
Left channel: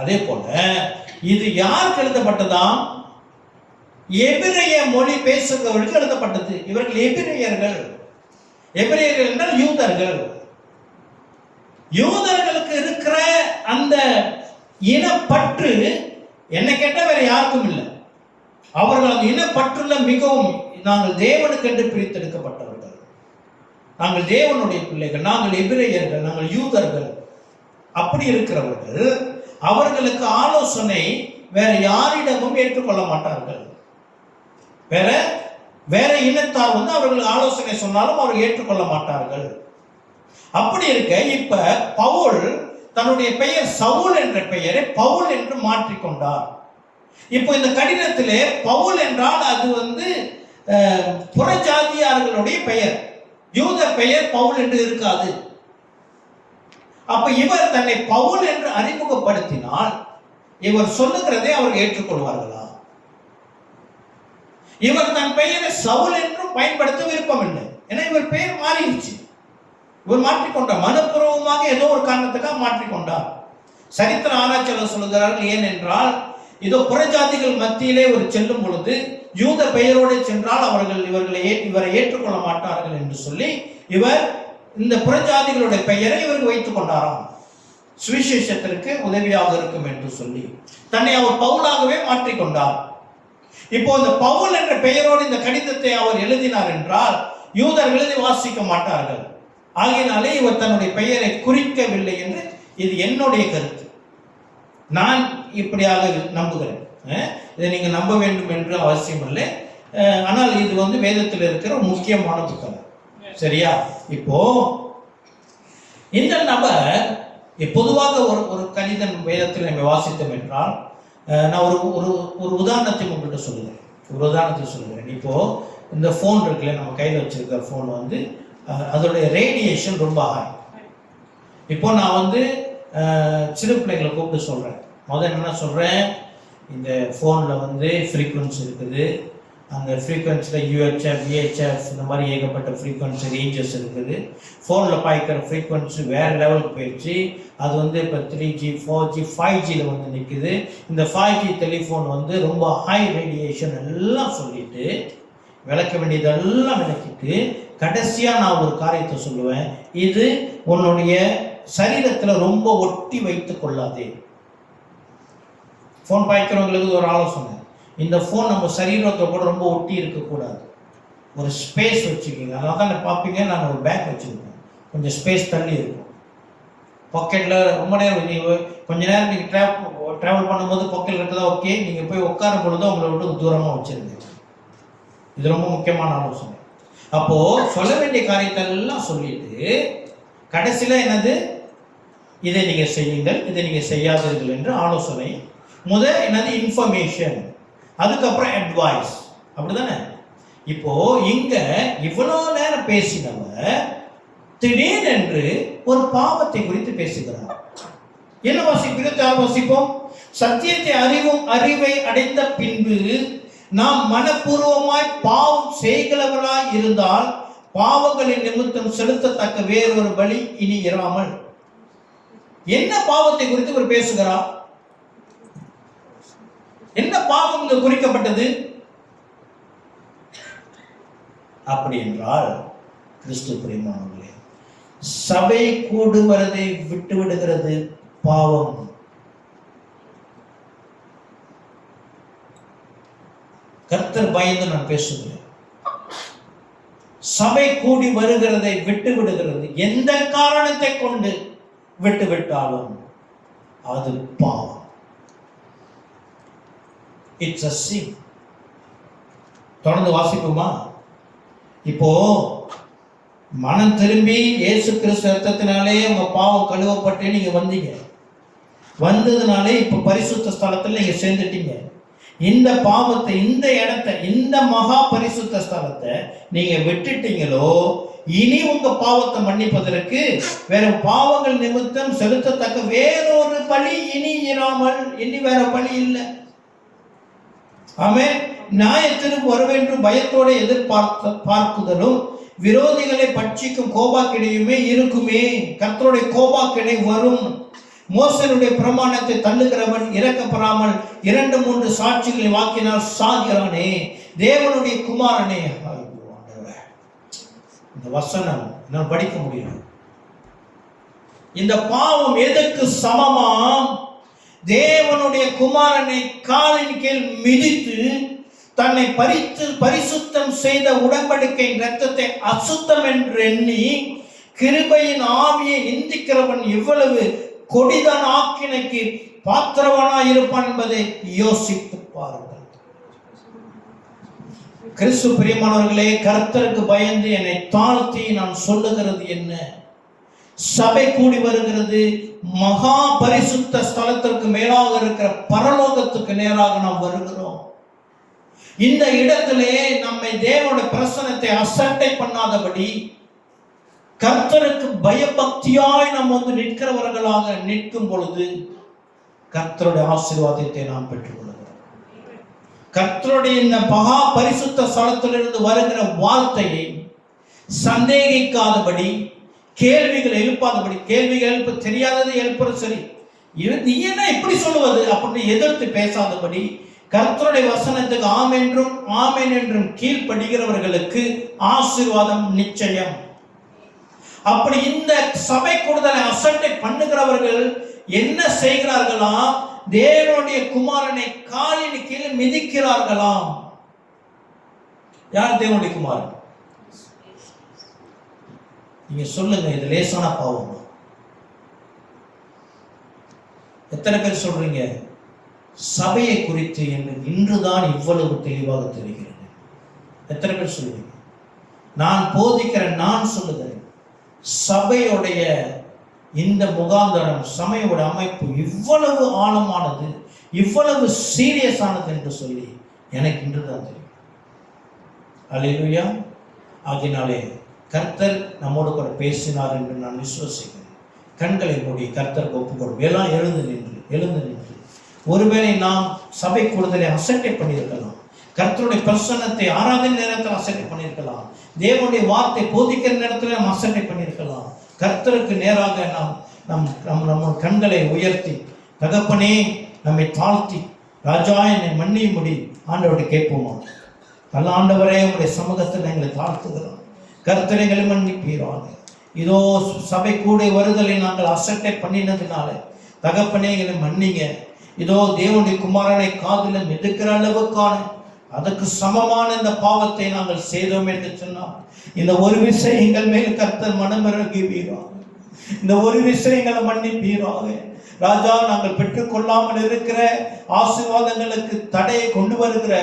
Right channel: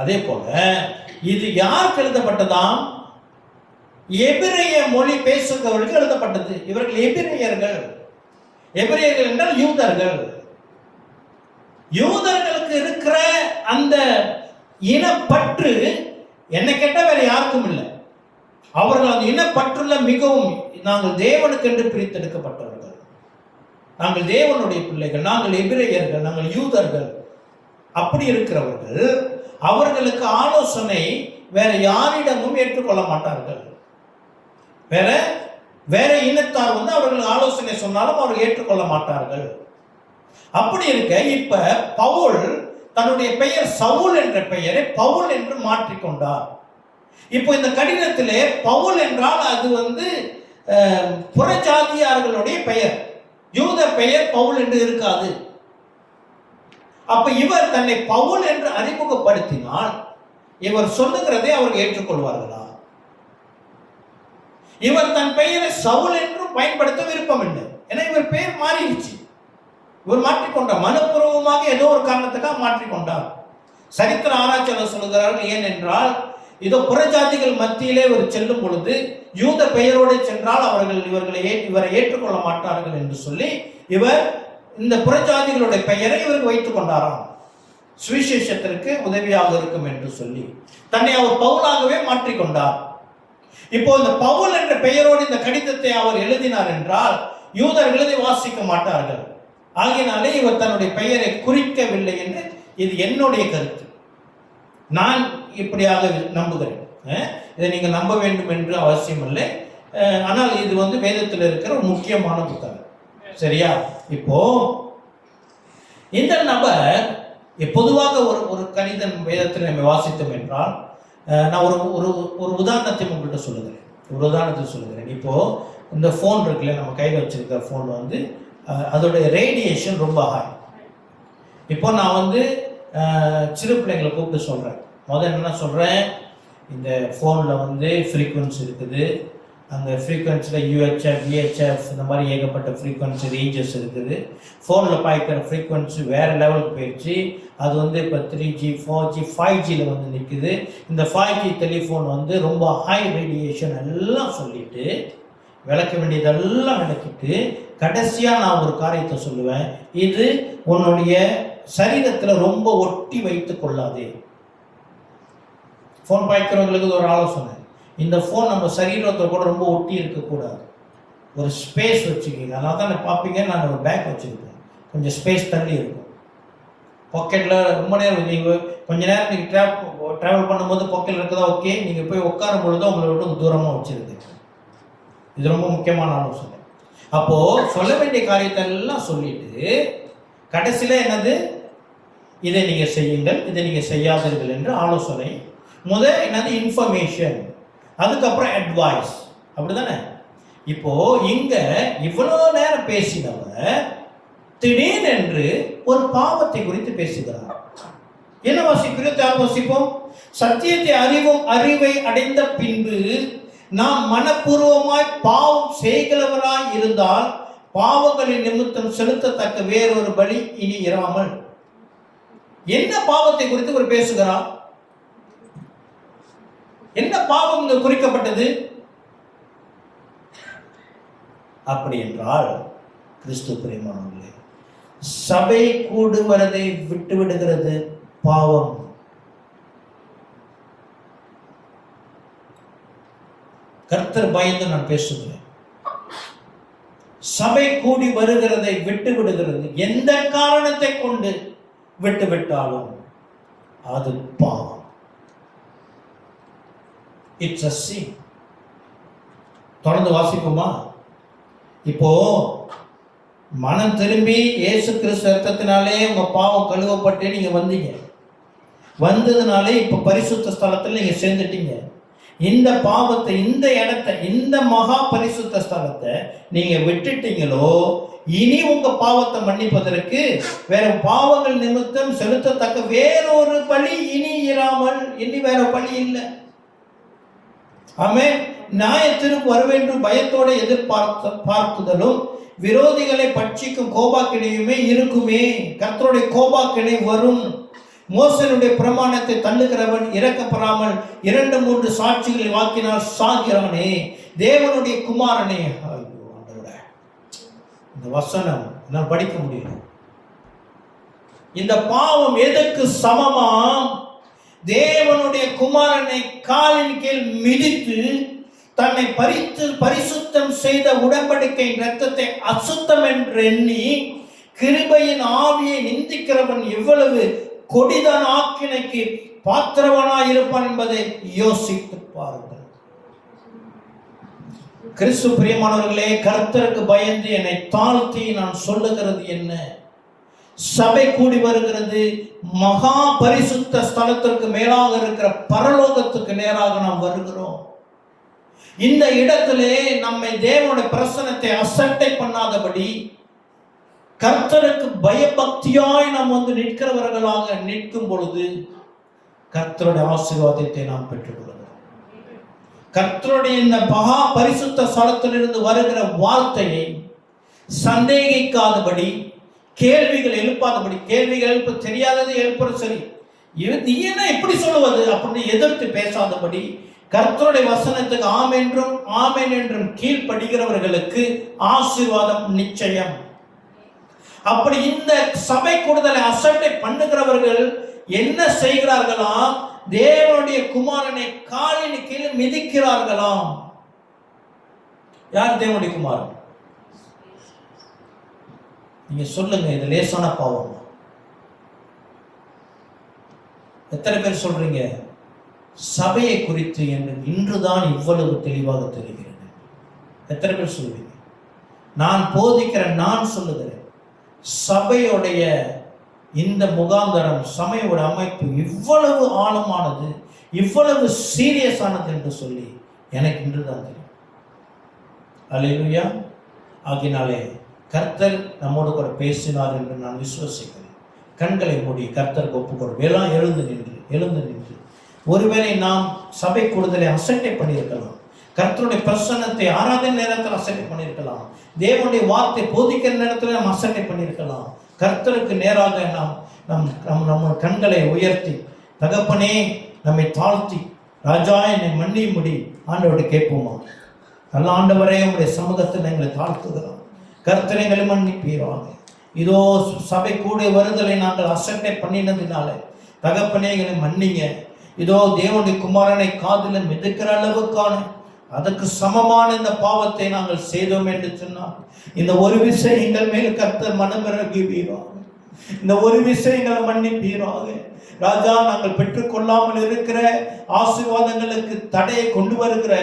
அதே போல இது யாருக்கு எழுதப்பட்டதாம்? எபிரேய மொழி பேசுகிறவர்களுக்கு எழுதப்பட்டது. இவர்கள் எபிரேயர்கள் என்றால் யூதர்களுக்கு இருக்கிற அந்த இனப்பற்று என்ன கேட்டால் வேற யாருக்கும் இல்லை. அவர்கள் அந்த இனப்பற்றுள்ள மிகவும், நாங்கள் தேவனுக்கு என்று பிரித்தெடுக்கப்பட்டவர்கள், நாங்கள் தேவனுடைய பிள்ளைகள், நாங்கள் எபிரேயர்கள், நாங்கள் யூதர்கள், அப்படி இருக்கிறவர்கள் அவர்களுக்கு ஆலோசனை வேற யாரிடமும் ஏற்றுக்கொள்ள மாட்டார்கள். வேற இனத்தார் வந்து அவர்கள் ஆலோசனை சொன்னாலும் அவர்கள் ஏற்றுக்கொள்ள மாட்டார்கள். அப்படி இருக்க இப்ப பவுல் தன்னுடைய பெயர் சவுல் என்ற பெயரை பவுல் என்று மாற்றிக்கொண்டார். இப்போ இந்த கடிதத்திலே பவுல் என்றால் அது வந்து புறஜாதியார்களுடைய பெயர், யூத பெயர் பவுல் என்று இருக்காது. அப்ப இவர் தன்னை பவுல் என்று அறிமுகப்படுத்தினால் இவர் சொல்லுகிறதை அவர்கள் ஏற்றுக்கொள்வார்களா? இவர் தன் பெயரை சவுல் என்றும் பயன்படுத்த விருப்பம் இல்லை. ஏன்னா இவர் பெயர் மாறிடுச்சு. இவர் மாற்றிக்கொண்டார், மனப்பூர்வமாக ஏதோ ஒரு காரணத்துக்காக மாற்றிக்கொண்டார். சரித்திர ஆராய்ச்சியாளர் சொல்லுகிறார்கள், ஏனென்றால் இதோ புறஜாதிகள் மத்தியிலே ஒரு செல்லும் பொழுது யூத பெயரோடு சென்றால் அவர்கள் இவரை ஏற்றுக்கொள்ள மாட்டார்கள் என்று சொல்லி இவர் இந்த புறஜாதிகளுடைய பெயரை இவருக்கு வைத்துக் கொண்டாராம், சுவிசேஷத்திற்கு உதவியாக இருக்கும் என்று சொல்லி தன்னை அவர் பவுலாகவே மாற்றிக்கொண்டார். இப்போ இந்த பவுல் என்ற பெயரோடு இந்த கடிதத்தை அவர் எழுதினார் என்றால் யூதர்கள் இதை வாசிக்க மாட்டார்கள். ஆகினாலே இவர் தன்னுடைய பெயரை குறிக்கவில்லை என்று இது என்னுடைய கருத்து. நான் இப்படியாக நம்புகிறேன். இதை நீங்க நம்ப வேண்டும் என்று அவசியம் இல்லை. ஆனால் இது வந்து வேதத்தில் இருக்கிற முக்கியமான புத்தகம். சரியா? இப்போ இந்த நபர் பொதுவாக ஒரு கடிதம் வேதத்தில் நம்ம வாசித்தோம் என்றால், நான் ஒரு உதாரணத்தை உங்கள்கிட்ட சொல்லுகிறேன். இப்போ இந்த ஃபோன் இருக்குல்ல, நம்ம கையில் வச்சிருக்கிற ஃபோன் வந்து அதோடைய ரேடியேஷன் ரொம்ப ஹாய். இப்போ நான் வந்து சிறு பிள்ளைங்களை கூப்பிட்டு சொல்கிறேன். முதல்ல என்ன சொல்கிறேன், இந்த ஃபோனில் வந்து ஃப்ரீக்வன்சி இருக்குது, அந்த ஃப்ரீக்வன்சியில் யூஹெச்எஃப் விஹெச்எஃப் இந்த மாதிரி ஏகப்பட்ட ஃப்ரீக்வன்சி ரேஞ்சஸ் இருக்குது. ஃபோனில் பாய்க்கிற ஃப்ரீக்வன்சி வேறு லெவலுக்கு போயிடுச்சு. அது வந்து இப்போ 3G 4G 5Gயில் வந்து நிற்குது. இந்த 5G டெலிஃபோன் வந்து ரொம்ப ஹை ரேடியேஷன் எல்லாம் சொல்லிட்டு விளக்க வேண்டியதெல்லாம் விளக்கிட்டு கடைசியாக நான் ஒரு காரியத்தை சொல்லுவேன், இது உன்னுடைய சரீரத்தில் ரொம்ப ஒட்டி வைத்து கொள்ளாதே. ஃபோன் பாய்க்கிறவங்களுக்கு ஒரு ஆலோசனை, இந்த ஃபோன் நம்ம சரீரத்தை கூட ரொம்ப ஒட்டி இருக்கக்கூடாது, ஒரு ஸ்பேஸ் வச்சுக்கிங்க. அதனால தான் பார்ப்பீங்க, நான் ஒரு பேக் வச்சுருக்கேன், கொஞ்சம் ஸ்பேஸ் தள்ளி இருக்கும் பாக்கெட்டில். ரொம்ப நேரம் நீங்கள் கொஞ்ச நேரம் நீங்கள் ட்ராவல் பண்ணும்போது பாக்கெட்டில் இருக்குதா ஓகே, நீங்கள் போய் உட்காரும் பொழுது உங்களை விட்டு தூரமாக வச்சுருங்க. இது ரொம்ப முக்கியமான ஆலோசனை. அப்போது சொல்ல வேண்டிய காரியத்தை எல்லாம் சொல்லிட்டு கடைசியில் என்னது, இதை நீங்கள் செய்யுங்கள், இதை நீங்கள் செய்யாதீர்கள் என்று ஆலோசனை. என்னது, இன்ஃபர்மேஷன். அதுக்கப்புறம் அட்வைஸ். அப்படிதானே? இப்போ இங்க இவ்வளவு நேரம் பேசினவர் திடீரென்று ஒரு பாவத்தை குறித்து பேசுகிறார். என்ன வாசிப்போம். சத்தியத்தை அறிவை அடைந்த பின்பு நாம் மனப்பூர்வமாய் பாவம் செய்கிறவராய் இருந்தால் பாவங்களின் நிமித்தம் செலுத்தத்தக்க வேறொரு பலி இனி இராமல். என்ன பாவத்தை குறித்து ஒரு பேசுகிறார்? என்ன பாவம் இங்கு குறிக்கப்பட்டது? அப்படி என்றால் கிறிஸ்து பிரியமானவர்களே, சபை கூடுவதை விட்டு விடுகிறது பாவம். கர்த்தர் பயந்து நான் பேசுகிறேன். சபை கூடி வருகிறதை விட்டு விடுகிறது. எந்த காரணத்தை கொண்டு விட்டு விட்டாலும் அது பாவம். It's a sin. தொடர்ந்து வாசிப்போமா? இப்போ மனம் திரும்பி இயேசு கிறிஸ்து ரத்தத்தினாலே உங்க பாவம் கழுவப்பட்டு நீங்க வந்தீங்க. வந்ததுனாலே இப்ப பரிசுத்த ஸ்தலத்துல நீங்க சேர்ந்துட்டீங்க. இந்த பாவத்தை, இந்த இடத்தை, இந்த மகா பரிசுத்த ஸ்தலத்தை நீங்க விட்டுட்டீங்களோ, இனி உங்க பாவத்தை மன்னிப்பதற்கு வேற பாவங்கள் நிமித்தம் செலுத்தத்தக்க வேறொரு பலி இனி இராமல். இனி வேற பலி இல்லை. ஆமென். நியாயத்திற்கு வரவென்று பயத்தோட எதிர்பார்க்குதலும் விரோதிகளை பட்சிக்கும் கோபாக்கினையுமே இருக்குமே. கர்த்தருடைய கோபாக்கினை வரும். மோசனுடைய பிரமாணத்தை தள்ளுகிறவன் இறக்கப்படாமல் 2-3 சாட்சிகளை வாக்கினால் சாகிறானே. தேவனுடைய குமாரனே. இந்த வசனம் நான் படிக்க முடியும். இந்த பாவம் எதற்கு சமமாம்? தேவனுடைய குமாரனை காலின் கீழ் மிதித்து தன்னை பரிசுத்தம் செய்த உடன்படிக்கை இரத்தத்தை அசுத்தம் என்று எண்ணி கிருபையின் ஆவியை நிந்திக்கிறவன் எவ்வளவு கொடிதான ஆக்கினைக்கு பாத்திரவனாய் இருப்பான் என்பதை யோசித்து பாருங்கள். கிறிஸ்து பிரியமானவர்களே, கர்த்தருக்கு பயந்து என்னை தாழ்த்தி நான் சொல்லுகிறது என்ன? சபை கூடி வருகிறது மகா பரிசுத்த ஸ்தலத்திற்கு மேலாக இருக்கிற பரலோகத்துக்கு நேராக நாம் வருகிறோம். இந்த இடத்திலே நம்மை தேவனுடைய பிரசன்னத்தை அசட்டை பண்ணாதபடி கர்த்தருக்கு பயபக்தியாய் நாம் நிற்கிறவர்களாக நிற்கும் பொழுது கர்த்தருடைய ஆசீர்வாதத்தை நாம் பெற்றுக்கொள்கிறோம். கர்த்தருடைய இந்த மகா பரிசுத்த ஸ்தலத்திலிருந்து வருகிற வார்த்தையை சந்தேகிக்காதபடி, கேள்விகள் எழுப்பாதபடி, கேள்விகள் எழுப்ப தெரியாதது எழுப்புறது சரி, நீ என்ன எப்படி சொல்லுவது அப்படின்னு எதிர்த்து பேசாதபடி கர்த்தருடைய வசனத்துக்கு ஆமென் என்றும் கீழ்ப்படுகிறவர்களுக்கு ஆசீர்வாதம் நிச்சயம். அப்படி இந்த சபை கூடுதலை அசட்டை பண்ணுகிறவர்கள் என்ன செய்கிறார்களாம்? தேவனுடைய குமாரனை காலின் கீழ் மிதிக்கிறார்களாம். யார் தேவனுடைய குமாரன்? நீங்க சொல்லுங்க, இது லேசான பாவமா? எத்தனை பேர் சொல்றீங்க சபையை குறித்து என்று இன்றுதான் இவ்வளவு தெளிவாக தெரிகிறது? எத்தனை பேர் சொல்றீங்க? நான் போதிக்கிறேன், நான் சொல்லுகிறேன், சபையுடைய இந்த முகாந்தரம், சபையோட அமைப்பு இவ்வளவு ஆழமானது, இவ்வளவு சீரியஸானது என்று சொல்லி எனக்கு இன்றுதான் தெரியும். அல்லேலூயா. ஆகினாலே கர்த்தர் நம்மோடு கூட பேசினார் என்று நான் விசுவசிக்கிறேன். கண்களை மூடி கர்த்தர் ஒப்புக்கொள்வோம். எல்லாம் எழுந்து நின்று ஒருவேளை நாம் சபை கூடுதலை அசட்டை பண்ணியிருக்கலாம். கர்த்தருடைய பிரசன்னத்தை ஆராதனை நேரத்தில் அசட்டை பண்ணியிருக்கலாம். தேவனுடைய வார்த்தை போதிக்கிற நேரத்தில் நாம் அசட்டை பண்ணியிருக்கலாம். கர்த்தருக்கு நேராக நம்ம கண்களை உயர்த்தி, தகப்பனே நம்மை தாழ்த்தி, ராஜா என்னை மன்னியும்படி ஆண்டவரை கேட்போமா? நல்ல ஆண்டவரே, உங்களுடைய சமூகத்தில் எங்களை தாழ்த்துகிறோம். கர்த்தரைகளை மன்னிப்பீராக. இதோ சபை கூட வருதலை நாங்கள் அசட்டை பண்ணினதுனால தகப்பனே எங்களை மன்னிங்க. இதோ தேவனுடைய குமாரனை காதில் மிதக்கிற அளவுக்கான அதுக்கு சமமான இந்த பாவத்தை நாங்கள் செய்தோம் என்று சொன்னார். இந்த ஒரு விஷயம் எங்கள் மேல் கர்த்தர் மனமிறங்குவீராக. இந்த ஒரு விஷயம் எங்களை மன்னிப்பீராக. ராஜா, நாங்கள் பெற்றுக்கொள்ளாமல் இருக்கிற ஆசீர்வாதங்களுக்கு தடையை கொண்டு வருகிற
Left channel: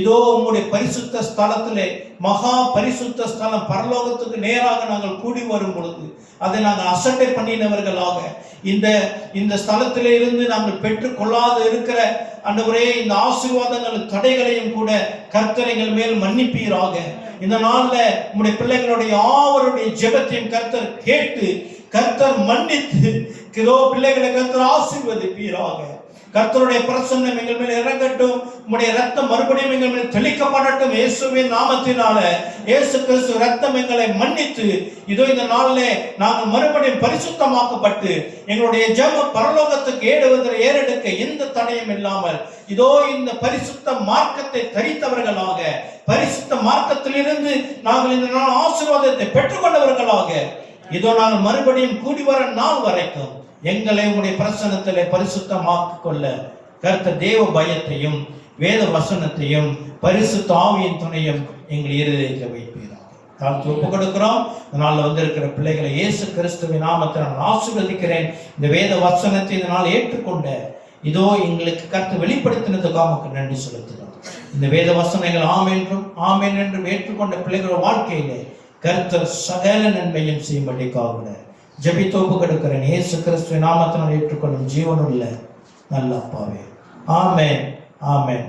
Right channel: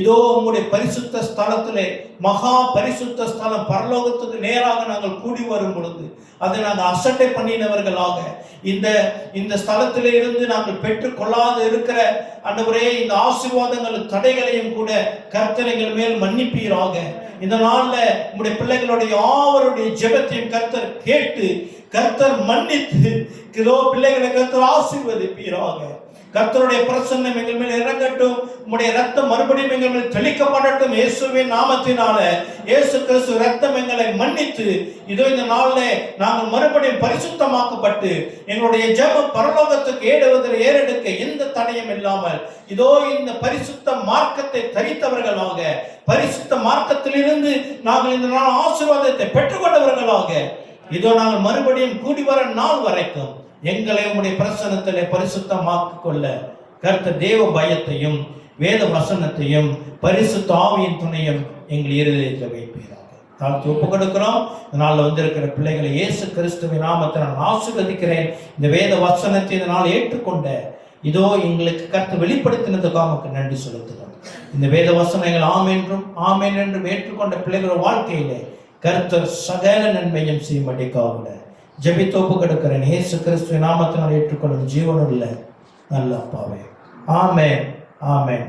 இதோ உம்முடைய பரிசுத்த ஸ்தலத்திலே, மகா பரிசுத்த ஸ்தலம் பரலோகத்துக்கு நேராக நாங்கள் கூடி வரும் பொழுது அதை நாங்கள் அசட்டை பண்ணினவர்களாக, இந்த ஸ்தலத்திலே இருந்து நாங்கள் பெற்றுக்கொள்ளாது இருக்கிற ஆண்டவரே இந்த ஆசீர்வாதங்கள் தடைகளையும் கூட கர்த்தர் எங்கள் மேல் மன்னிப்பீராக. இந்த நாள்ல உம்முடைய பிள்ளைகளுடைய யாவருடைய ஜெபத்தையும் கர்த்தர் கேட்டு, கர்த்தர் மன்னித்து, இதோ பிள்ளைகளை கர்த்தர் ஆசீர்வதிப்பீராக. கர்த்தருடைய பிரசன்னம் எங்கள் மேல் இறங்கட்டும். உம்முடைய ரத்தம் மறுபடியும் எங்கள் மேல் தெளிக்கப்படட்டும். இயேசுவின் நாமத்தினால, இயேசு கிறிஸ்து ரத்தம் எங்களை மன்னித்து, இதோ இந்த நாளிலே நாங்கள் மறுபடியும் பரிசுத்தமாக்கப்பட்டு எங்களுடைய ஜெபம் பரலோகத்துக்கு ஏறெடுக்க எந்த தடையும் இல்லாமல், இதோ இந்த பரிசுத்த மார்க்கத்தை தரித்தவர்களாக, பரிசுத்த மார்க்கத்திலிருந்து நாங்கள் இந்த நாள் ஆசீர்வாதத்தை பெற்றுக்கொண்டவர்களாக, இதோ நாங்கள் மறுபடியும் கூடி வர நாள் வரைக்கும் எங்களை உம்முடைய பிரசன்னத்திலே பரிசுத்தமாக்கிக் கொள்ள கர்த்தர் தேவ பயத்தையும் வேத வசனத்தையும் பரிசுத்த ஆவியின் துணையும் எங்கள் இருதயத்தில் வைப்பீராக. தாழ்த்தி ஒப்புக் கொடுக்கிறோம். இதனால் வந்திருக்கிற பிள்ளைகளை இயேசு கிறிஸ்துவின் நாமத்தில் நான் ஆசீர்வதிக்கிறேன். இந்த வேத வசனத்தை இதனால் ஏற்றுக்கொண்ட, இதோ எங்களுக்கு கர்த்தர் வெளிப்படுத்தினதுக்காக நமக்கு நன்றி செலுத்துகிறோம். இந்த வேத வசனங்கள் ஆமென் என்றும் ஏற்றுக்கொண்ட பிள்ளைகளோட வாழ்க்கையிலே கர்த்தர் சகல நன்மையும் செய்யும்படிக்காக ஜெபித்தோப்பு கொடுக்கிறேன். இயேசு கிறிஸ்துவின் நாமத்தினால் ஏற்றுக்கொள்ளும் ஜீவனுள்ள நல்ல அப்பாவே. ஆமென், ஆமென்.